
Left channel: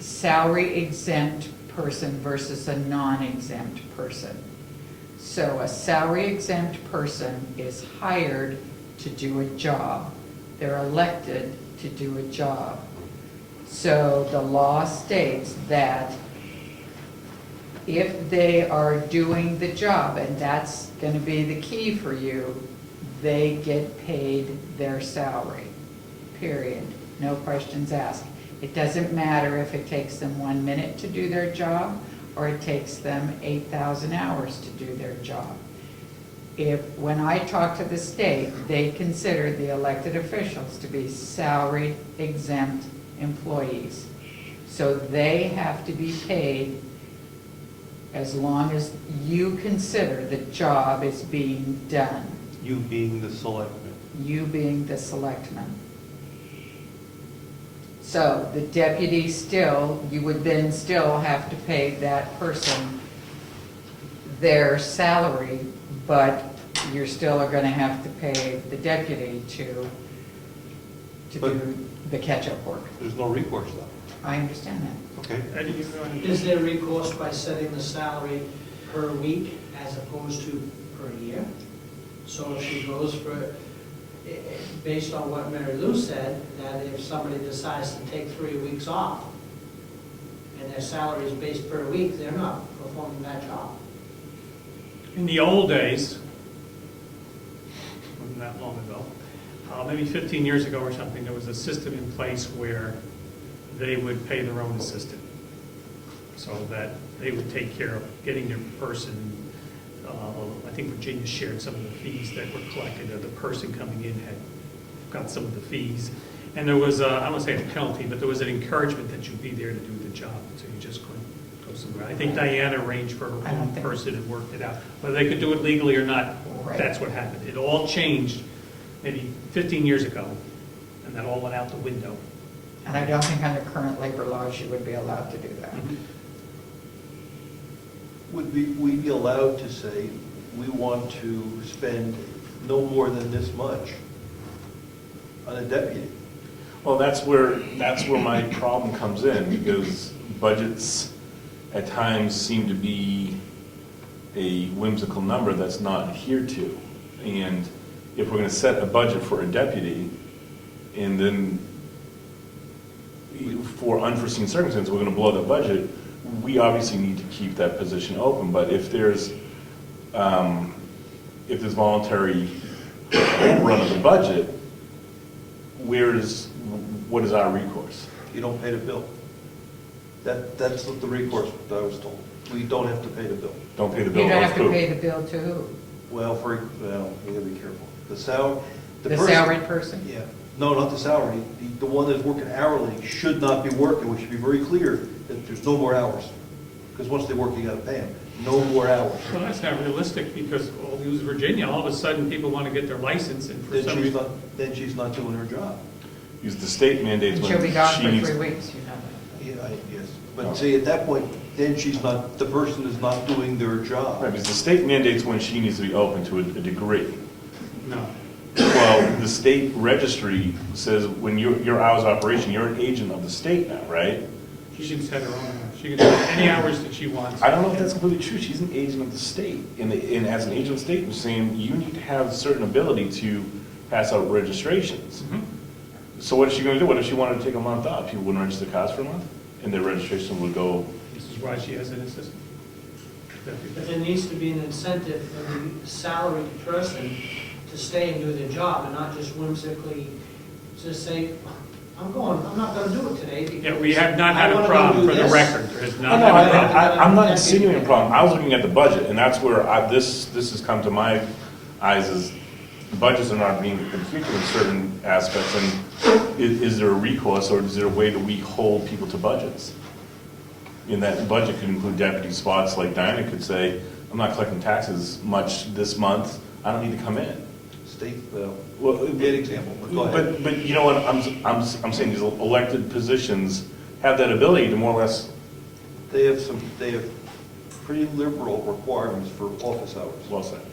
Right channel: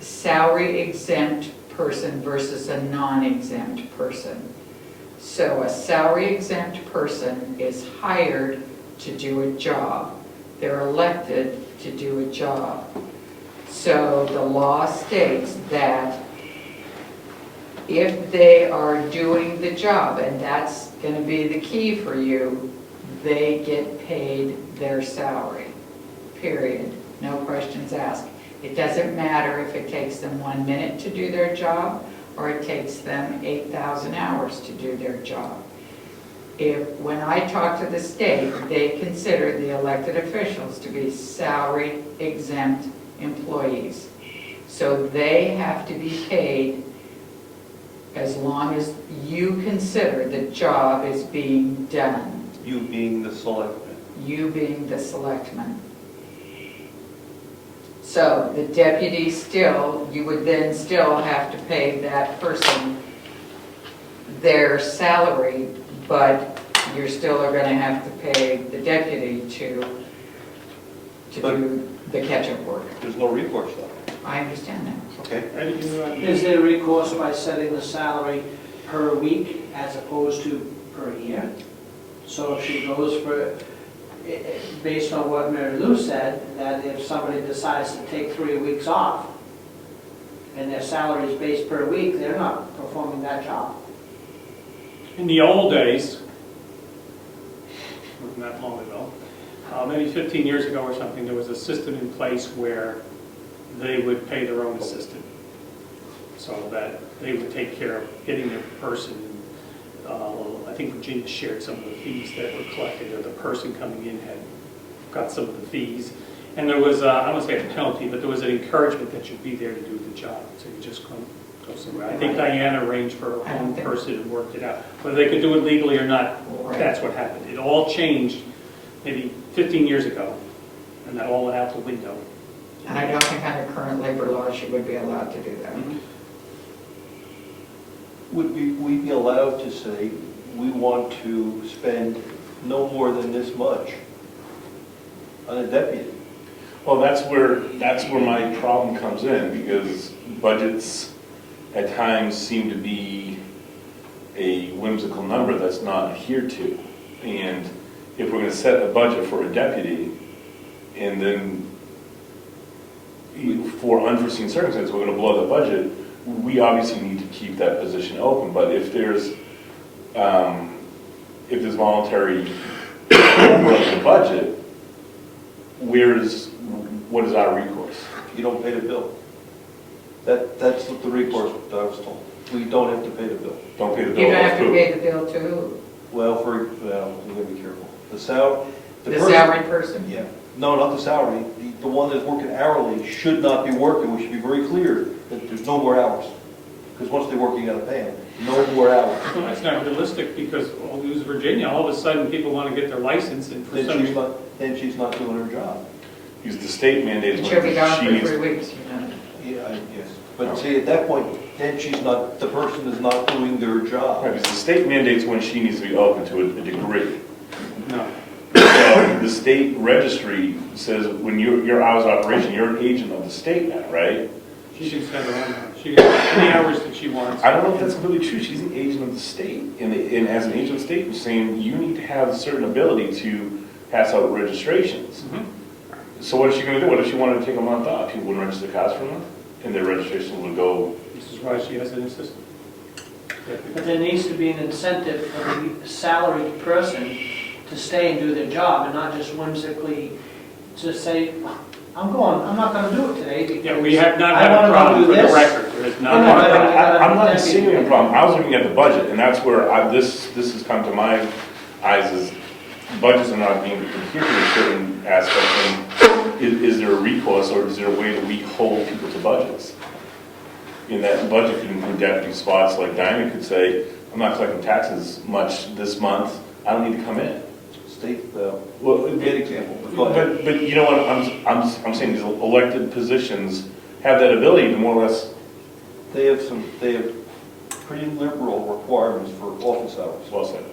salary exempt person versus a non-exempt person. So a salary exempt person is hired to do a job. They're elected to do a job. So the law states that if they are doing the job, and that's going to be the key for you, they get paid their salary, period. No questions asked. It doesn't matter if it takes them 1 minute to do their job or it takes them 8,000 hours to do their job. When I talk to the state, they consider the elected officials to be salary exempt employees. So they have to be paid as long as you consider the job is being done, You being the selectman. you being the selectman. So the deputy still, you would then still have to pay that person their salary, but you're still are gonna have to pay the deputy to do the catch-up work. There's no recourse though. I understand that. Okay? Eddie, you, Is there recourse by setting the salary per week as opposed to per year? So if she goes for, based on what Mary Lou said, that if somebody decides to take 3 weeks off and their salary is based per week, they're not performing that job. in the old days, wasn't that long ago, maybe 15 years ago or something, there was a system in place where they would pay their own assistant. So that they would take care of getting their person, I think Virginia shared some of the fees that were collected, or the person coming in had got some of the fees. And there was, I don't want to say a penalty, but there was an encouragement that you'd be there to do the job. So you just couldn't go somewhere. I think Diana arranged for her own person and worked it out. Whether they could do it legally or not, that's what happened. It all changed maybe 15 years ago, and that all went out the window. And I don't think under current labor laws, she would be allowed to do that. Would we be allowed to say, we want to spend no more than this much on a deputy? Well, that's where my problem comes in, because budgets at times seem to be a whimsical number that's not adhered to. And if we're gonna set a budget for a deputy, and then for unforeseen circumstances, we're gonna blow the budget, we obviously need to keep that position open. But if there's voluntary overrun of the budget, what is our recourse? You don't pay the bill. That's what the recourse that I was told. We don't have to pay the bill. Don't pay the bill. You don't have to pay the bill to who? Well, we gotta be careful. The Salaried person? Yeah. No, not the salary. The one that's working hourly should not be working. We should be very clear that there's no more hours. Because once they work, you gotta pay them. No more hours. Well, that's not realistic, because we'll use Virginia, all of a sudden people want to get their license, and for some reason. Then she's not doing her job. Because the state mandates She'll be gone she for needs. 3 weeks, you know. Yeah, yes. But see, at that point, then the person is not doing their job. Right, because the state mandates when she needs to be open to a degree. No. Well, the state registry says when your hours of operation, you're an agent of the state now, right? She can set her own hours. She can have any hours that she wants. I don't know if that's really true. She's an agent of the state. And as an agent of the state, you're saying you need to have a certain ability to pass out registrations. Mhm. So what is she gonna do? What if she wanted to take a month off? People wouldn't register cars for a month? And their registration would go, This is why she has an assistant. But there needs to be an incentive for the salaried person to stay and do their job and not just whimsically just say, I'm not gonna do it today because Yeah, we have not I had wanna a go problem do for the this." record. There has not You know, been a I- problem. I'm not insinuating a problem. I was looking at the budget, and that's where this has come to my eyes is, budgets are not being computed in certain aspects, and is there a recourse, or is there a way that we hold people to budgets? In that budget could include deputy spots, like Diana could say, I'm not collecting taxes much this month, I don't need to come in. State, Well, bad example, but go ahead. But you know what, I'm saying these elected positions have that ability to more or less, They have pretty liberal requirements for office hours. well said.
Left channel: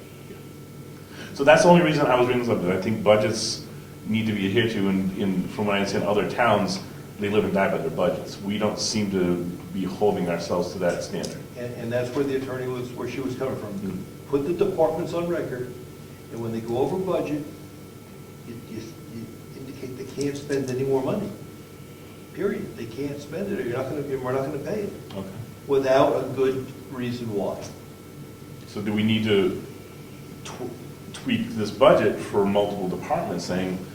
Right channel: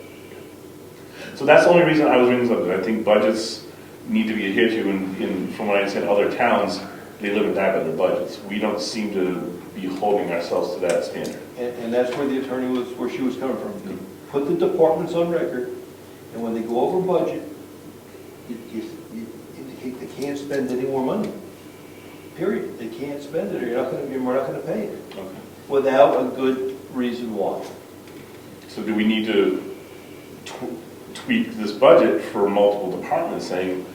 So that's the only reason I was bringing this up, because I think budgets need to be adhered to, in from what I understand, other towns, they live and die by their budgets. We don't seem to be holding ourselves to that standard. And that's where the attorney was, where she was coming from. Put the departments on record, and when they go over budget, you indicate they can't spend any more money. Period. They can't spend it, or we're not gonna pay it, Okay. without a good reason why. So do we need to tweak this budget for multiple departments, saying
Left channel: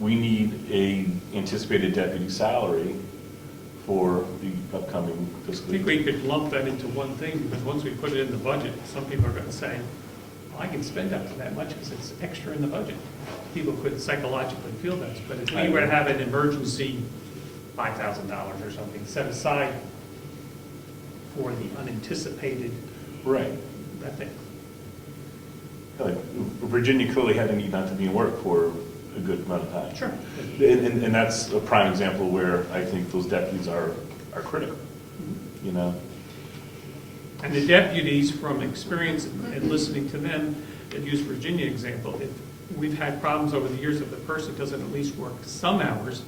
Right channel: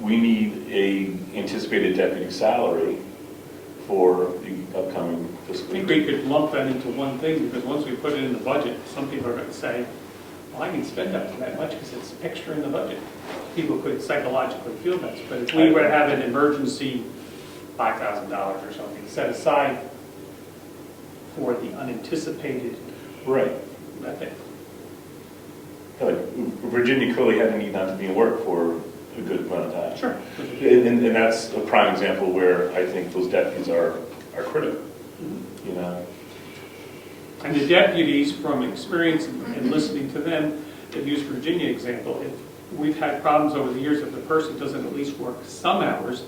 we need a anticipated deputy salary for the upcoming I fiscal think year? we could lump that into one thing, because once we put it in the budget, some people are going to say, well, I can spend up to that much because it's extra in the budget. People could psychologically feel that, but if we were to have an emergency $5,000 or something set aside for the unanticipated, Right. that thing. Like, Virginia clearly had a need not to be in work for a good amount of time. Sure. And that's a prime example where I think those deputies are critical, you know? And the deputies, from experience and listening to them, that use Virginia example, if we've had problems over the years, if the person doesn't at least work some hours,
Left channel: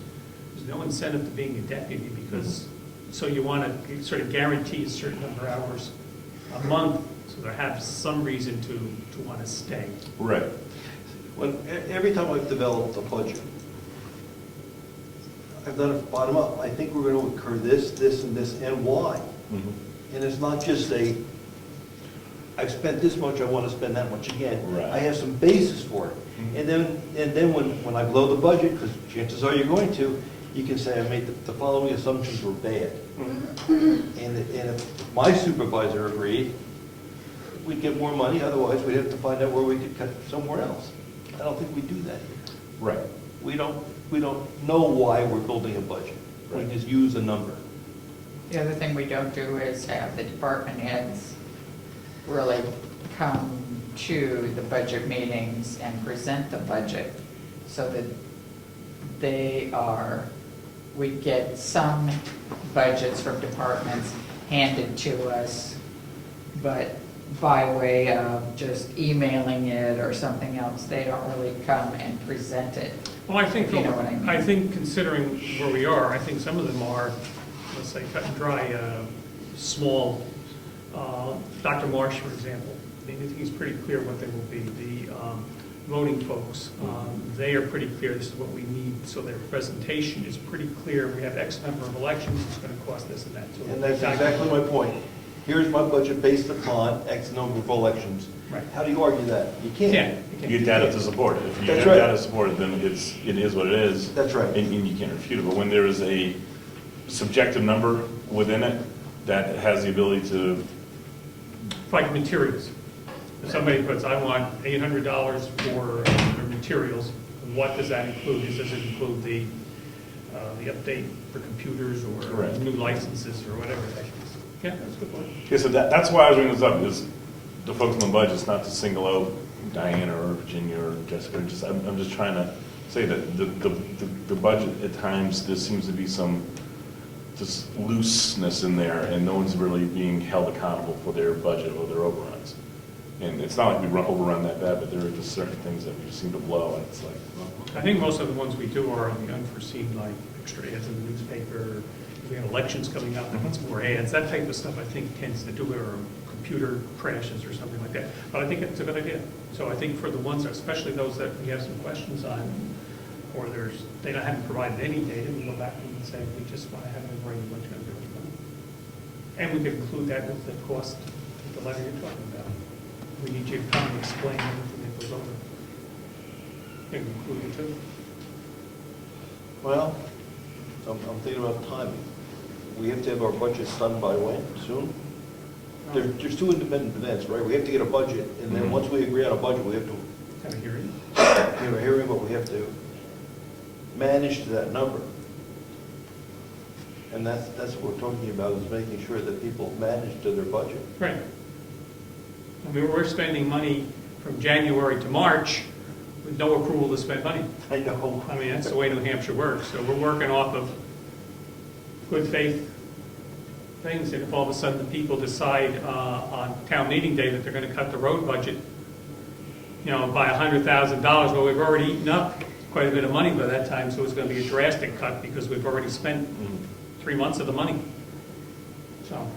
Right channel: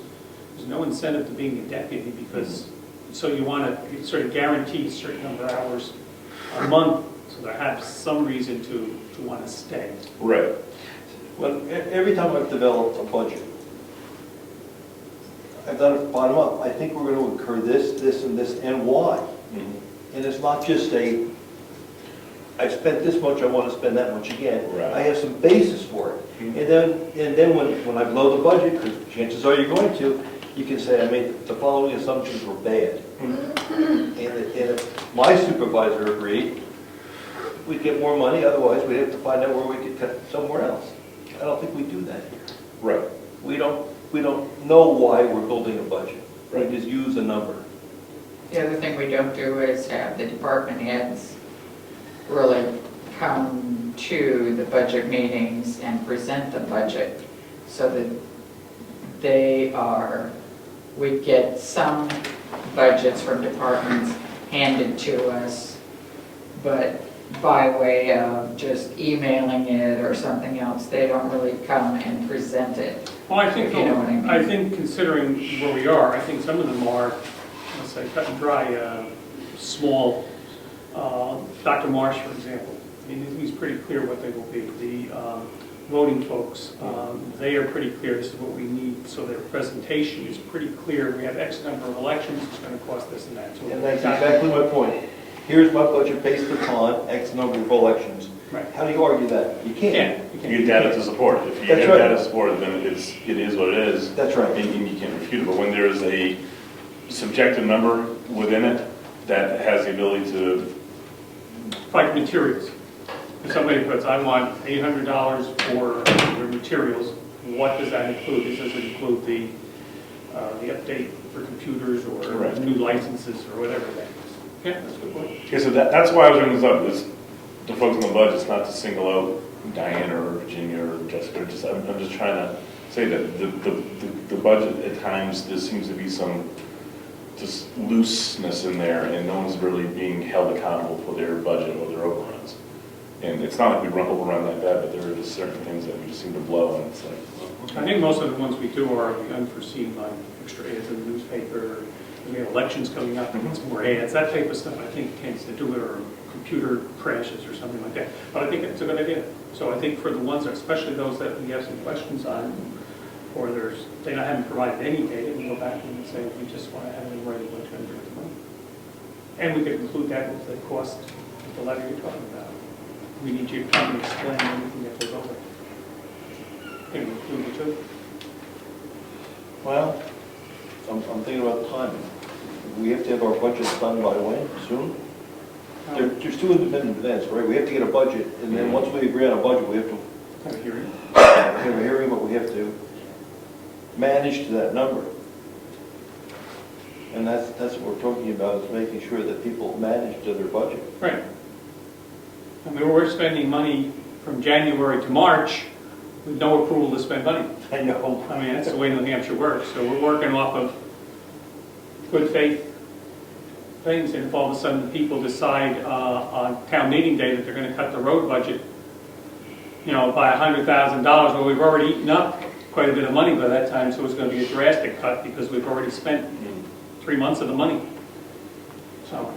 there's no incentive to being a deputy, because, so you want to sort of guarantee a certain number of hours a month, so they have some reason to want to stay. Right. Well, every time I've developed a budget, I've done it bottom up. I think we're going to incur this, this, and this, and why. And it's not just I spent this much, I want to spend that much again. Right. I have some basis for it. And then when I blow the budget, because chances are you're going to, you can say, I made the following assumptions were bad. And if my supervisor agreed, we'd get more money, otherwise we'd have to find out where we could cut somewhere else. I don't think we do that here. Right. We don't know why we're building a budget. We just use a number. The other thing we don't do is have the department heads really come to the budget meetings and present the budget, so that we get some budgets from departments handed to us, but by way of just emailing it or something else, they don't really come and present it. Well, I think, If you know what I mean. I think considering where we are, I think some of them are, let's say, cut and dry, small. Dr. Marsh, for example, he's pretty clear what they will be. The voting folks, they are pretty clear, this is what we need, so their presentation is pretty clear. We have X number of elections, it's going to cost this and that. So And that's exactly my point. Here's my budget based upon X number of elections. Right. How do you argue that? You can't. You get data to support it. If you That's get right. data to support it, then it is what it is. That's right. And you can't refute it. But when there is a subjective number within it that has the ability to, like materials. If somebody puts, I want $800 for your materials, what does that include? Does it include the update for computers or Right. new licenses or whatever that is? Yeah, that's a good point. okay, so that's why I was bringing this up, is the folks on the budget, not to single out Diane or Virginia or Jessica, I'm just trying to say that the budget, at times, there seems to be some just looseness in there, and no one's really being held accountable for their budget or their overruns. And it's not like we overrun like that, but there are just certain things that we just seem to blow, and it's like, well, okay. I think most of the ones we do are the unforeseen, like extra ads in the newspaper, we have elections coming up, and some more ads, that type of stuff I think tends to do it, or computer crashes or something like that. But I think it's a good idea. So I think for the ones, especially those that we have some questions on, or they haven't provided any data, we go back and say, we just want to have it in writing what's going to do with the money. And we could include that with the cost of the letter you're talking about. We need you to come and explain anything that goes over. I think we include it too. Well, I'm thinking about time. We have to have our budgets done by when? Soon? There's two independent events, right? We have to get a budget, and then once we agree on a budget, we have to Have a hearing. have a hearing, but we have to manage to that number. And that's what we're talking about, is making sure that people manage to their budget. Right. I mean, we're spending money from January to March with no approval to spend money. I know. I mean, that's the way New Hampshire works. So we're working off of good faith things, and if all of a sudden people decide on town meeting day that they're going to cut the road budget, by $100,000, well, we've already eaten up quite a bit of money by that time, so it's going to be a drastic cut because we've already spent 3 months of the money. So,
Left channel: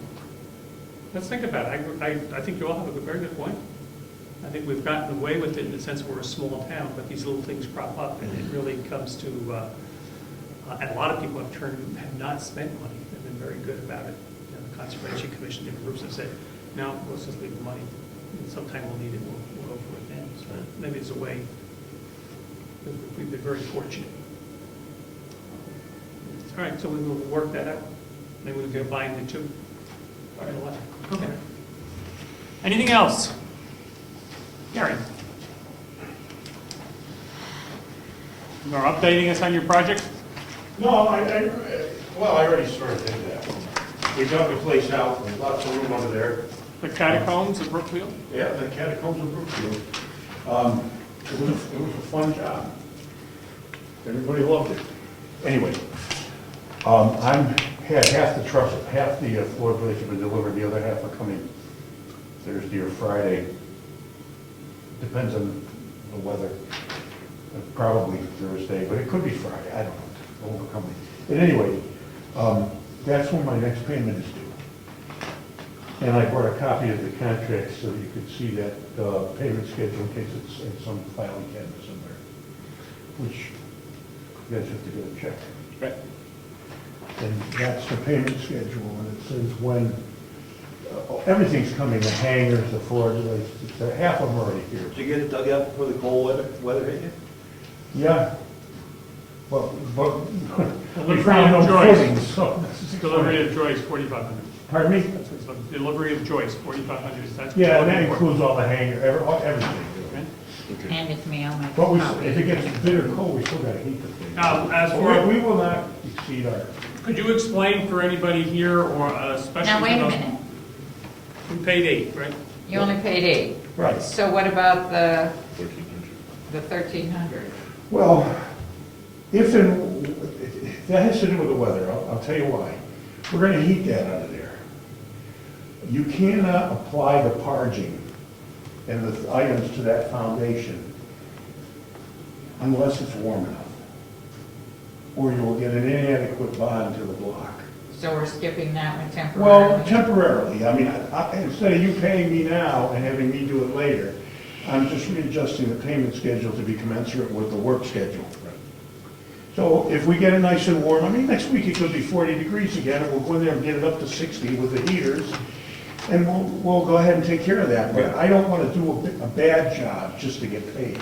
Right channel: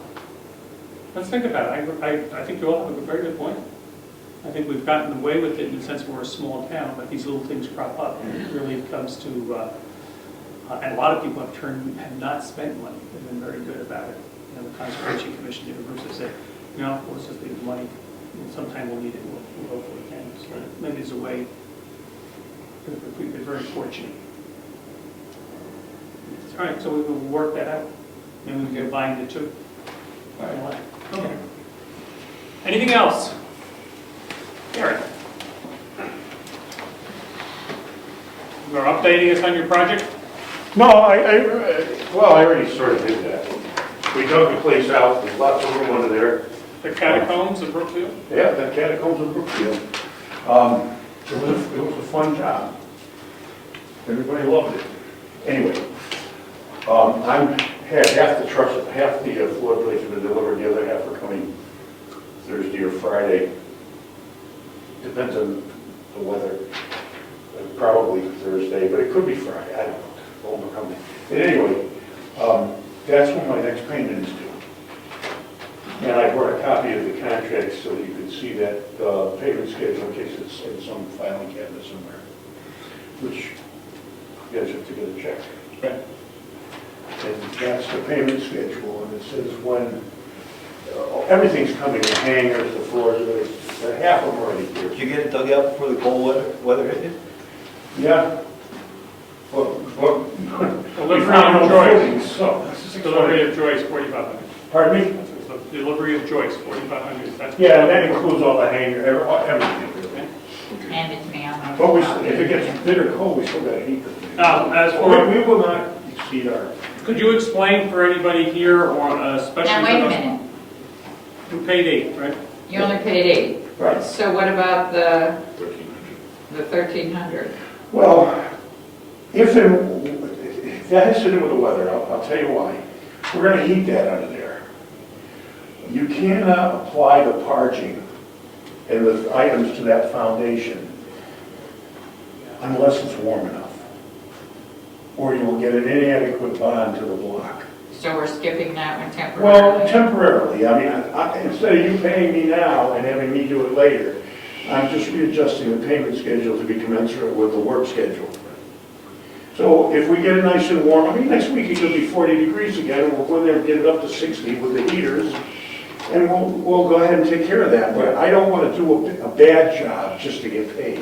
let's think about it. I think you all have a very good point. I think we've gotten away with it in the sense we're a small town, but these little things crop up, and it really comes to, and a lot of people have not spent money. They've been very good about it. The Conservation Commission, different groups have said, let's just leave the money, and sometime we'll need it, we'll hopefully can. So that is a way, we've been very fortunate. All right, so we will work that out. Then we can combine the two. All right. Okay. Anything else? Karen? You are updating us on your project? No, I already sort of did that. We dug the place out, there's lots of room under there. The catacombs of Brookfield? Yeah, the catacombs of Brookfield. It was a fun job. Everybody loved it. Anyway, had half the trucks, half the floor plates have been delivered, the other half are coming Thursday or Friday. Depends on the weather. Probably Thursday, but it could be Friday. I don't know. It won't come. Anyway, that's when my next payment is due. And I brought a copy of the contract so you could see that payment schedule in case it's on the filing cabinet somewhere, which you guys have to get a check. Right. And that's the payment schedule, and it says when everything's coming, the hangers, the floors, half of them are already here. Did you get it dug out before the cold weather hit you? Yeah. But we Delivery found of no Joyce. footings, so. Delivery of Joyce, 4,500. Pardon me? That's what it's, delivery of Joyce, 4,500. That's Yeah, and that includes all the hanger, everything. Okay. Hand it to me on my. But if it gets bitter cold, we still got to heat the thing. Now, as for, We will not exceed our, could you explain for anybody here, or especially Now, for wait a those minute, who paid 8, right? you only paid 8. right. So what about the 1,300? Well, that has to do with the weather, I'll tell you why. We're going to heat that under there. You cannot apply the parging and the items to that foundation unless it's warm enough. Or you will get an inadequate bond to the block. So we're skipping that one temporarily? Well, temporarily, I mean, instead of you paying me now and having me do it later, I'm just readjusting the payment schedule to be commensurate with the work schedule. So if we get it nice and warm, I mean, next week it could be 40 degrees again, and we'll go in there and get it up to 60 with the heaters, and we'll go ahead and take care of that. But I don't want to do a bad job just to get paid.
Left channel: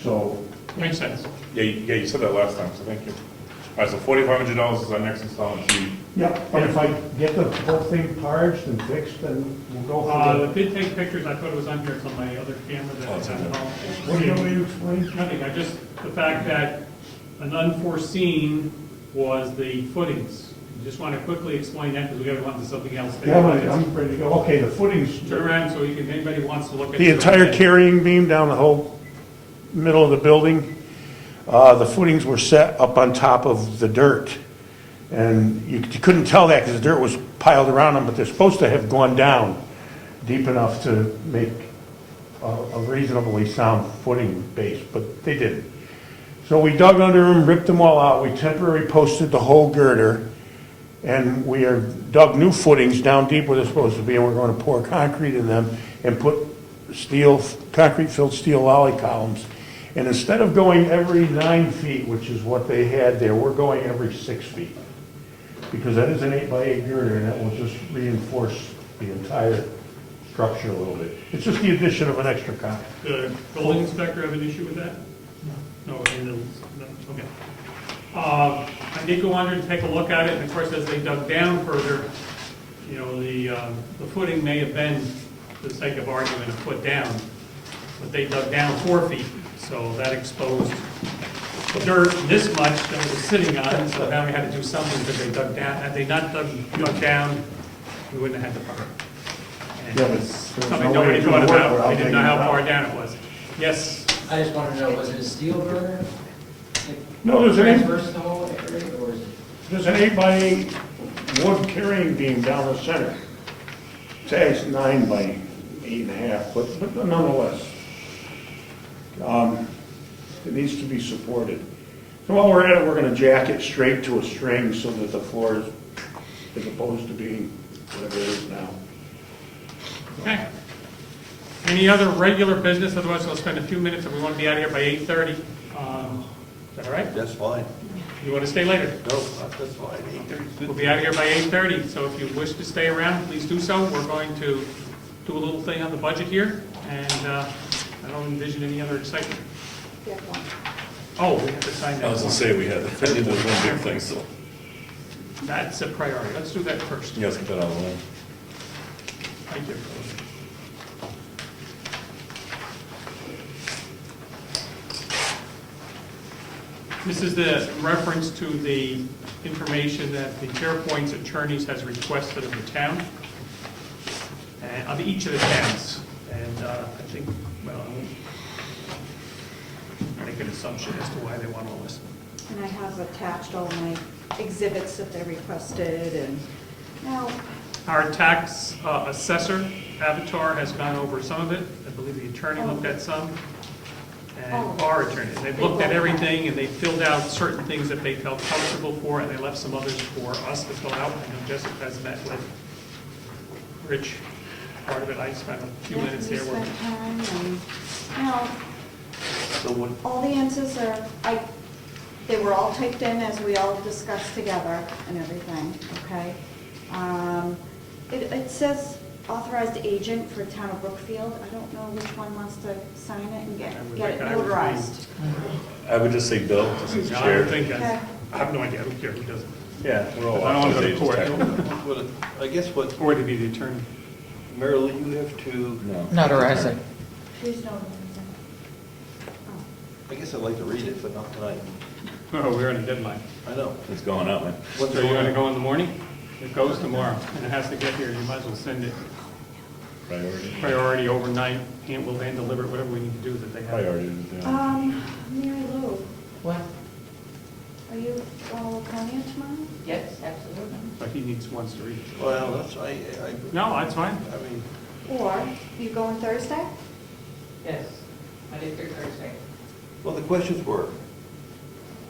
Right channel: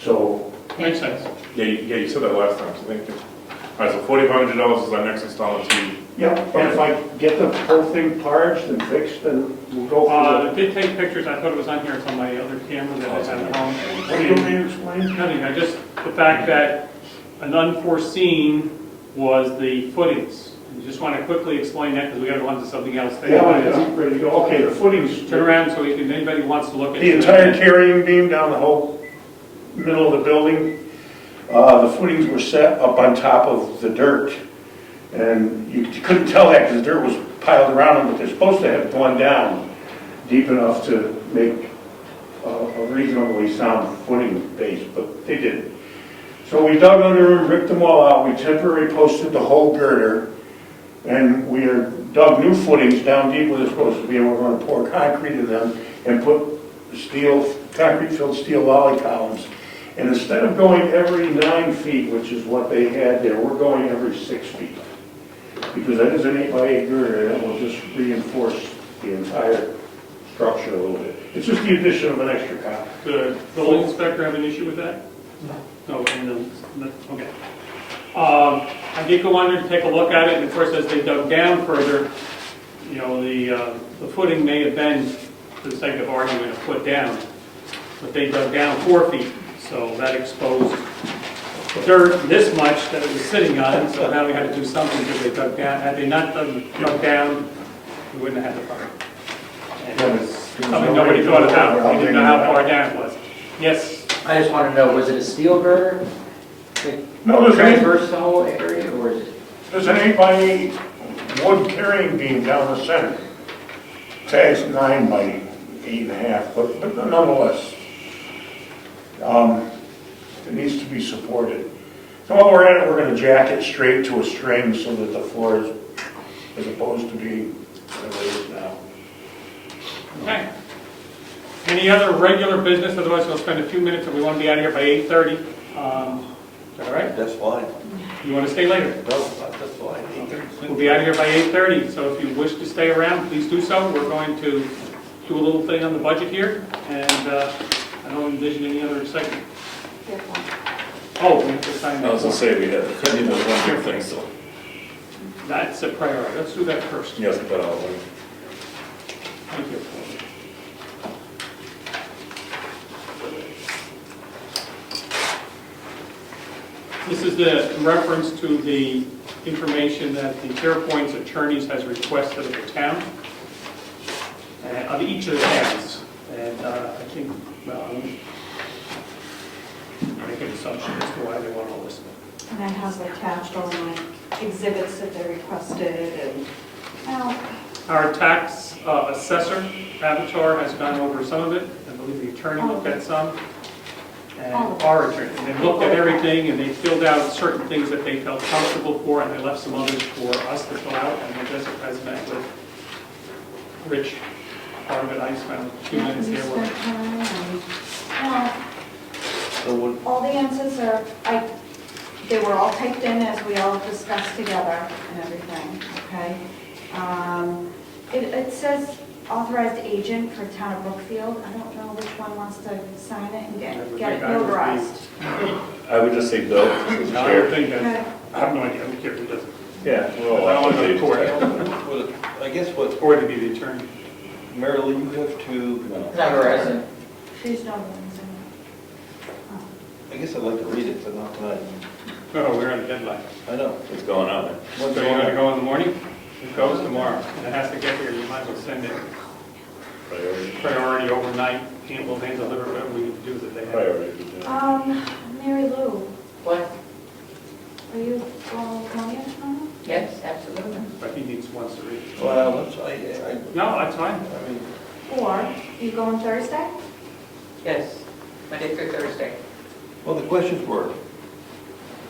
So, Makes sense. Yeah, you said that last time, so thank you. All right, so $4,500 is our next installment fee. yeah, and if I get the whole thing parged and fixed, then we'll go I for did take pictures, I thought it was on here, it's on my other camera that I have at home. What do you want me to explain? Nothing, the fact that an unforeseen was the footings. I just want to quickly explain that because we have on to something else. Yeah, I'm ready to go. Okay, the footings. Turn around so anybody who wants to look at The entire carrying beam down the whole middle of the building, the footings were set up on top of the dirt. And you couldn't tell that because the dirt was piled around them, but they're supposed to have gone down deep enough to make a reasonably sound footing base, but they didn't. So we dug under them, ripped them all out, we temporarily posted the whole girder, and we dug new footings down deep where they're supposed to be, and we're going to pour concrete in them and put concrete-filled steel lolly columns. And instead of going every 9 feet, which is what they had there, we're going every 6 feet. Because that is an 8x8 girder, and that will just reinforce the entire structure a little bit. It's just the addition of an extra column. The building inspector have an issue with that? No, okay. I did go under and take a look at it, and of course, as they dug down further, the footing may have been, for the sake of argument, a foot down. but they dug down 4 feet, so that exposed dirt this much that it was sitting on it, so now we had to do something because they dug down. Had they not dug down, we wouldn't have had the permit. And it was something nobody thought about, we didn't know how far down it was. Yes? I just want to know, was it a steel girder? No, there's any, Traverse the whole area, or is it? there's an 8x8 wood carrying beam down the center. Tag's 9 by 8.5, but nonetheless, it needs to be supported. So while we're at it, we're gonna jack it straight to a string so that the floor is, as opposed to being what it is now. Okay. Any other regular business, otherwise we'll spend a few minutes and we want to be out of here by 8:30. Is that all right? That's fine. You want to stay later? No, that's fine. We'll be out of here by 8:30, so if you wish to stay around, please do so. We're going to do a little thing on the budget here, and I don't envision any other excitement. Oh, we have to sign I was gonna that. say, we have one big thing, so. That's a priority. Let's do that first. You guys can put on one. Thank you. This is the reference to the information that the Fairpoint's attorneys has requested of the town, of each of the towns. And I think, well, I make an assumption as to why they want all this. And I have attached all my exhibits that they requested and, well, Our tax assessor, Avatar, has gone over some of it. I believe the attorney looked at some. And our attorney, and they looked at everything, and they filled out certain things that they felt comfortable for, and they left some others for us to fill out, and I guess it has met with Rich, part of it, I spent a few minutes here. spent time and, So what, all the answers are, they were all typed in as we all discussed together and everything, okay? It says authorized agent for town of Brookfield. I don't know which one wants to sign it and get it notarized. I would just say Bill, since No, I chair. don't think Okay. that, I have no idea, who cares, who doesn't. Yeah, we're all I don't want to authorized court, agents, what, I guess what, or to be the attorney. Marilyn, you have to, technically. Not a resident. Please don't. I guess I'd like to read it, but not tonight. No, we're at a deadline. I know. It's going up, man. So When's you're it going to on? go in the morning? It goes tomorrow, and it has to get here, you might as well send it Priority. priority overnight, and we'll hand deliver whatever we need to do with it. Priority. Mary Lou, What? are you all going tomorrow? Yes, absolutely. But he needs once to read. Well, that's, No, that's fine. I mean, Or you going Thursday? Yes, Monday through Thursday. well, the questions were,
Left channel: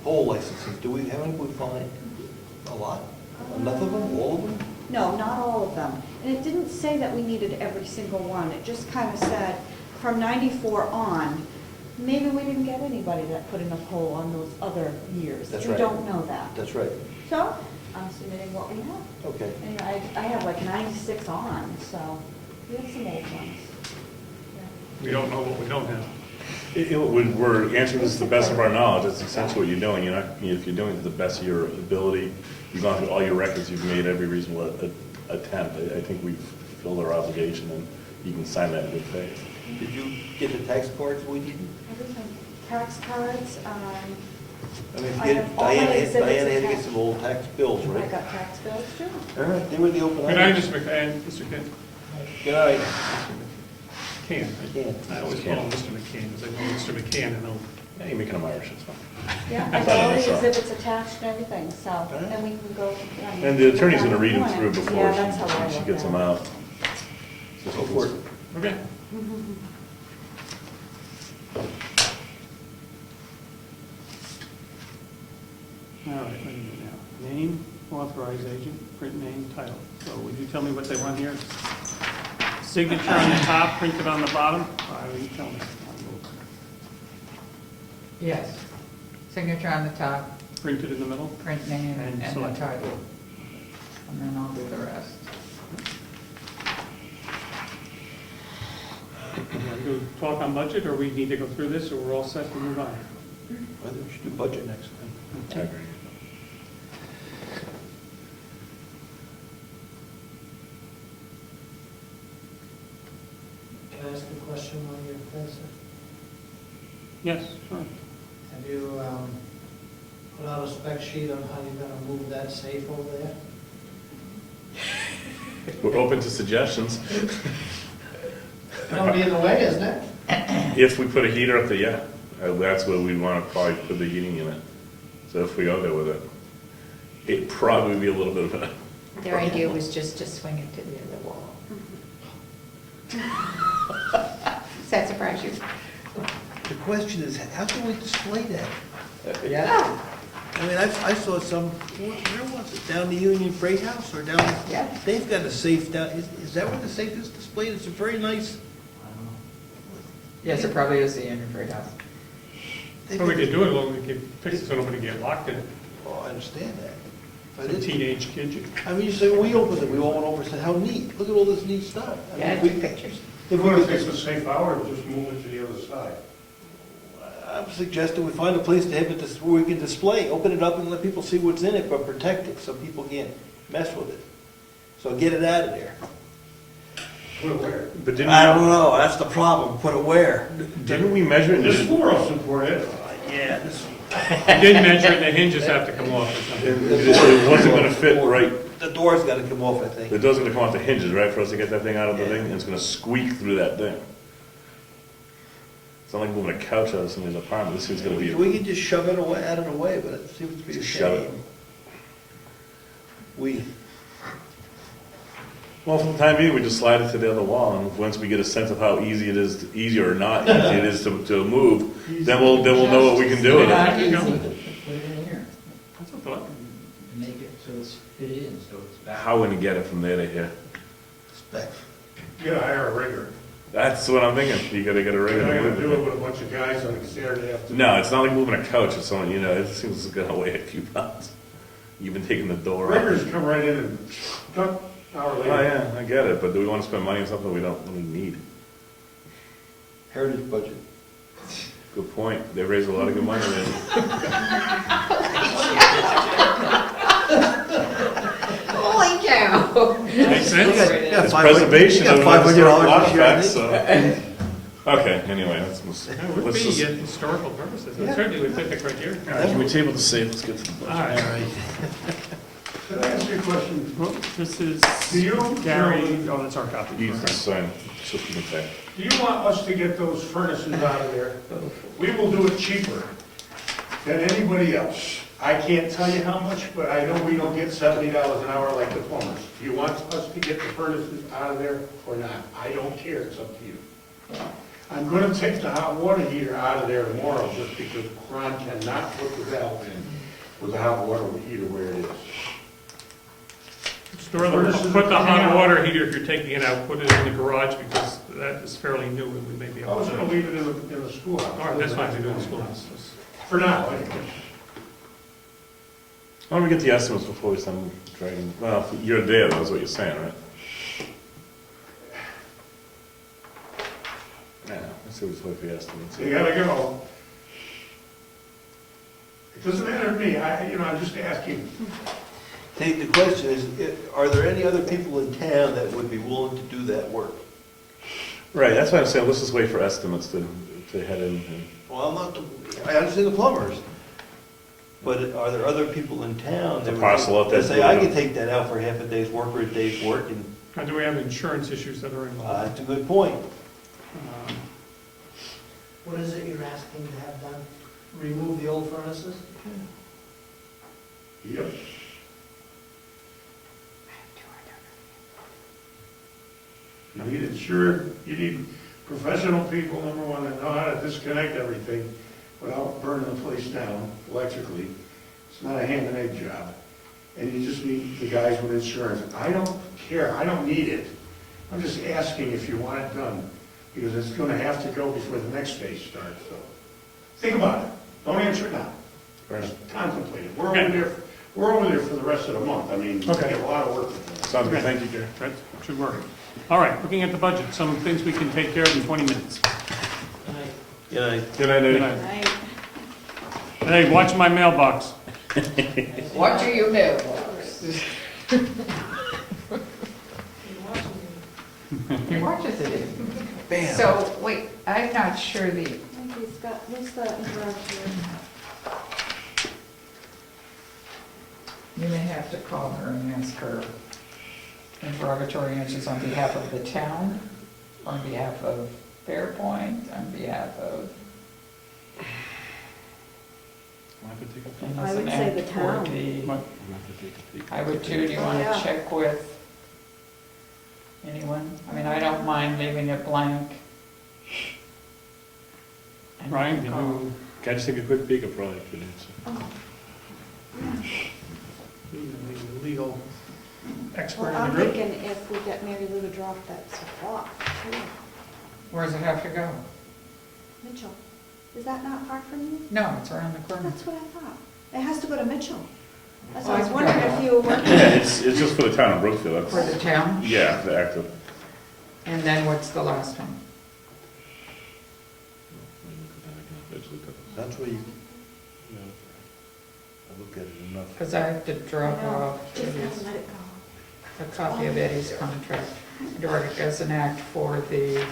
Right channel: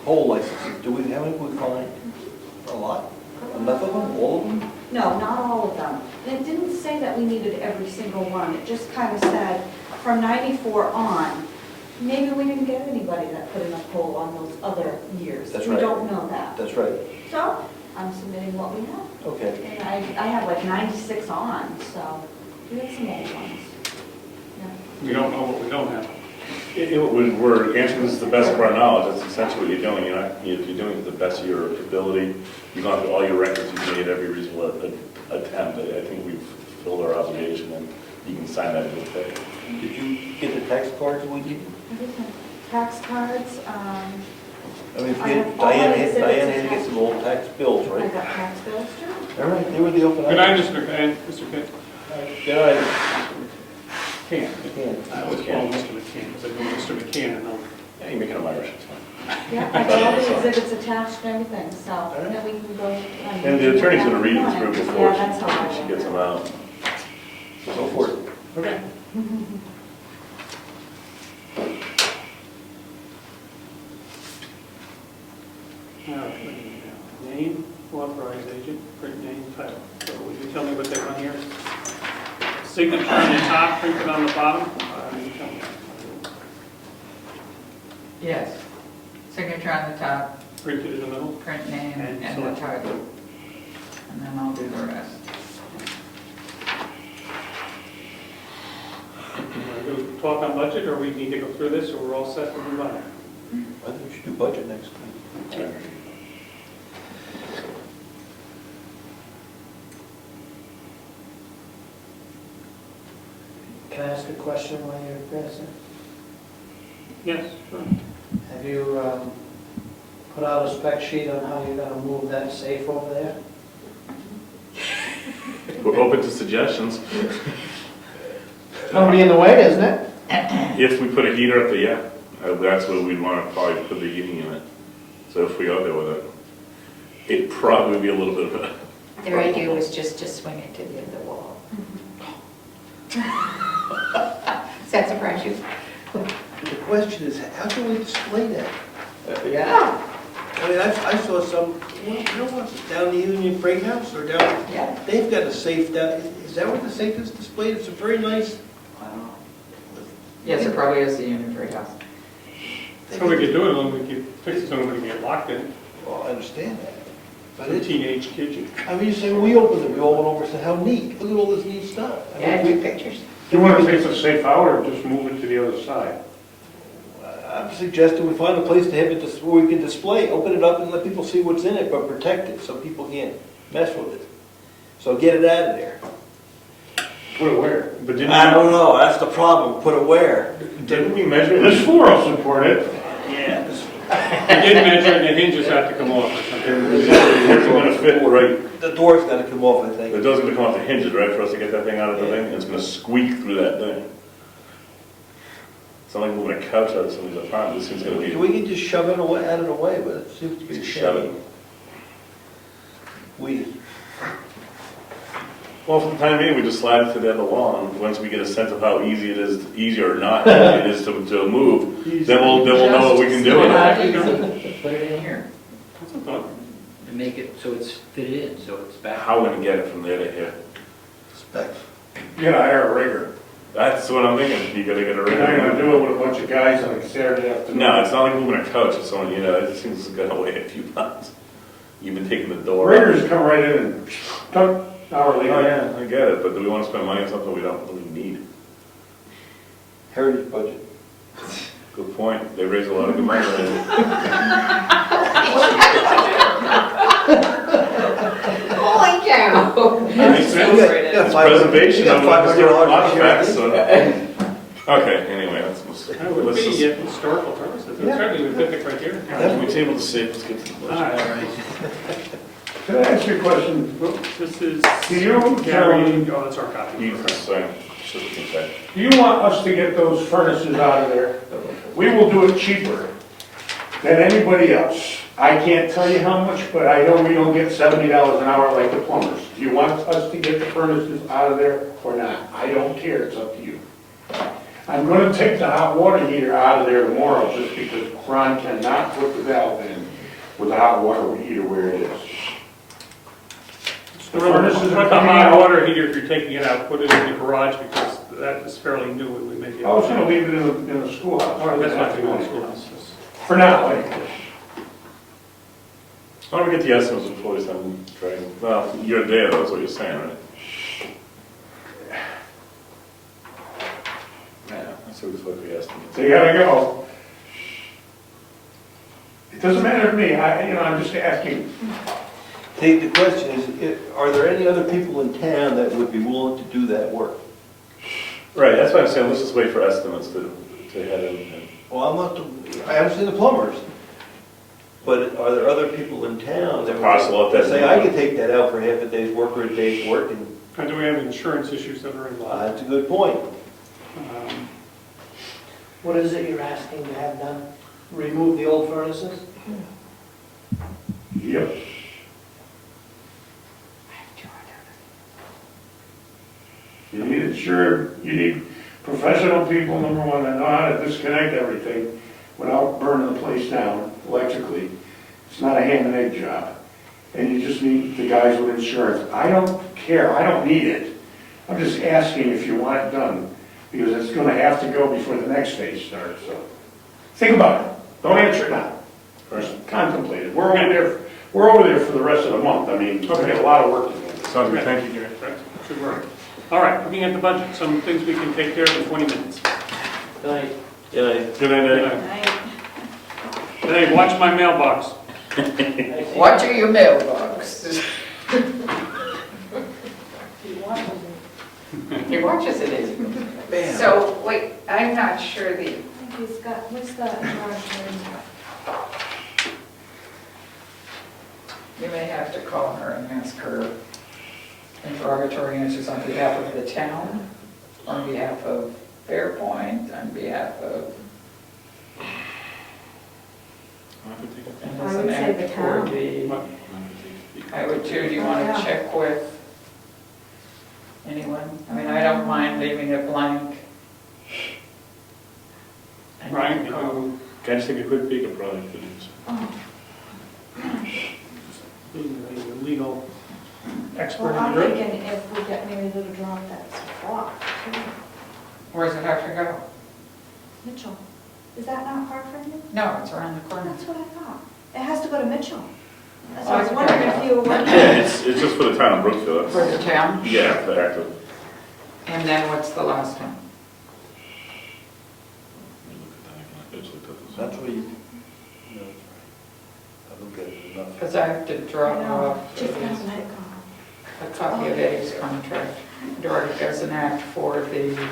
whole licenses, do we, how many we find? A lot? Enough of them, all of them? No, not all of them. And it didn't say that we needed every single one. It just kind of said, from 94 on, maybe we didn't get anybody that put in a poll on those other years. That's We right. don't know that. That's right. So, I'm submitting what we have. Okay. And I have like 96 on, so we have some old ones. Yeah. We don't know what we don't have. We're answering this to the best of our knowledge, that's essentially what you're doing. You're not, if you're doing it to the best of your ability, you've gone through all your records, you've made every reasonable attempt. I think we've fulfilled our obligation, and you can sign that with that. Did you get the tax cards we needed? Everything. Tax cards, I mean, I have all my Diana exhibits had attached. some old tax bills, I right? got tax bills too. All right, they were the open Good night, items. Mr. McCann. Mr. Good night. McCann. Again. I always call him Mr. McCann, because I go Mr. McCann, and I'll Yeah, you're making them Irish, it's fine. Yeah, I got all the exhibits attached and everything, so then we can go. And the attorney's gonna read them through before Yeah, that's how I she want gets them it. out. So go for it. Okay. All right, name, authorized agent, print name, title. So will you tell me what they want here? Signature on the top, printed on the bottom? Will you tell me? Yes. Signature on the top, Printed in the middle? print name, And and the select. title. And then I'll do the rest. Want to go talk on budget, or we need to go through this, or we're all set to move on? I think we should do budget next time. Can I ask a question while you're passing? Yes, sure. Have you put out a spec sheet on how you're gonna move that safe over there? We're open to suggestions. It's gonna be in the way, isn't it? If we put a heater up there, yeah, that's what we'd want to probably put the heating unit. So if we go there with it, it'd probably be a little bit of a, Their idea was just to swing it to the other wall. Does that surprise you? The question is, how can we display that? Yeah. I mean, I saw some, where was it, down the Union Freight House or down, Yeah. they've got a safe down, is that where the safe is displayed? It's a very nice. Yes, it probably is the Union Freight House. So we could do it, we could fix it so nobody get locked in. Well, I understand that. But A it, teenage kid. I mean, you say, we opened it, we all went over and said, how neat, look at all this neat stuff. I Yeah, mean, take pictures. You want to fix a safe out or just move it to the other side? I'm suggesting we find a place to have it, where we can display, open it up and let people see what's in it, but protect it, so people can't mess with it. So get it out of there. Put it where? but didn't, I don't know, that's the problem, put it where? didn't we measure This this? floor will support it. Yeah. You did mention the hinges have to come off or something. It wasn't gonna fit right, The door's gotta come off, I think. it doesn't gonna come off the hinges, right, for us to get that thing out of the thing, and it's gonna squeak through that thing. It's not like moving a couch out of somebody's apartment, this thing's gonna be, We can just shove it away, out of the way, but it seems to be a Shove it. shame. We, well, for the time being, we just slide it to the other wall, and once we get a sense of how easy it is, easy or not easy it is to move, then we'll know what we can do with it. Put it in here That's a thought. and make it so it's fitted in, so it's back. How we're gonna get it from there to here? specs. You gotta hire a rigger. That's what I'm thinking, you gotta get a You're ring. not gonna do it with a bunch of guys on a Saturday afternoon. No, it's not like moving a couch, it's only, it seems it's gonna weigh a few pounds. You've been taking the door out. Riggers come right in and tuck, hour Oh, later. yeah, I get it, but do we wanna spend money on something we don't really need? Heritage budget. Good point, they raise a lot of good money. Holy cow! Makes sense. It's preservation of $500 historic this year, I artifacts, think. so. Okay, anyway, That would let's be just, historical purposes. It certainly would fit the criteria. can we table the safe, let's get to the All budget. right. Can I ask you a question? This is Do you, Gary, gentlemen, oh, that's our copy. Use this, system attack. do you want us to get those furnaces out of there? We will do it cheaper than anybody else. I can't tell you how much, but I know we don't get $70 an hour like the plumbers. Do you want us to get the furnaces out of there or not? I don't care, it's up to you. I'm gonna take the hot water heater out of there tomorrow just because Ron cannot put the valve in with the hot water heater where it is. Put the hot water heater, if you're taking it out, put it in the garage because that is fairly new and we may be I was gonna leave it in the schoolhouse. All right, that's not to go in the schoolhouse. For now, anyway. Why don't we get the estimates before we start dragging, well, you're there, that's what you're saying, right? Yeah, let's see what's the estimates. So you gotta go. It doesn't matter to me, I'm just asking. The question is, are there any other people in town that would be willing to do that work? Right, that's why I'm saying, let's just wait for estimates to head in. Well, I understand the plumbers, but are there other people in town that Parcel out there. that say, I can take that out for half a day's work or a day's work, and And do we have insurance issues that are involved? that's a good point. What is it you're asking to have done? Remove the old furnaces? Yep. You need insured, you need professional people, number one, that know how to disconnect everything without burning the place down electrically. It's not a ham and egg job. And you just need the guys with insurance. I don't care, I don't need it. I'm just asking if you want it done, because it's gonna have to go before the next phase starts, so. Think about it, don't answer it now. Just contemplate it. We're over there for the rest of the month, I mean, we got a lot of work to do. Sounds good, thank you, Gary. That's what you were. All right, looking at the budget, some things we can take care of in 20 minutes. Yeah, Good night, Eddie. And hey, watch my mailbox. Watching your mailbox. He watches it in. Bam. So, wait, I'm not sure the, I think he's got, what's the interrogatory? you may have to call her and ask her interrogatory answers on behalf of the town, on behalf of Fairpoint, on behalf of, and I there's would an say act the for town. the, I would too, do you want Yeah. to check with anyone? I mean, I don't mind leaving it blank. And Ryan, call. you Can I just take a quick peek at probably, please? Oh, being a legal expert well, in I'm the group. thinking if we get Mary Lou to draw up that spot, too. Where does it have to go? Mitchell, is that not far from you? No, it's around the corner. That's what I thought. It has to go to Mitchell. That's Oh, why I was I wondering forgot. if you were. Yeah, it's just for the town of Brookfield, For that's, the town? yeah, the act of. And then what's the last one? That's where you know, I look at it enough. Because I have to draw her up to Just this, gotta let it go. a copy of Eddie's contract. Direct as an act for the,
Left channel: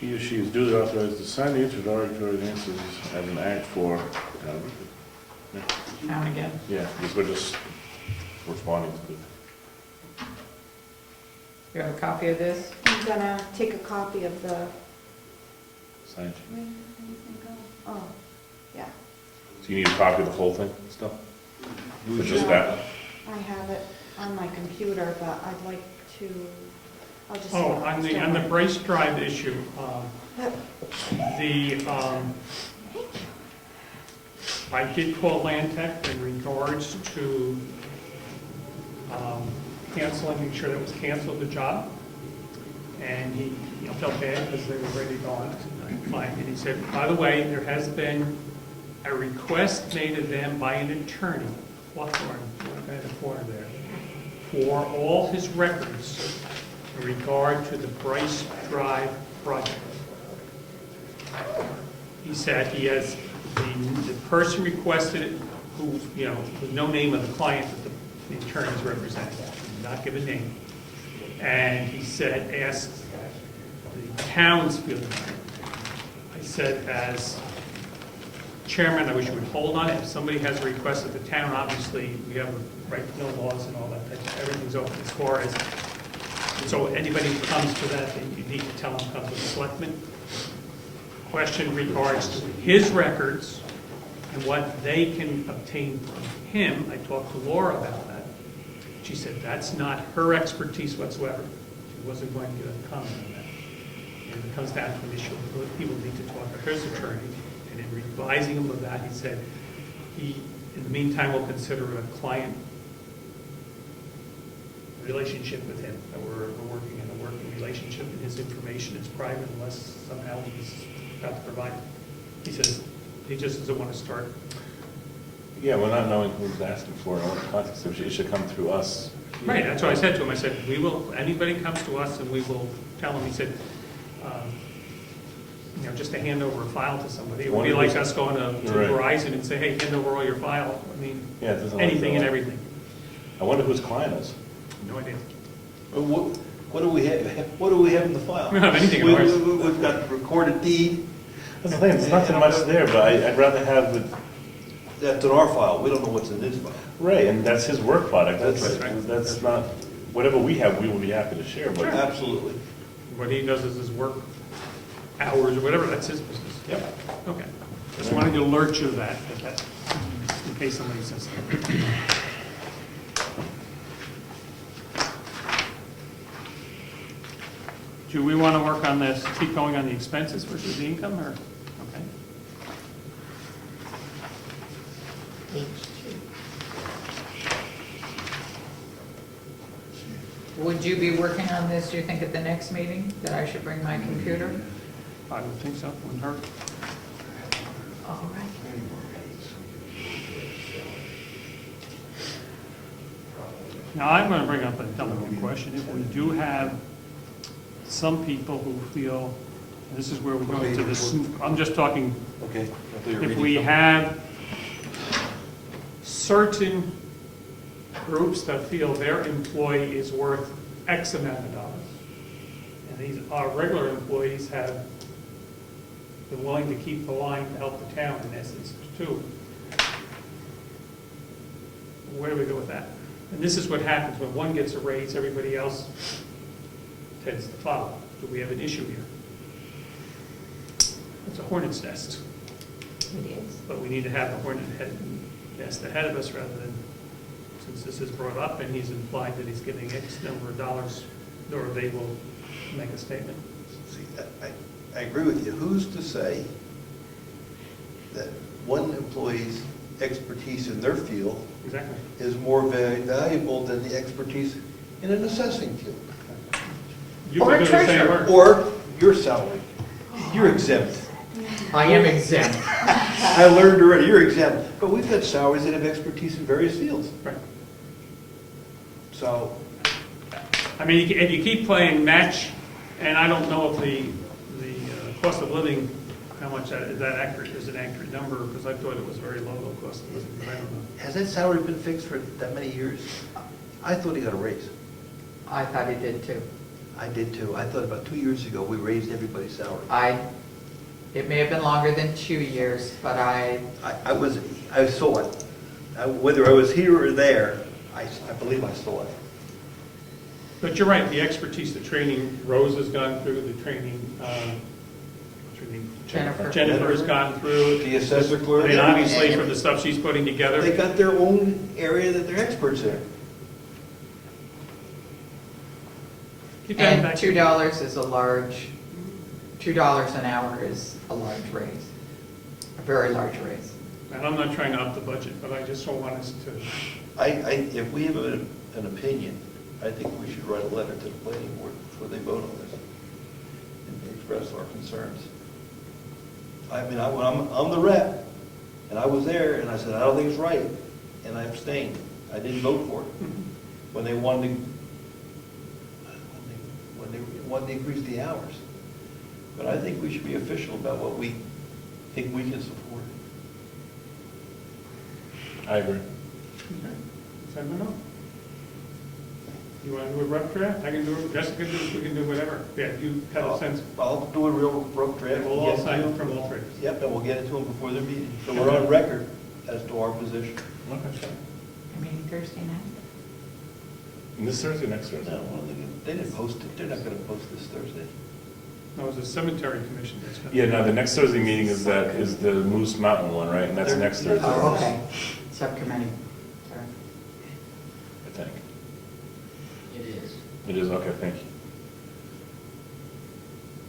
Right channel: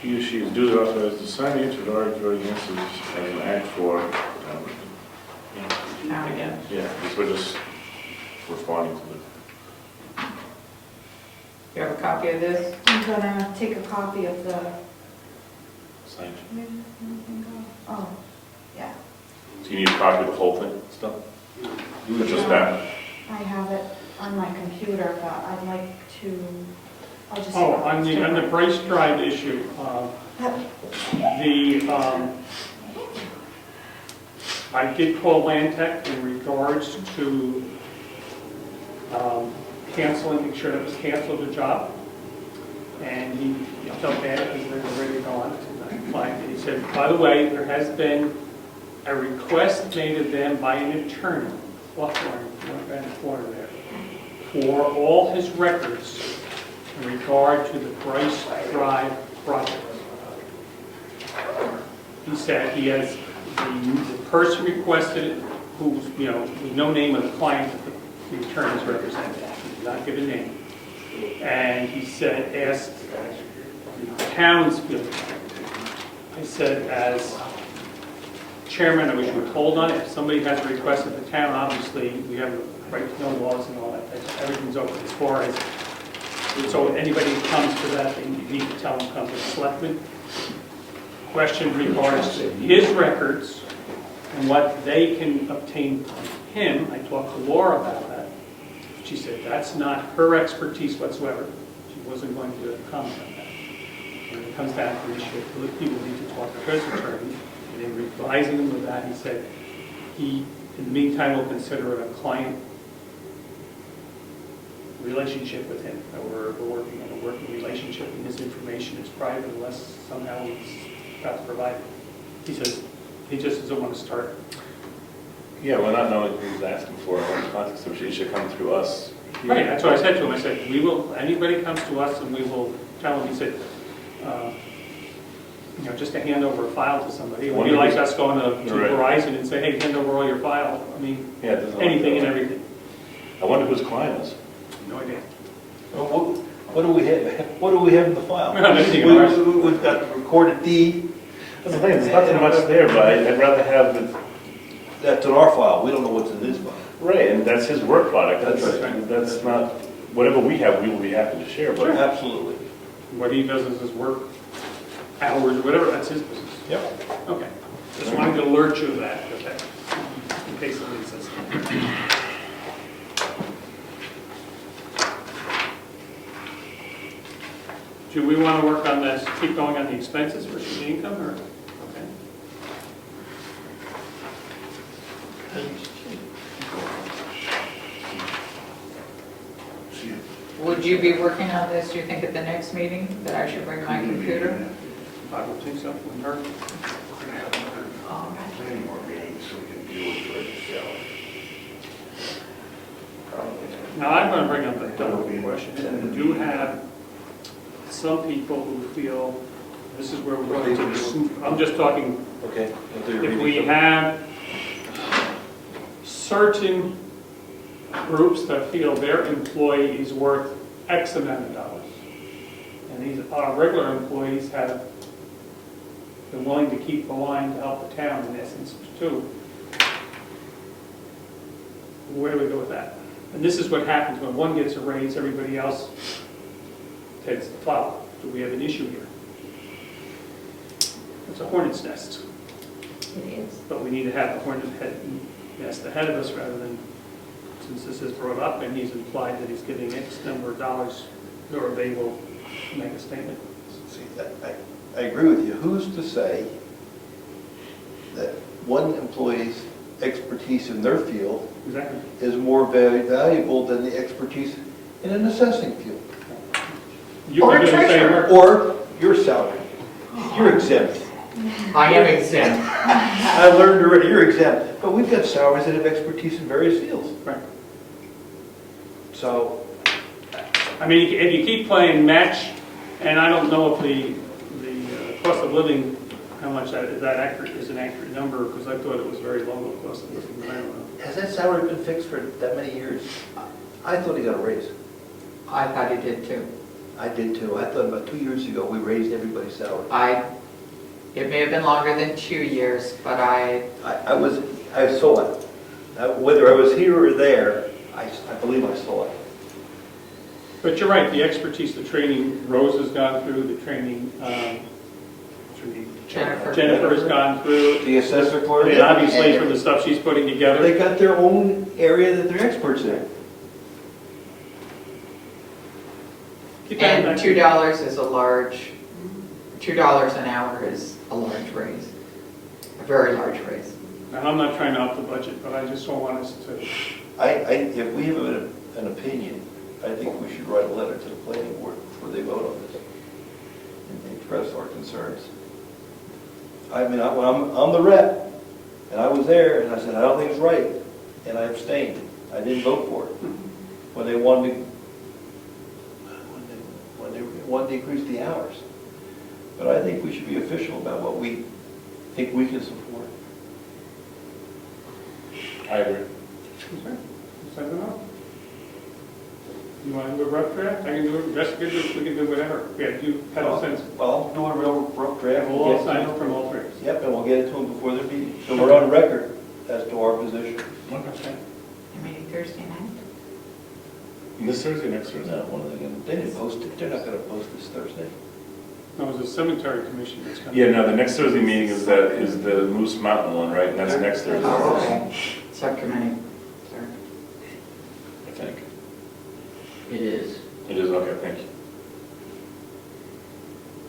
He or she is duly authorized to sign the interrogatory answers as an act for, now and again. yeah, these were just responding to the. You have a copy of this? I'm gonna take a copy of the, Signage. where did anything go? Oh, yeah, So you need a copy of the whole thing, stuff? It's just that. I have it on my computer, but I'd like to, I'll just. Oh, on the Brace Drive issue, the, I did call Land Tech in regards to canceling, make sure that was canceled the job. And he felt bad because they were ready to go on. I'm fine. And he said, by the way, there has been a request made of them by an attorney, Hawthorne, one guy in the corner there, for all his records in regard to the Bryce Drive project. He said he has, the person requested it, who's, you know, no name of the client that the attorneys represented, did not give a name. And he said, asked the town's feeling. I said, as chairman, I wish you would hold on it. If somebody has a request at the town, obviously, we have a right to know laws and all that, everything's open as far as, so anybody who comes to that, you need to tell them, come to the selectmen. Question regards to his records and what they can obtain from him. I talked to Laura about that. She said that's not her expertise whatsoever. She wasn't going to comment on that. When it comes down to the issue, people need to talk to his attorney. And in advising him of that, he said he, in the meantime, will consider it a client relationship with him, that we're working in a working relationship, and his information is private unless somehow he's got to provide it. He says he just doesn't want to start. Yeah, we're not knowing who he's asking for in what context, so it should come through us. Right, that's what I said to him. I said, we will, anybody comes to us and we will tell him, he said, you know, just to hand over a file to somebody. It would be like us going to Right. Verizon and say, hey, hand over all your files. I mean, Yeah, it doesn't like anything and that. everything. I wonder who his client is. No idea. Well, what do we have, what do we have in the file? We don't have anything in ours. We've got recorded deed, That's the thing, there's nothing much there, but I'd rather have the, that's in our file, we don't know what's in his file. right, and that's his work product, That's that's not, whatever we have, we will be happy to share, but. Absolutely. What he does is his work hours or whatever, that's his business. Yep. Okay. Just wanted to alert you of that, okay, in case somebody says. Do we want to work on this, keep going on the expenses versus the income, or, okay? Would you be working on this, do you think, at the next meeting, that I should bring my computer? I would think so, wouldn't hurt. All right. Now, I'm going to bring up a double question. We do have some people who feel, this is where we're going to the, I'm just talking, Okay. if we have certain groups that feel their employee is worth X amount of dollars, And these, our regular employees have been willing to keep the line to help the town in essence too. Where do we go with that? And this is what happens when one gets a raise, everybody else tends to follow. Do we have an issue here? It's a hornet's nest, It is. but we need to have a hornet's nest ahead of us rather than, since this is brought up and he's implied that he's giving X number of dollars, or they will make a statement. See, I agree with you. Who's to say that one employee's expertise in their field Exactly. is more valuable than the expertise in an assessing field? You were doing the same work. Or your salary. You're exempt. I am exempt. I learned already, you're exempt. But we've got salaries that have expertise in various fields. Right. So, I mean, if you keep playing match, and I don't know if the cost of living, how much that is an accurate number, because I thought it was very low, the cost of living, but I don't know. has that salary been fixed for that many years? I thought he got a raise. I thought he did too. I did too. I thought about 2 years ago, we raised everybody's salary. It may have been longer than 2 years, but I saw it. Whether I was here or there, I believe I saw it. But you're right, the expertise, the training Rose has gone through, the training Jennifer has gone through. The assessor I clerk. mean, obviously, from the stuff she's putting together. They got their own area that they're experts in. Keep coming and back. $2 is a large, $2 an hour is a large raise, a very large raise. And I'm not trying to up the budget, but I just don't want us to, If we have an opinion, I think we should write a letter to the planning board before they vote on this and express our concerns. I mean, I'm the rep, and I was there, and I said, I don't think it's right, and I abstained. I didn't vote for it. When they wanted to increase the hours. But I think we should be official about what we think we can support. I agree. okay, send them out. You want to do a rough draft? I can do it, Jessica, we can do whatever. Yeah, you have a sense. I'll do a real rough draft. We'll all sign up from all three. Yep, and we'll get it to them before their meeting. So we're on record as to our position. Okay. Maybe Thursday night? This Thursday, next Thursday? No, they didn't post it. They're not going to post this Thursday. No, it was a cemetery commission that's coming. Yeah, no, the next Thursday meeting is the Moose Mountain one, right? And that's next Thursday, Oh, okay. Subcommittee. Sorry. I think. It is. It is, okay, thank you.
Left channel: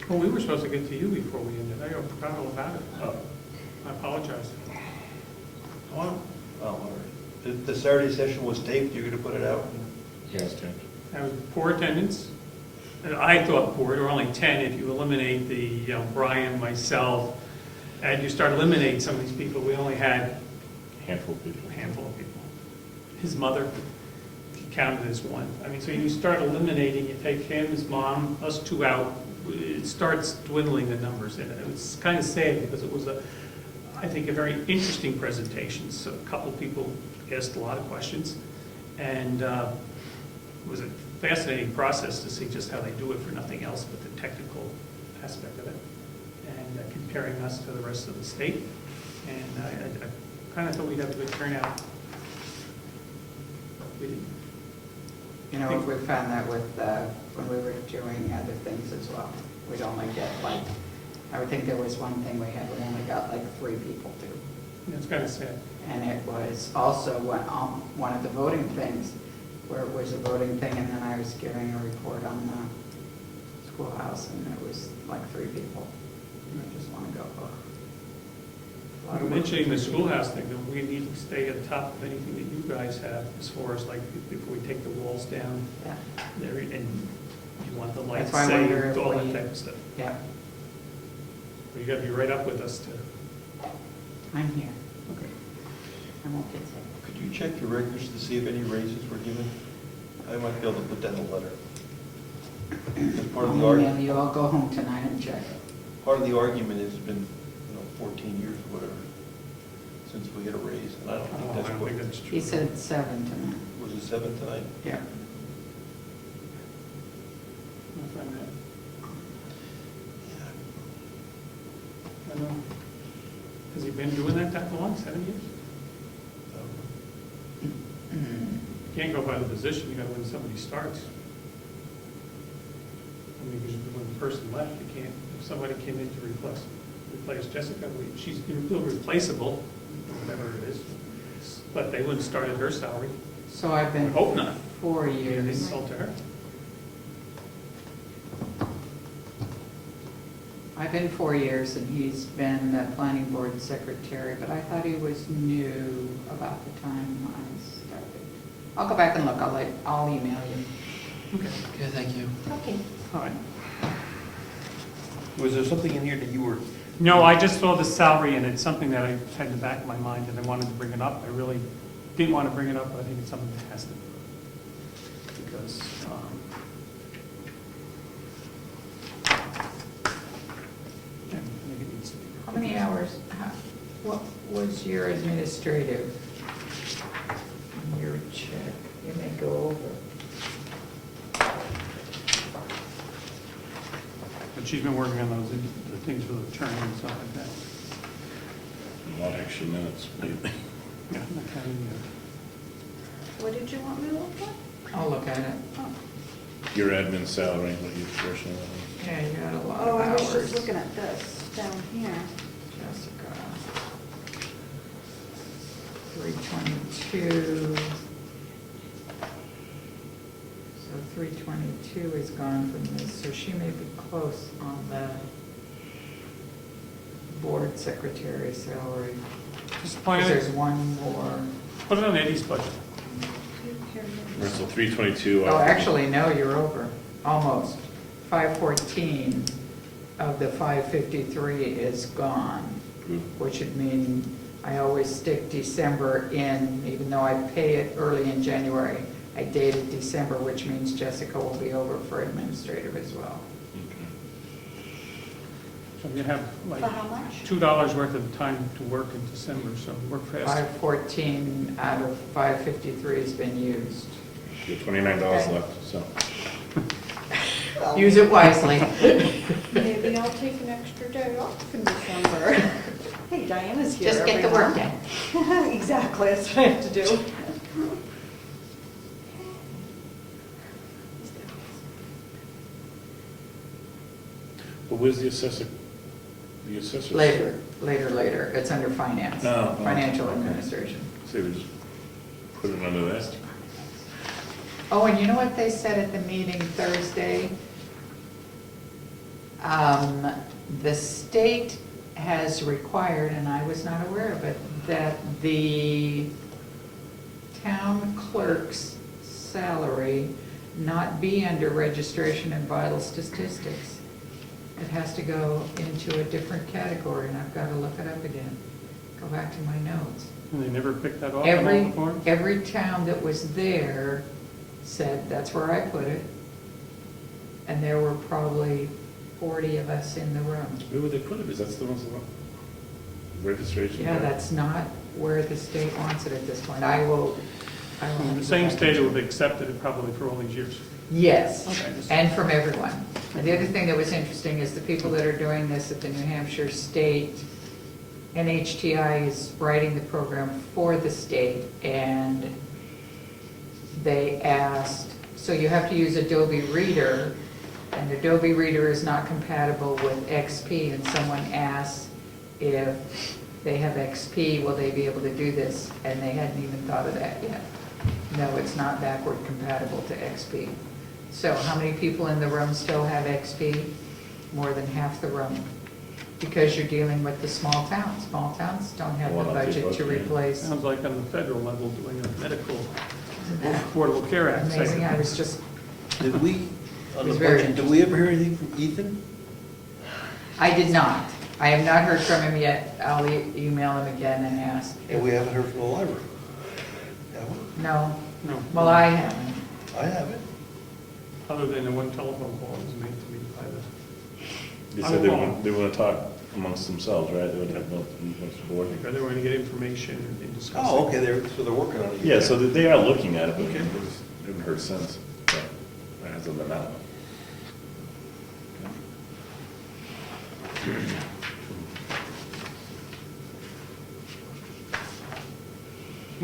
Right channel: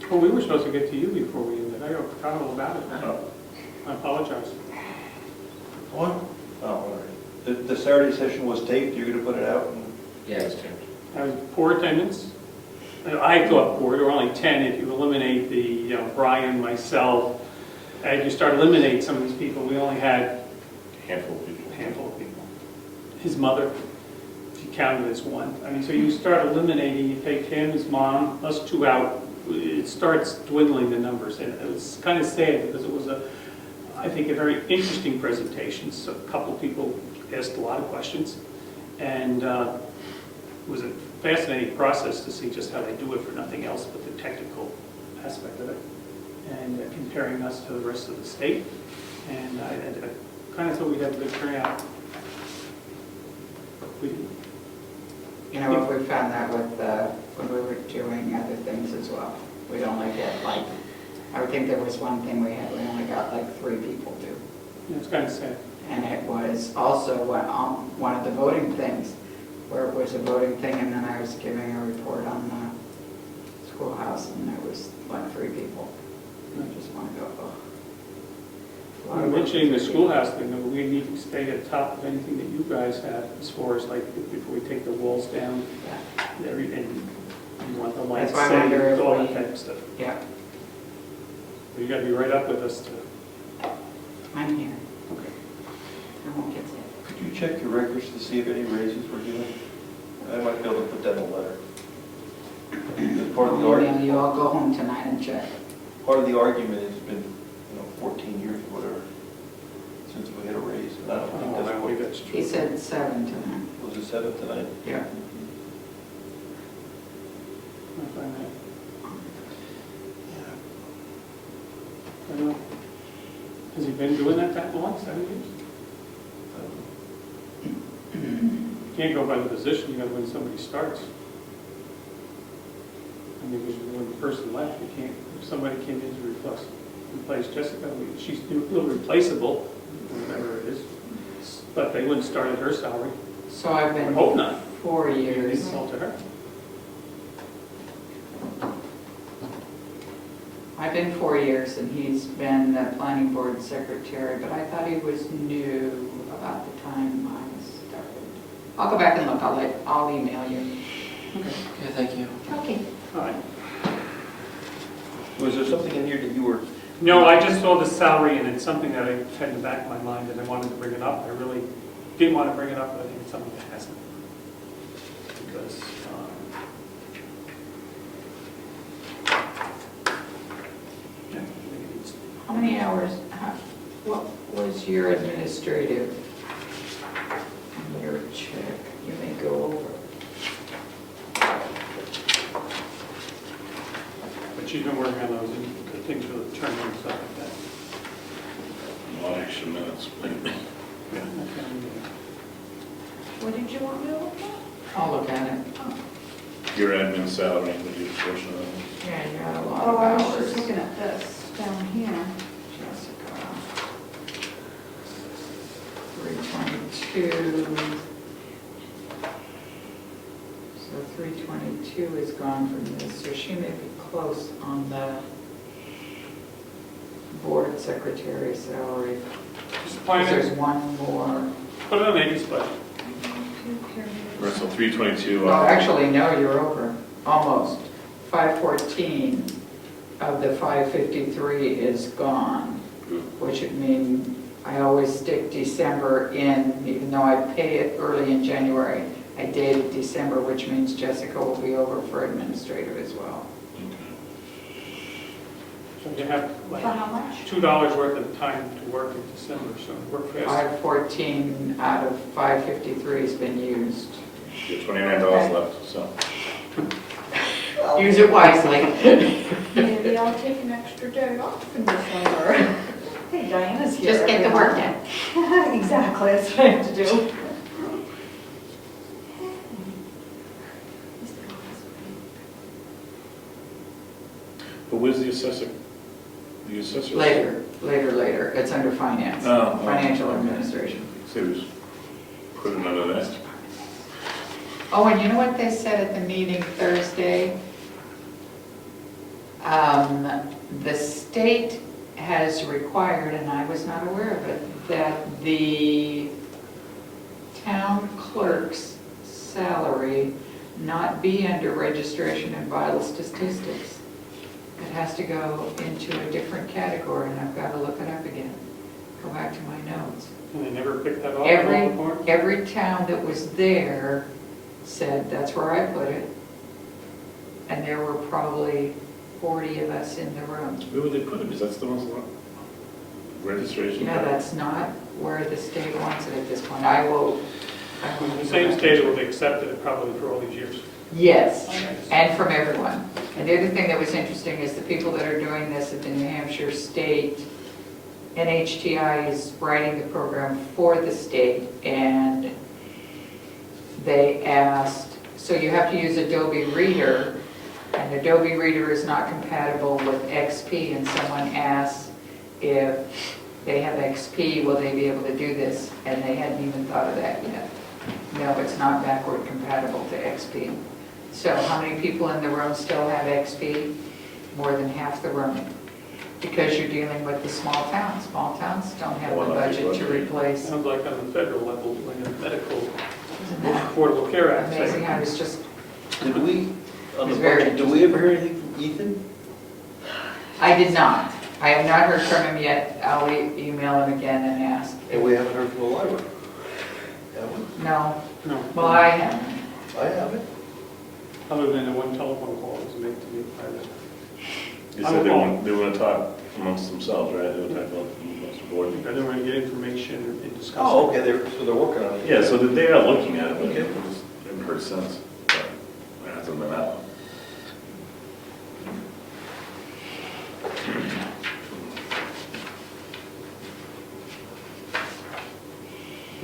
Well, we were supposed to get to you before we ended. I forgot all about it. Oh. I apologize. What? Oh, all right. The Saturday session was taped. You're going to put it out? Yes. That was poor attendance. I thought poor, there were only 10 if you eliminate Brian, myself. As you start eliminating some of these people, we only had Handful of people. a handful of people. His mother, if you count it as one. I mean, so you start eliminating, you take him, his mom, us two out, it starts dwindling the numbers. And it was kind of sad because it was I think, a very interesting presentation. So a couple of people asked a lot of questions. And it was a fascinating process to see just how they do it for nothing else but the technical aspect of it, and comparing us to the rest of the state. And I kind of thought we'd have a good turnout. You know, we found that with, when we were doing other things as well. We'd only get I would think there was one thing we only got 3 people do. It's kind of sad. And it was also one of the voting things, where it was a voting thing, and then I was giving a report on the schoolhouse, and there was 3 people. And I just want to go, oh. Mentioning the schoolhouse thing, though, we need to stay at the top of anything that you guys have as far as before we take the walls down. Yeah. And you want the lights That's why I wonder saved, if all we- that type of stuff. Yeah, You got to be right up with us to. I'm here. Okay. I won't get sick. Could you check your records to see if any raises were given? I might be able to put that in a letter. Part of the argument. You all go home tonight and check. Part of the argument has been, 14 years or whatever, since we got a raise, and I don't think I that's believe what, that's true. He said 7 tonight. was it 7 tonight? Yeah. I'll find that. been doing that long, 7 years. So, you can't go by the position, you gotta when somebody starts. I mean, because when the person left, you can't, if somebody came in to replace Jessica, she's irreplaceable, whatever it is, but they wouldn't start at her salary. So I've I been hope not. 4 You years. insult to her. I've been 4 years, and he's been the planning board secretary, but I thought he was new about the time I started. I'll go back and look, I'll email you. Okay, thank you. Okay. All right. Was there something in here that you were, No, I just saw the salary, and it's something that I had in the back of my mind, and I wanted to bring it up. I really didn't want to bring it up, but I think it's something that hasn't. Because, and maybe it's, How many hours, what was your administrative, your check? You may go over. but she's been working on those the things for the term and stuff like that. No action minutes. Yeah, and, What did you want me to look at? I'll look at it. Your admin salary, what your portion of that Yeah, you got a lot Oh, of I was hours. just looking at this down here. Jessica. 322. So 322 is gone from this, so she may be close on the board secretary salary. just point There's it, one more. put it on Amy's budget. Right, so 322. Oh, actually, no, you're over, almost. 514 of the 553 is gone, which would mean I always stick December in, even though I pay it early in January. I dated December, which means Jessica will be over for administrative as well. So you have like For how much? $2 worth of time to work in December, so work fast. 514 out of 553 has been used. You have $29 left, so. Use it wisely. Maybe I'll take an extra day off in December. Hey, Diana's here. Just get the work in. Exactly, that's what I have to do. But where's the assessor? The assessor? Later. It's under finance, Oh, financial okay. administration. So we just put it under that. Oh, and you know what they said at the meeting Thursday? The state has required, and I was not aware of it, that the town clerk's salary not be under registration and vital statistics. It has to go into a different category, and I've got to look it up again. Go back to my notes. And they never picked that off in all the forms? Every town that was there said, that's where I put it. And there were probably 40 of us in the room. Where would they put it? Because that's the ones that want registration. Yeah, that's not where the state wants it at this point. I will. The same state would have accepted it probably for all these years. Yes, Okay. and from everyone. And the other thing that was interesting is the people that are doing this at the New Hampshire State, NHTI is writing the program for the state, and they asked, so you have to use Adobe Reader, and Adobe Reader is not compatible with XP, and someone asked if they have XP, will they be able to do this? And they hadn't even thought of that yet. No, it's not backward compatible to XP. So how many people in the room still have XP? More than half the room. Because you're dealing with the small towns. Small towns don't have the budget to replace. Sounds like on the federal level, doing a medical Isn't that Affordable Care Act. amazing? I was just, did we, on the It's very budget, did we ever hear anything from Ethan? I did not. I have not heard from him yet. I'll email him again and ask. And we haven't heard from the library. Have we? No, No, well, I haven't. I haven't. other than the one telephone call that was made to me by the They said they were gonna talk amongst themselves, right? They were talking about amongst the board. and they were going to get information and discuss. Oh, okay, so they're working on it. Yeah, so they are looking at it, but Okay. it didn't hurt since. But it hasn't been that one.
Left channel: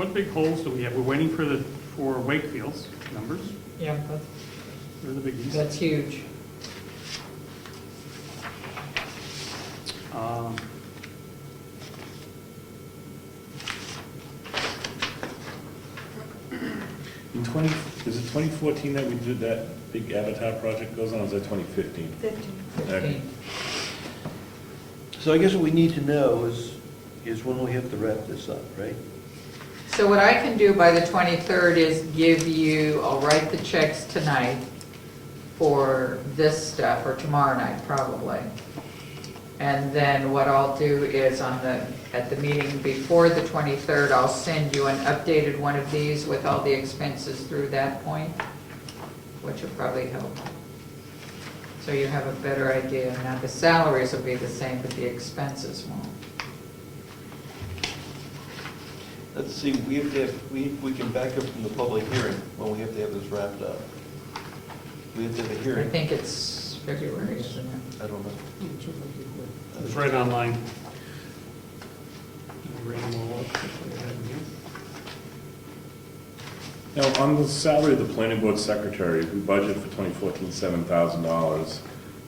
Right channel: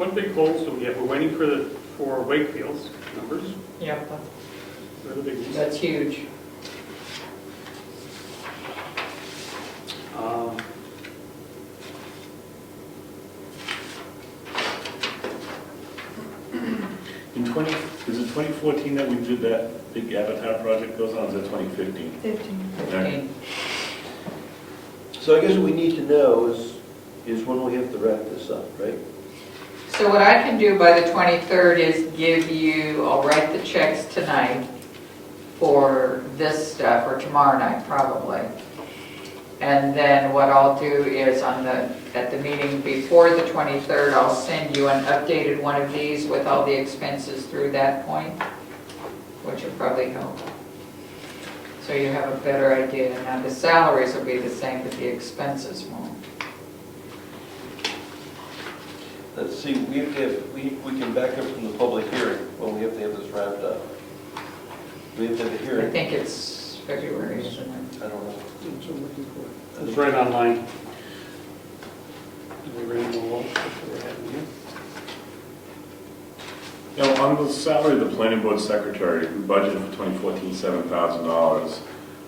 What big holes do we have? We're waiting for Wakefield's numbers. Yeah, They're the biggies. that's huge. Um, In 20, is it 2014 that we did that big Avatar project goes on, or is that 2015? 15. So I guess what we need to know is when we have to wrap this up, right? So what I can do by the 23rd is give you, I'll write the checks tonight for this stuff, or tomorrow night probably. And then what I'll do is at the meeting before the 23rd, I'll send you an updated one of these with all the expenses through that point, which will probably help. So you have a better idea. Now, the salaries will be the same, but the expenses won't. Let's see, we have to have, we can back up from the public hearing. Well, we have to have this wrapped up. We have to have a I hearing. think it's February, isn't it? I don't know. It's right online. We were in the law. Now, on the salary of the planning board secretary, we budgeted for 2014, $7,000.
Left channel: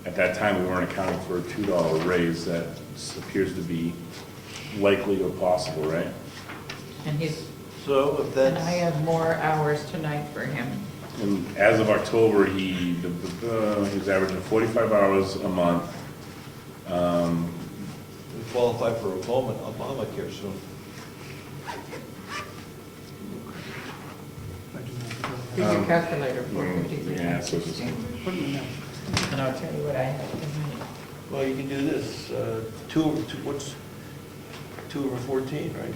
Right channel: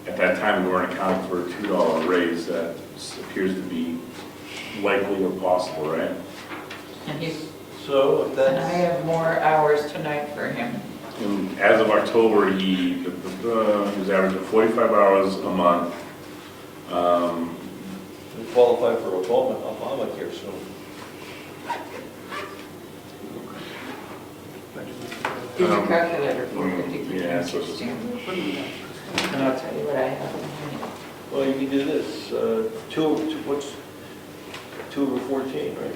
At that time, we weren't accounting for a $2 raise that appears to be likely or possible, right? And he's, So if and that's, I have more hours tonight for him. And as of October, he was averaging 45 hours a month. we qualify for Obamacare soon. Here's a calculator for 53, Yeah, so it's- 16. And I'll tell you what I have. Well, you can do this, 2 over 14, right?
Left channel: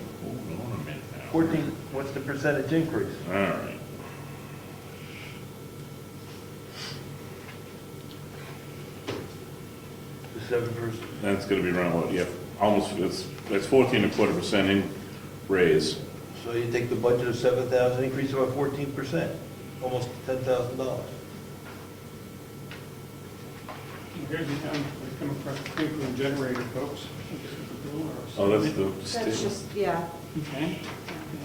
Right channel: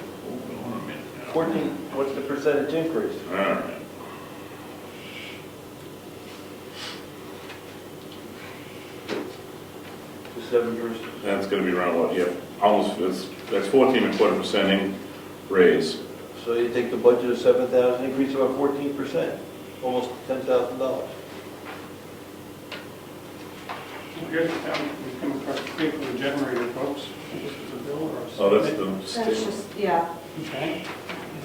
14, what's the percentage increase? All right. To 7%. That's gonna be around what, yeah, almost, that's 14.25% raise. So you take the budget of 7,000, increase about 14%, almost $10,000. Here's the town, we come across the for the generator, folks. This is a bill or Oh, that's something. the That's state. just, yeah, Okay.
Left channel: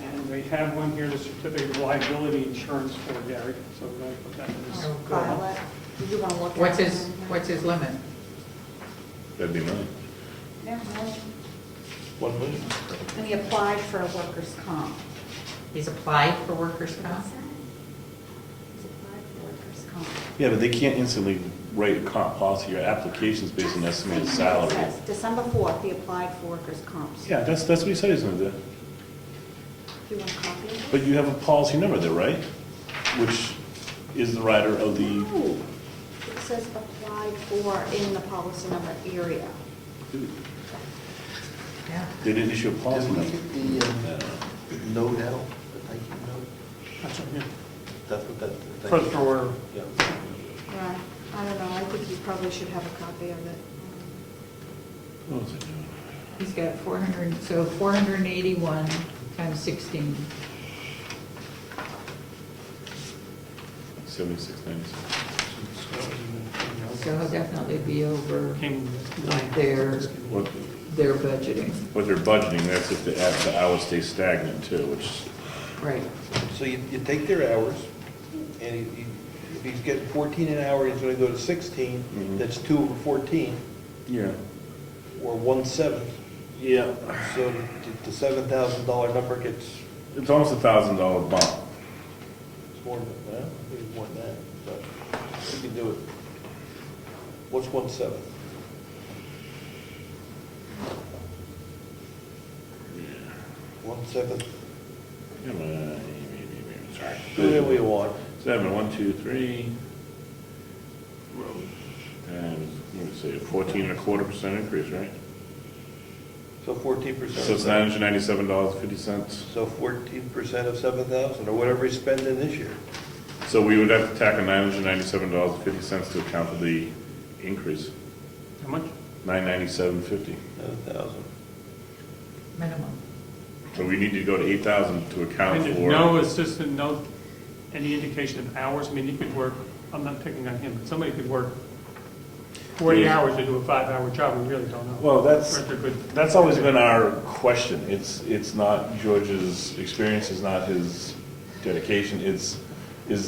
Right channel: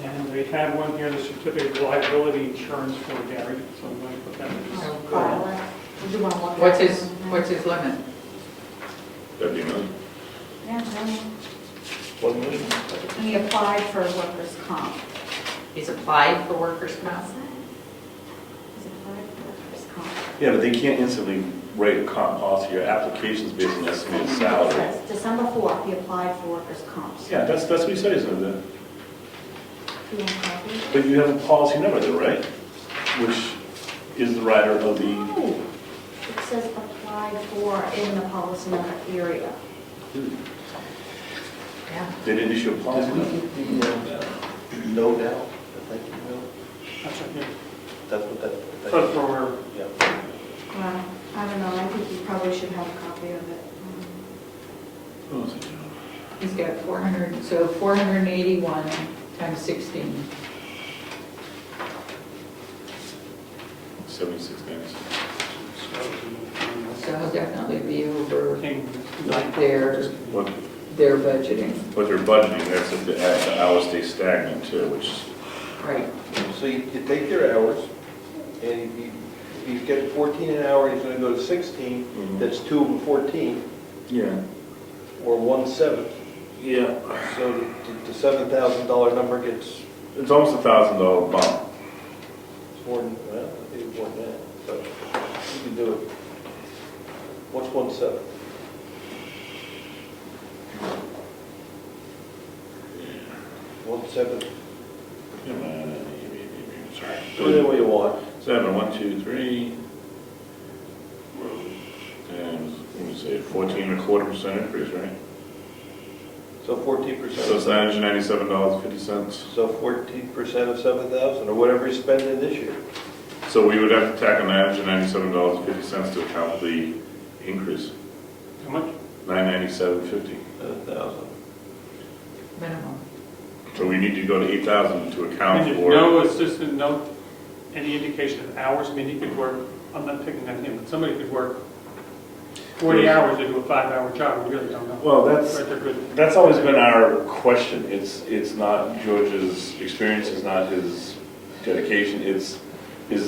And we have one here, the certificate of liability insurance for Gary, so I'm going to put that in this. Oh, file good. it. Would you want to look at it? What's his limit? That'd be another. Yeah, and 1 million. he applied for workers' comp. He's applied for workers' comp? He's applied for workers' comp. Yeah, but they can't instantly write a comp policy or applications based on estimated It salary. says December 4th, he applied for workers' comps. Yeah, that's what he said he's gonna do. Do you want a copy? But you have a policy number there, right? Which is the rider of the, No, it says applied for in the policy number area. Yeah. they didn't issue a policy Did we number. get the note out? Thank you, note? That's right here. That's what that. But for, Yeah. Well, I don't know, I think you probably should have a copy of it. Oh, it's a joke. He's got 400, so 481 times 16. 76.96. So he'll definitely be over Came what they're What budgeting. they're budgeting, that's if the hours stay stagnant too, which, Right. So you take their hours, and if he's getting 14 an hour, he's gonna go to 16, that's 2 over 14, yeah. or 1/7. Yeah. So the $7,000 number gets It's almost $1,000 a month. more than, I think it's more than that, but you can do it. What's 1/7? Yeah. 1/7, Sorry. do it any way you want. 7, 1, 2, 3. And, what do you say, 14.25% increase, right? So 14%. So it's $997.50. So 14% of 7,000, or whatever he's spending this year. So we would have to tack on $997.50 to account for the increase. how much? $997.50. 7,000. Minimum. So we need to go to 8,000 to account And for. no assistant, no, any indication of hours, I mean, he could work, I'm not picking on him, but somebody could work 40 hours to do a 5-hour job, we really don't know. Well, But they're good. that's always been our question. It's not George's experience, it's not his dedication, is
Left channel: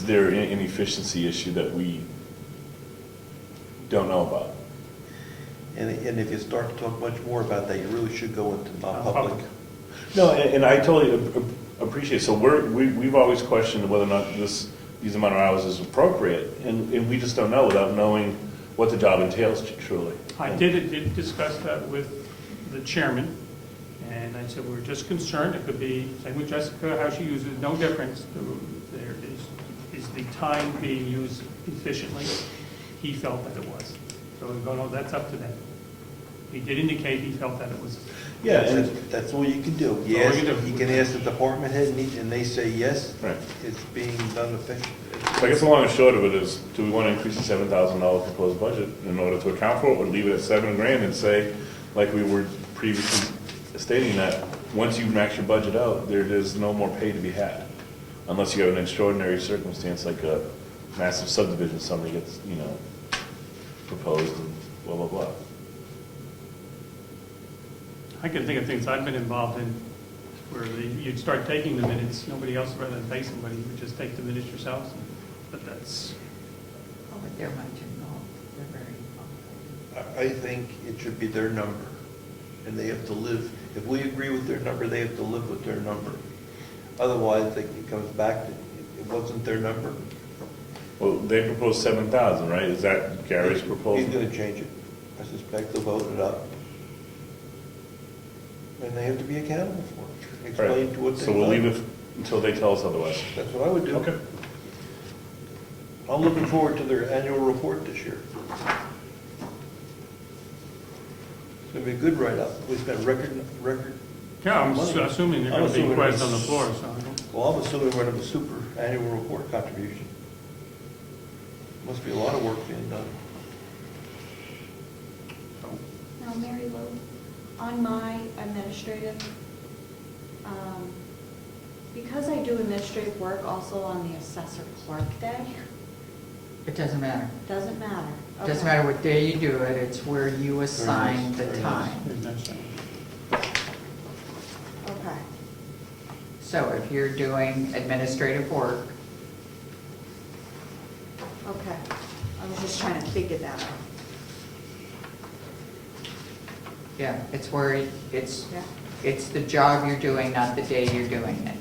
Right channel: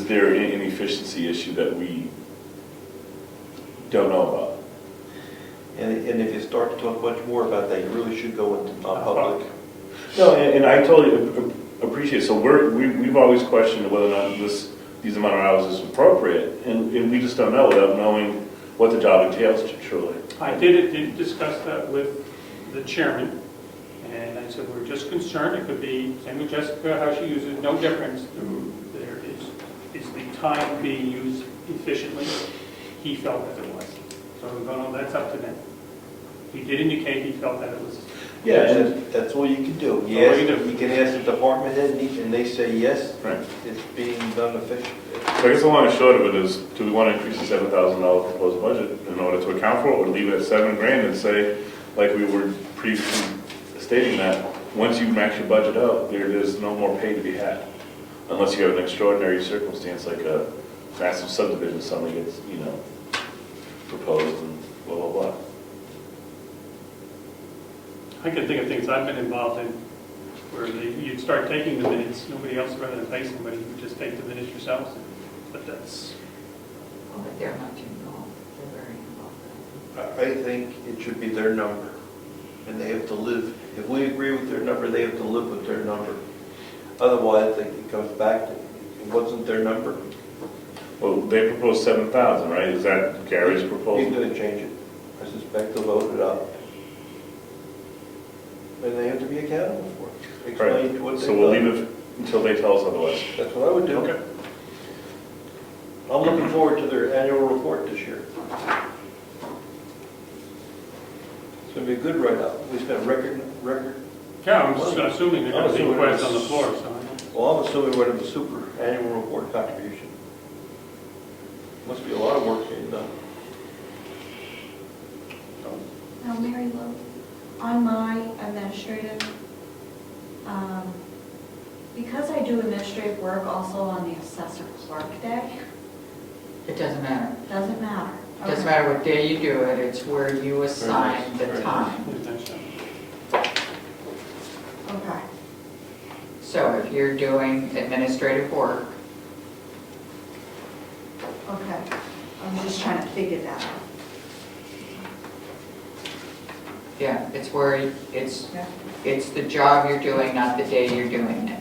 there an inefficiency issue that we don't know about? And if you start to talk much more about that, you really should go into non-public. No, and I totally appreciate, so we've always questioned whether or not these amount of hours is appropriate, and we just don't know without knowing what the job entails, surely. I did discuss that with the chairman, and I said, we're just concerned, it could be, same with Jessica, how she uses it, no difference. There is the time being used efficiently? He felt that it was. So we go, no, that's up to them. He did indicate he felt that it was. Yeah, and that's all you can do. all you Yes, can do. you can ask the department head, and they say yes, Right. it's being done efficiently. So I guess the long and short of it is, do we want to increase the $7,000 proposed budget in order to account for it, or leave it at $7,000 and say, like we were previously stating, that once you max your budget out, there is no more pay to be had, unless you have an extraordinary circumstance like a massive subdivision, something gets, proposed and blah, blah, blah. I can think of things I've been involved in where you'd start taking the minutes, nobody else rather than pay somebody, you just take the minutes yourselves. But that's, Oh, but they're not too involved, they're very involved. I think it should be their number, and they have to live. If we agree with their number, they have to live with their number. Otherwise, I think it comes back to, it wasn't their number. Well, they proposed 7,000, right? Is that Gary's He's proposal? gonna change it. I suspect they'll vote it up. And they have to be accountable for it. Explain to what they've So we'll leave done. it until they tell us otherwise. That's what I would do. Okay. I'm looking forward to their annual report this year. It's gonna be a good write-up. We spent record. yeah, I'm assuming there are going to be questions on the floor, so I don't. Well, I'm assuming we're in the super annual report contribution. Must be a lot of work being done. Now, Mary Lou, on my administrative, because I do administrative work also on the assessor clerk day, It doesn't matter. doesn't matter. It doesn't matter what day you do it, it's where you assign the time. Okay. So if you're doing administrative work, Okay, I'm just trying to figure that out. yeah, it's where, Yeah. it's the job you're doing, not the day you're doing it.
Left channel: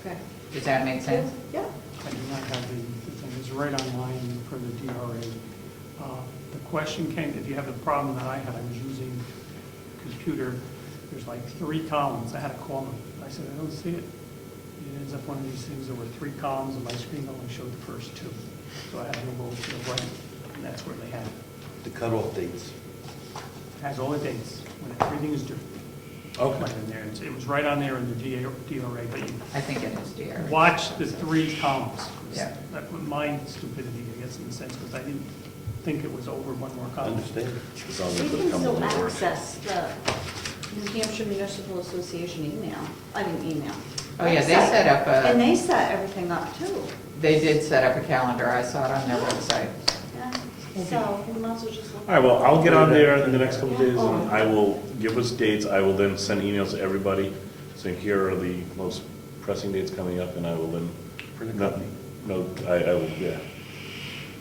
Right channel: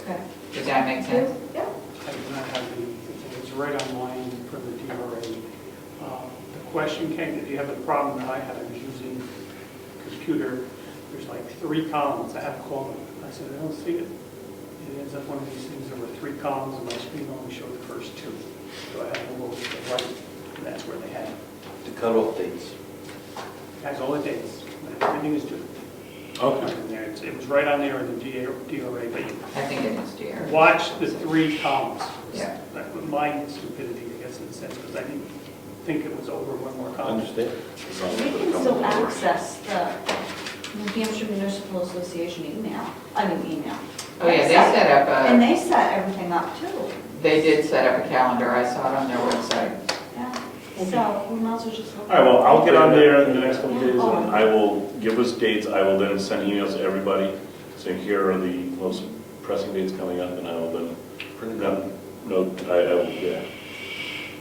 Okay. Does that make sense? Yeah. I do not have the, it's right online from the DRA. The question came, did you have the problem that I had, I was using a computer, there's like 3 columns, I had to call them. I said, I don't see it. It ends up one of these things, there were 3 columns, and my screen only showed the first 2. So I had to move over to the right, and that's where they had it. The cutoff dates. Has all the dates, everything is due. Okay. In there. It was right on there in the DRA, but you I think it is, dear. watch the 3 columns. Yeah. That was my stupidity, I guess, in the sense, because I didn't think it was over one more column. Understand? We can still access the New Hampshire Municipal Association email. Oh, yeah, they set up And a, they set everything up too. they did set up a calendar, I saw it on their website. Yeah. So we might as well just. All right, well, I'll get out there in the next couple of days, and I will give us dates. I will then send emails to everybody, saying here are the most pressing dates coming up, and I will then, I will, yeah.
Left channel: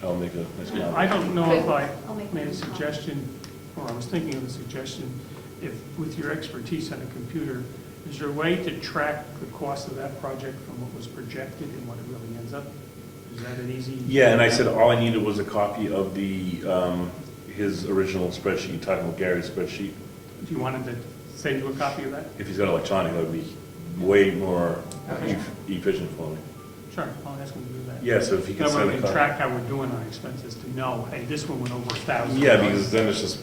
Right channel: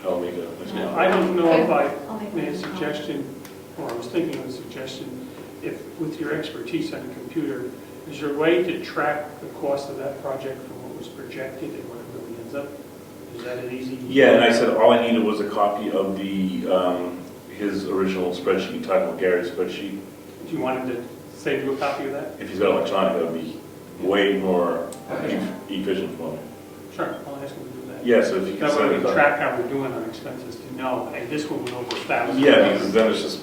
I will make a, I don't know if I I'll make made a that. suggestion, or I was thinking of a suggestion, if, with your expertise on a computer, is there a way to track the cost of that project from what was projected and what it really ends up? Is that an easy? yeah, and I said all I needed was a copy of the, his original spreadsheet, talking about Gary's spreadsheet. Do you want him to save you a copy of that? If he's got electronic, that would be way more Okay. efficient for me. Sure, I'll ask him to do that. Yes, if you can That send way it. we can track how we're doing on expenses to know, hey, this one was over 1,000. Yeah, because then it's just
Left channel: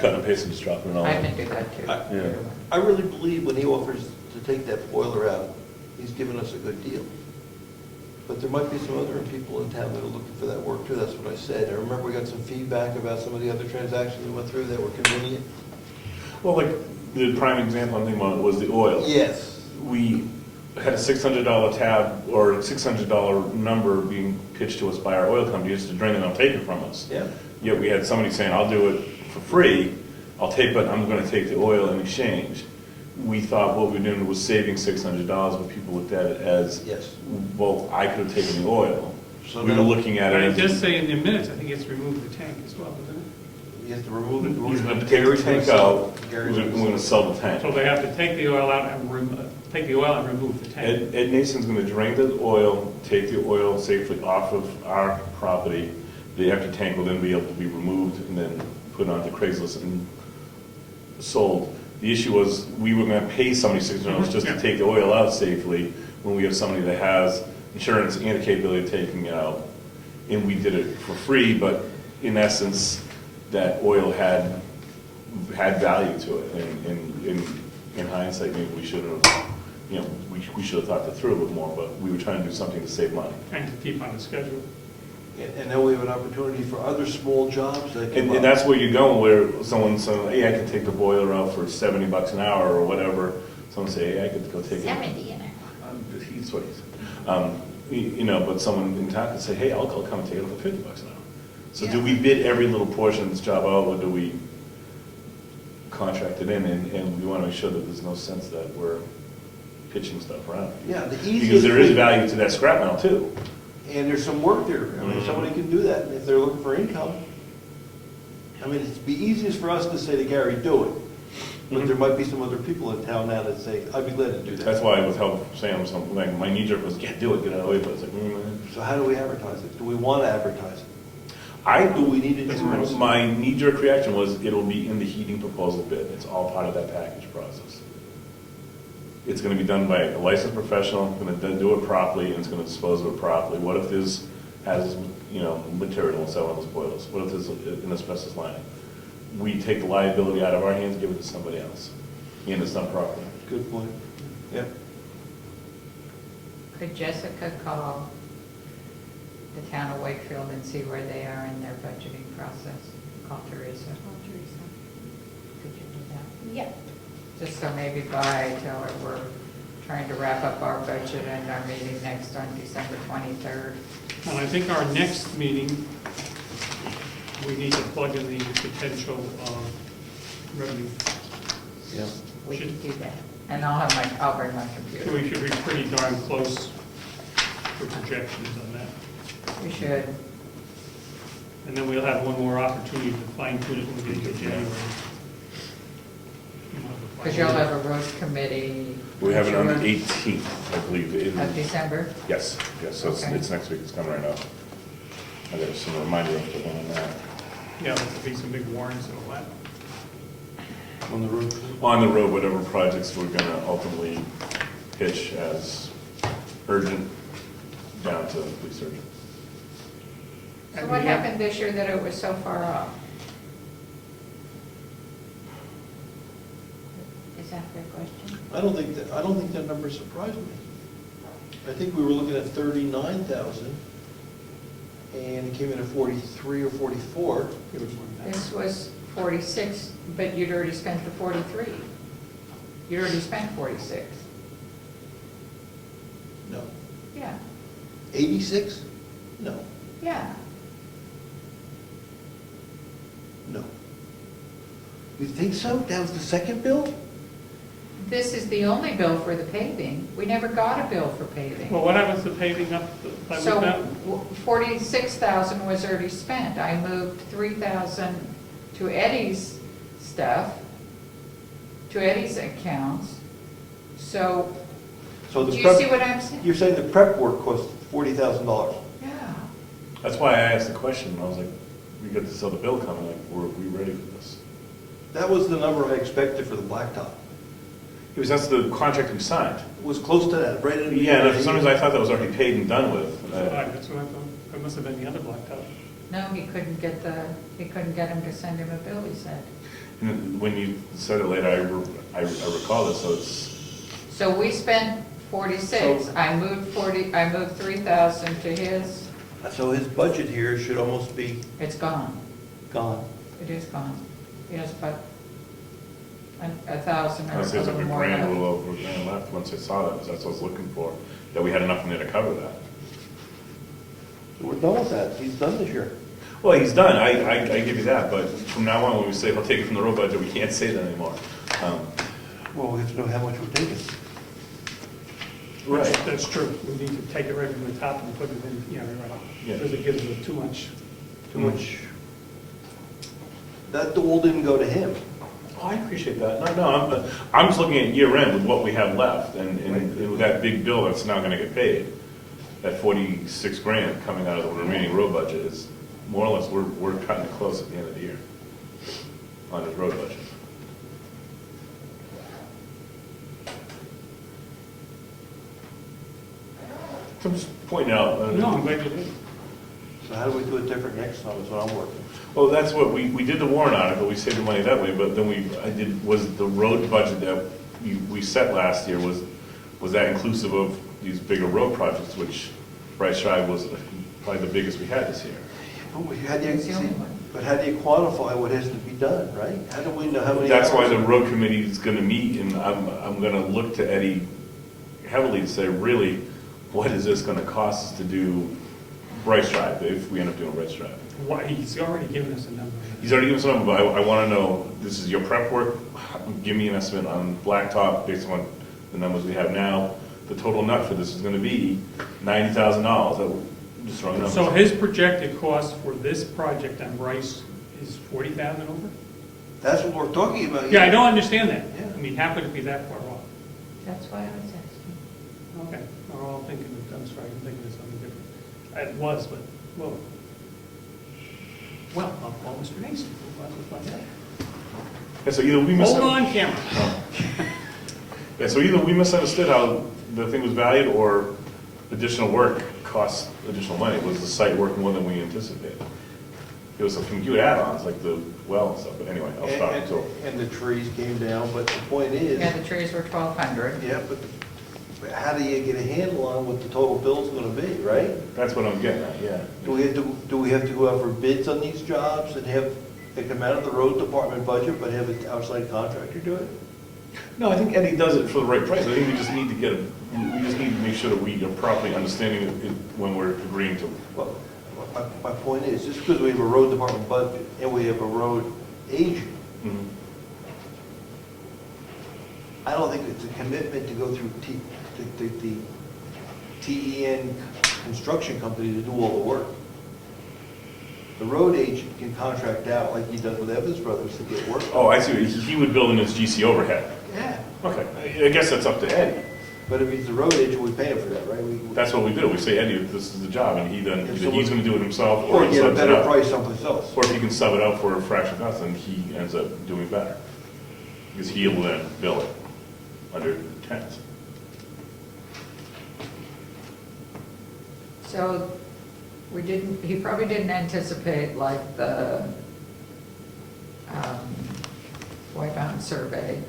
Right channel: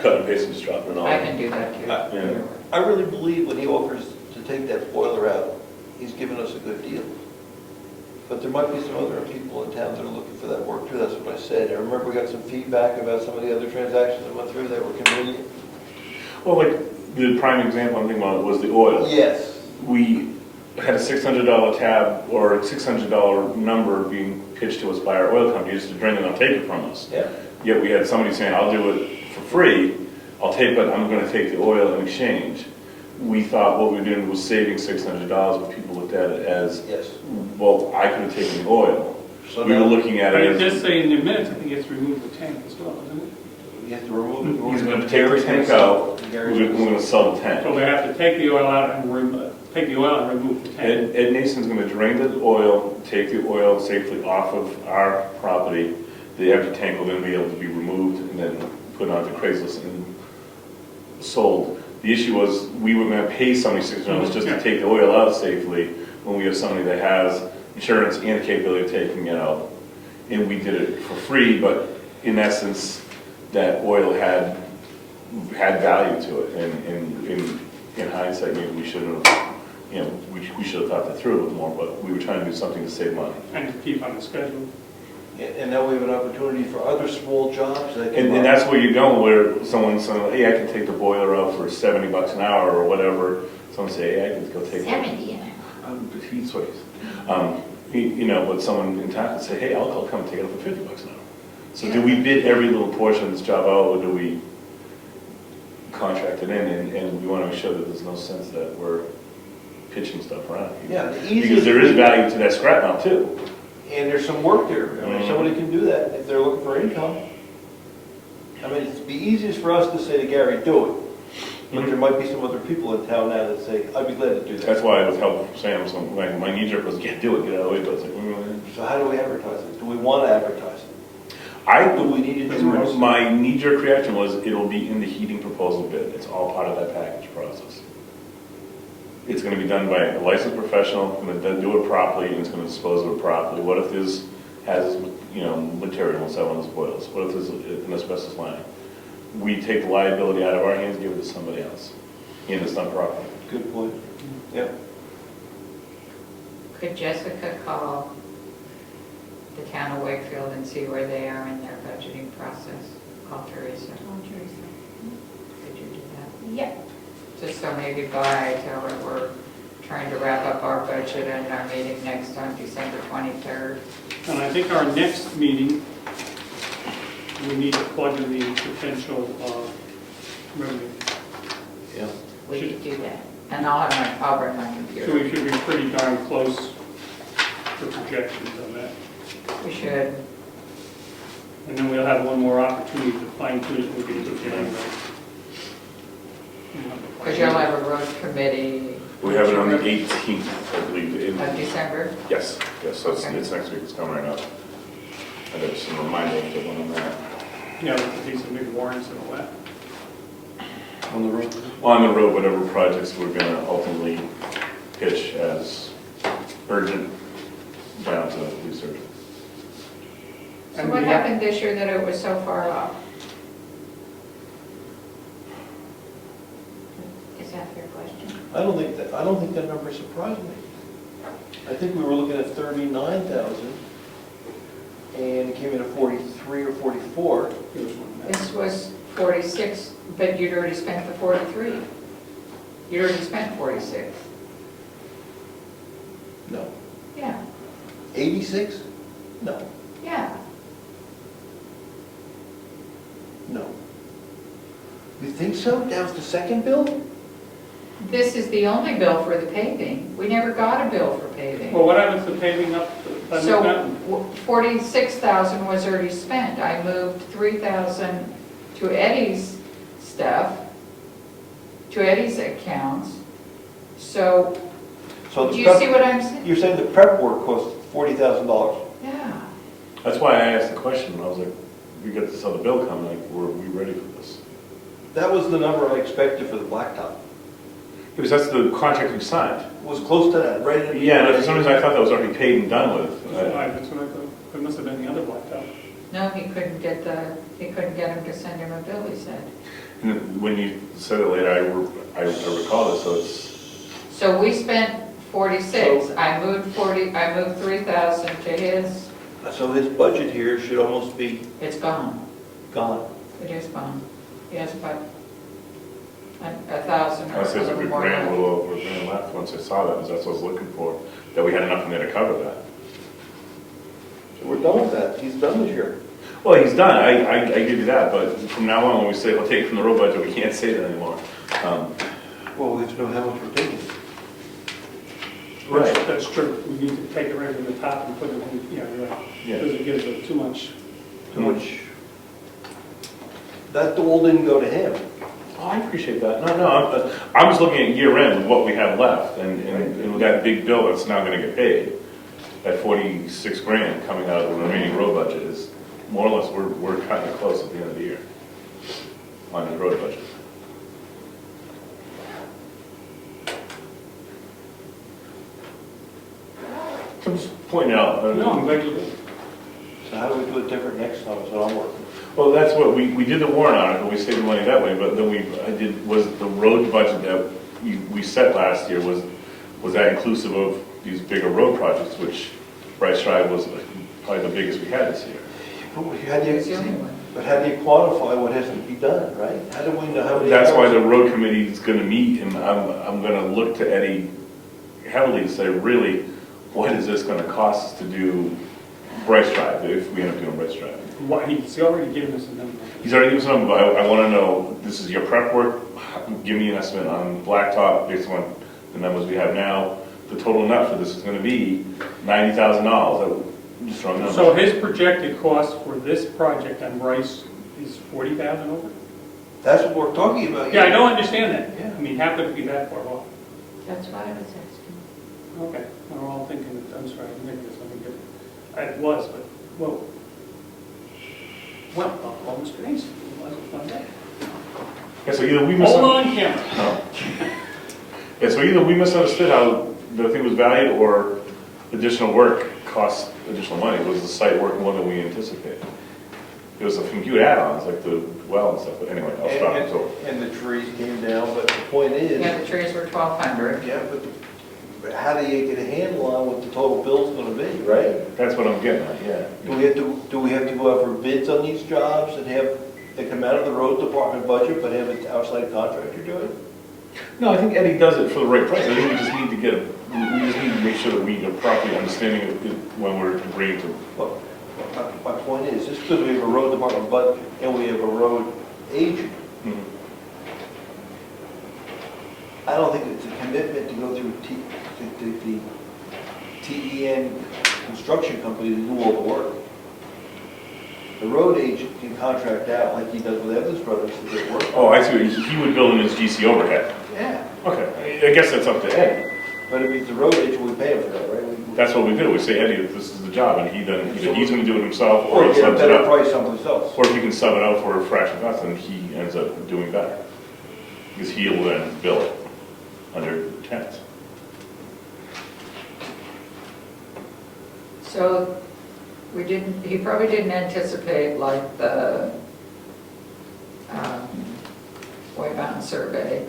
cut and paste and just dropping it all. I can do that too. Yeah. I really believe when he offers to take that boiler out, he's giving us a good deal. But there might be some other people in town that are looking for that work too, that's what I said. I remember we got some feedback about some of the other transactions that went through that were convenient. Well, like, the prime example I'm thinking about was the oil. Yes. We had a $600 tab or a $600 number being pitched to us by our oil company just to drain it and take it from us. Yeah. Yet we had somebody saying, I'll do it for free, I'll take it, I'm gonna take the oil in exchange. We thought what we were doing was saving $600, but people looked at it as, Yes. well, I could have taken the oil. So We were now looking at But it it as, does say in the minutes, I think it's remove the tank as well, doesn't it? you have to remove it. he's gonna take the tank out, we're gonna sell the tank. So they have to take the oil out and remove the tank. Ed Nason's gonna drain the oil, take the oil safely off of our property. The empty tank will then be able to be removed and then put onto Craigslist and sold. The issue was, we were gonna pay somebody $600 just to take the oil out safely, when we have somebody that has insurance and capability of taking it out. And we did it for free, but in essence, that oil had value to it. And in hindsight, maybe we should have, we should have thought that through a bit more, but we were trying to do something to save money. And to keep on the schedule. And now we have an opportunity for other small jobs that can. And that's where you go, where someone's saying, hey, I can take the boiler out for $70 an hour or whatever. Someone say, hey, I can go take it. 70 an hour. Heat sways. But someone in town can say, hey, I'll come take it for $50 an hour. So do we bid every little portion of this job out, or do we contract it in? And we want to make sure that there's no sense that we're pitching stuff around. Yeah, the easiest. Because there is thing- value to that scrap metal too. And there's some work there. I mean, somebody can do that if they're looking for income. I mean, it'd be easiest for us to say to Gary, do it. But there might be some other people in town now that say, I'd be glad to do that. That's why I was helping Sam, so my knee jerk was, yeah, do it, get out of the way. But it's like, So how do we advertise it? Do we want to advertise it? Do we need to do it? My knee jerk reaction was, it'll be in the heating proposal bid. It's all part of that package process. It's gonna be done by a licensed professional, gonna do it properly, and it's gonna dispose of it properly. What if there's material inside one of those boilers? What if there's an asbestos lining? We take the liability out of our hands, give it to somebody else, and it's done properly. Good point. Yeah. Could Jessica call the town of Wakefield and see where they are in their budgeting process? Call Teresa. Could you do that? Yep. Just so maybe by, tell her we're trying to wrap up our budget at our meeting next on December 23rd. And I think our next meeting, we need to plug in the potential revenue. Yeah. We could do that. And I'll bring my So computer. we should be pretty darn close to projections on that. We should. And then we'll have one more opportunity to fine tune it when we get to January. Because you'll have a road committee. We have it on the 18th, I believe. Of December? Yes, so Okay. it's next week, it's coming right up. I got some reminder of the one on that. Yeah, with the piece of big warrants and all that. On the road? On the road, whatever projects we're gonna ultimately pitch as urgent, down to police urgent. So And what we have- happened this year that it was so far off? Is that your question? I don't think that number surprised me. I think we were looking at 39,000 and came in at 43 or 44. There was one. This was 46, but you'd already spent the 43. You'd already spent 46. No. Yeah, 86? No. yeah. No. You think so? That was the second bill? This is the only bill for the paving. We never got a bill for paving. Well, what happens to paving up by So Wood Mountain? 46,000 was already spent. I moved 3,000 to Eddie's stuff, to Eddie's accounts. So, So do the you see prep, what I'm saying? you're saying the prep work cost $40,000? Yeah. That's why I asked the question, I was like, we got this other bill coming, like, were we ready for this? That was the number I expected for the blacktop. Because that's the contract we signed. It was close to that, right? Yeah, and for some reason I thought that was already paid and done with. Right, that's what I thought. It must have been the other blacktop. No, he couldn't get him to send him a bill, he said. And when you said it later, I recall this, so it's, So we spent 46. I moved 3,000 to his. So his budget here should almost be It's gone. gone. It is gone. Yes, but 1,000 I or said it's a something good more. grand, a little over a grand left once I saw that, because that's what I was looking for, that we had enough in there to cover that. So we're done with that, he's done this year. Well, he's done, I give you that, but from now on, when we say we'll take it from the road budget, we can't say that anymore. Well, we have to know how much we're taking. That's true. We need to take it right from the top and put it in, Yeah. because it gives it too much. Too much. That all didn't go to him. Oh, I appreciate that. No, I'm just looking at year end and what we have left, and with that big bill that's now gonna get paid, that 46 grand coming out of the remaining road budget is, more or less, we're cutting it close at the end of the year on the road budget. I'm just pointing out. No, I'm glad you did. So how do we do it different next time, is what I'm working. Well, that's what, we did the warrant article, we saved the money that way, but then was the road budget that we set last year, was that inclusive of these bigger road projects, which Bryce Drive was probably the biggest we had this year. But how do you quantify what has to be done, right? How do we know how many? That's why hours? the road committee is gonna meet, and I'm gonna look to Eddie heavily to say, really, what is this gonna cost us to do Bryce Drive, if we end up doing Bryce Drive? Why, he's already given us a number. He's already given us a number, but I wanna know, this is your prep work, give me an estimate on blacktop based on the numbers we have now. The total nut for this is gonna be $90,000, just throwing numbers. So his projected cost for this project on Rice is 40,000 over? That's what we're talking about. Yeah, I don't understand that. Yeah. I mean, how could it be that far off? That's what I was asking. Okay, we're all thinking, I'm sorry, I'm thinking of something different. It was, but, whoa. Well, I'll call Mr. Hasty. We'll find out. Yeah, so either we Hold on, camera. Yeah, so either we misunderstood how the thing was valued, or additional work costs additional money. Was the site worth more than we anticipated? There was a few add-ons, like the well and stuff, but anyway, I'll stop it, so. And the trees came down, but the point is, Yeah, the trees were 1,200. yeah, but how do you get a handle on what the total bill's gonna be, right? That's what I'm getting at, yeah. Do we have to go out for bids on these jobs and have, they come out of the road department budget, but have an outside contractor do it? No, I think Eddie does it for the right price. I think we just need to we just need to make sure that we are properly understanding it when we're agreeing to. Well, my point is, just because we have a road department budget and we have a road agent, I don't think it's a commitment to go through the TEN construction company to do all the work. The road agent can contract out like he does with Evans Brothers to get work. Oh, I see. He would build in his GC overhead. Yeah, Okay, I guess that's up to Eddie. but if he's the road agent, we pay him for that, right? That's what we do. We say, Eddie, this is the job, and he then, either he's gonna do it himself, Or or he get a subs it better out. price someplace else. Or if he can sub it out for a fraction of us, and he ends up doing better. Because he'll then bill it under chance. So he probably didn't anticipate like the White Mountain survey.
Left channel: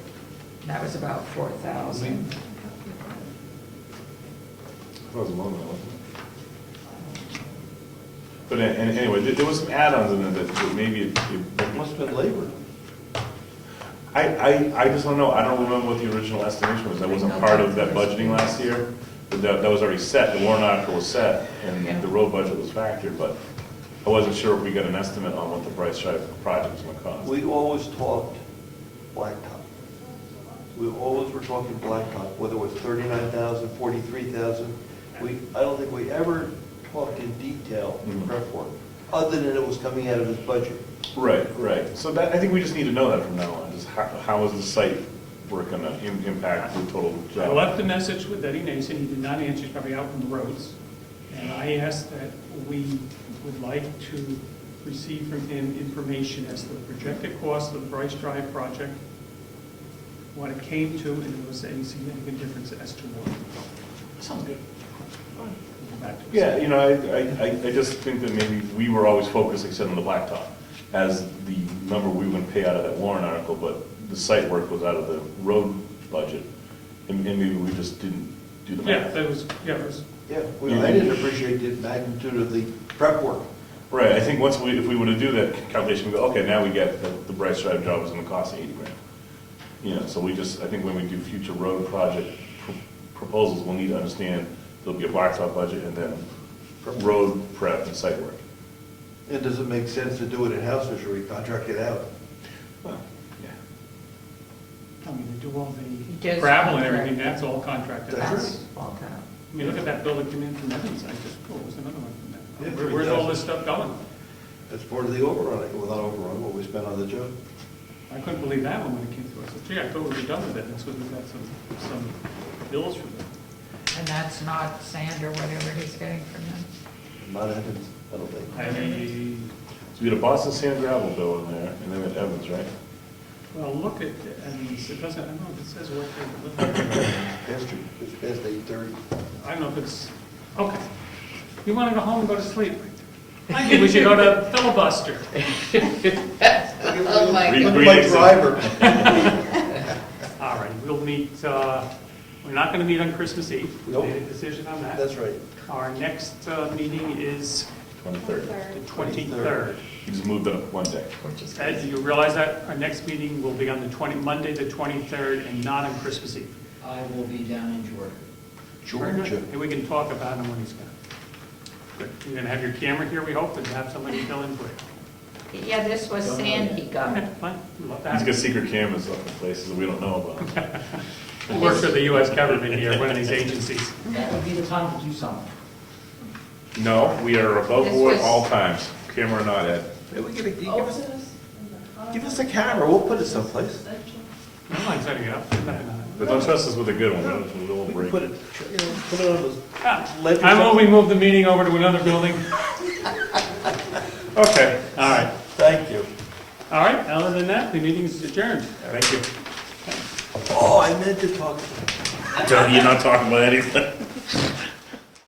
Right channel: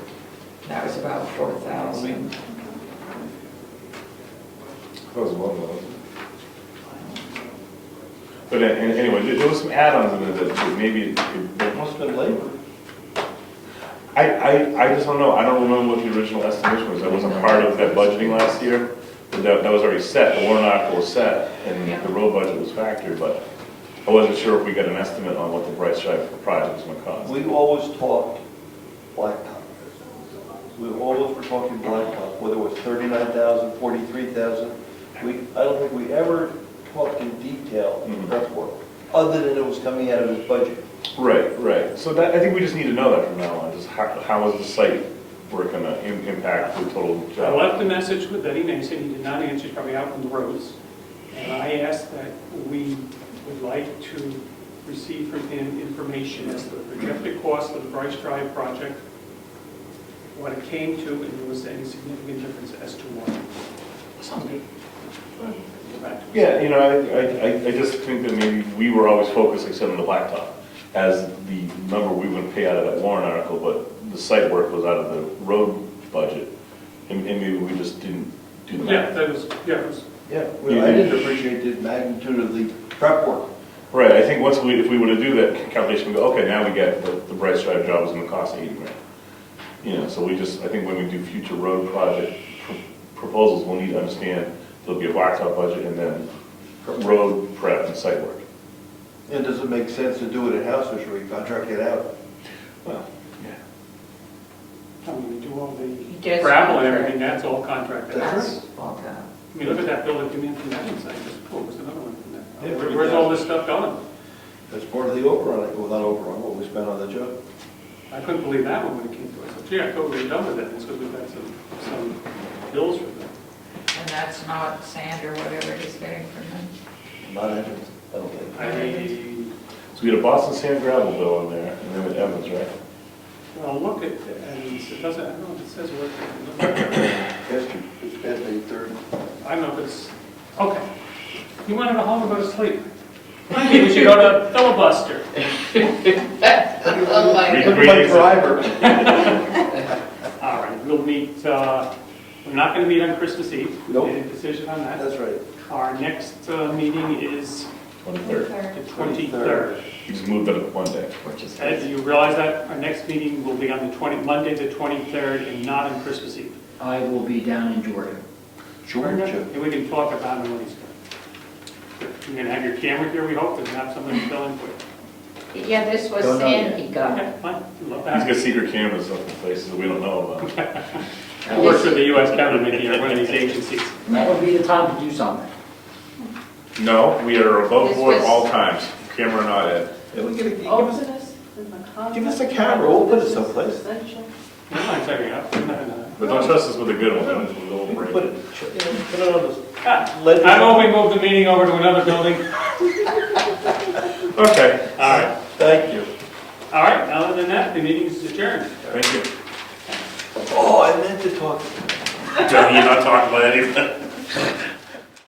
That was about 4,000. But anyway, there was some add-ons in there that maybe It must have been labor. I just don't know. I don't remember what the original estimation was. That wasn't part of that budgeting last year. That was already set. The warrant article was set, and the road budget was factored, but I wasn't sure if we got an estimate on what the Bryce Drive project was going to cost. We always talked blacktop. We always were talking blacktop, whether it was 39,000, 43,000. I don't think we ever talked in detail in prep work, other than it was coming out of his budget. Right. So I think we just need to know that from now on. Just how is the site work going to impact the total I job? left a message with Eddie Mason, he did not answer, he's probably out from the roads. And I asked that we would like to receive from him information as to the projected cost of the Bryce Drive project, what it came to, and if there was any significant difference as to what. Sounds good. Go back. Yeah, I just think that maybe we were always focused, like I said, on the blacktop as the number we would pay out of that warrant article, but the site work was out of the road budget, and maybe we just didn't do that. Yeah, that was, Yeah, I didn't appreciate the magnitude of the prep work. Right, I think if we were to do that calculation, we go, okay, now we get the Bryce Drive job is going to cost $80,000. You know, so we just, I think when we do future road project proposals, we'll need to understand there'll be a blacktop budget and then road prep and site work. And does it make sense to do it in-house, or should we contract it out? Well, yeah. I mean, we do all the Yes. gravel and everything, that's all contracted. I That's all town. mean, look at that building coming in from Evans, I just, cool, there's another one from Yeah, that. Where's all this stuff going? That's part of the overrun, well, not overrun, what we spent on the job. I couldn't believe that one when it came to us. I said, gee, I thought we were done with it, and so we've had some bills for them. And that's not sand or whatever he's getting from them. Not Evans, I don't think. So we had a Boston Sand gravel bill in there, and then at Evans, right? Well, look at, and it doesn't, I don't know, it says right there. It's past 8:30. I don't know if it's, okay. You want to go home and go to sleep? Monday, we should go to filibuster. Oh, my Read goodness. the Like driver. All right, we'll meet, we're not going to meet on Christmas Eve. We Nope. made a decision on that. That's right. Our next meeting is 23rd. the 23rd. You just moved it up one day. Which is Ed, do you realize that our next meeting will be on the Monday, the 23rd, and not on Christmas Eve? I will be down in Georgia. Georgia. And we can talk about it when he's here. You're going to have your camera here, we hope, and have somebody fill in quick. Yeah, this was Don't know sand yet. he got. Okay, fine. We'd love to He's have got secret cameras up in places that we don't know about. I work for the U.S. government here, one of these agencies. And that would be the time to do something. No, we are above This board was- all times, camera or not, Ed. Yeah, we gotta give Oh. us, give us a camera, we'll put it someplace. No, I'm setting it up. But don't trust us with a good one, with a little We can brain. put it, put it on this. I move we move the meeting over to another building. Okay, All right. Thank you. All right, other than that, the meeting's adjourned. thank you. Oh, I meant to talk. You're not talking about anything.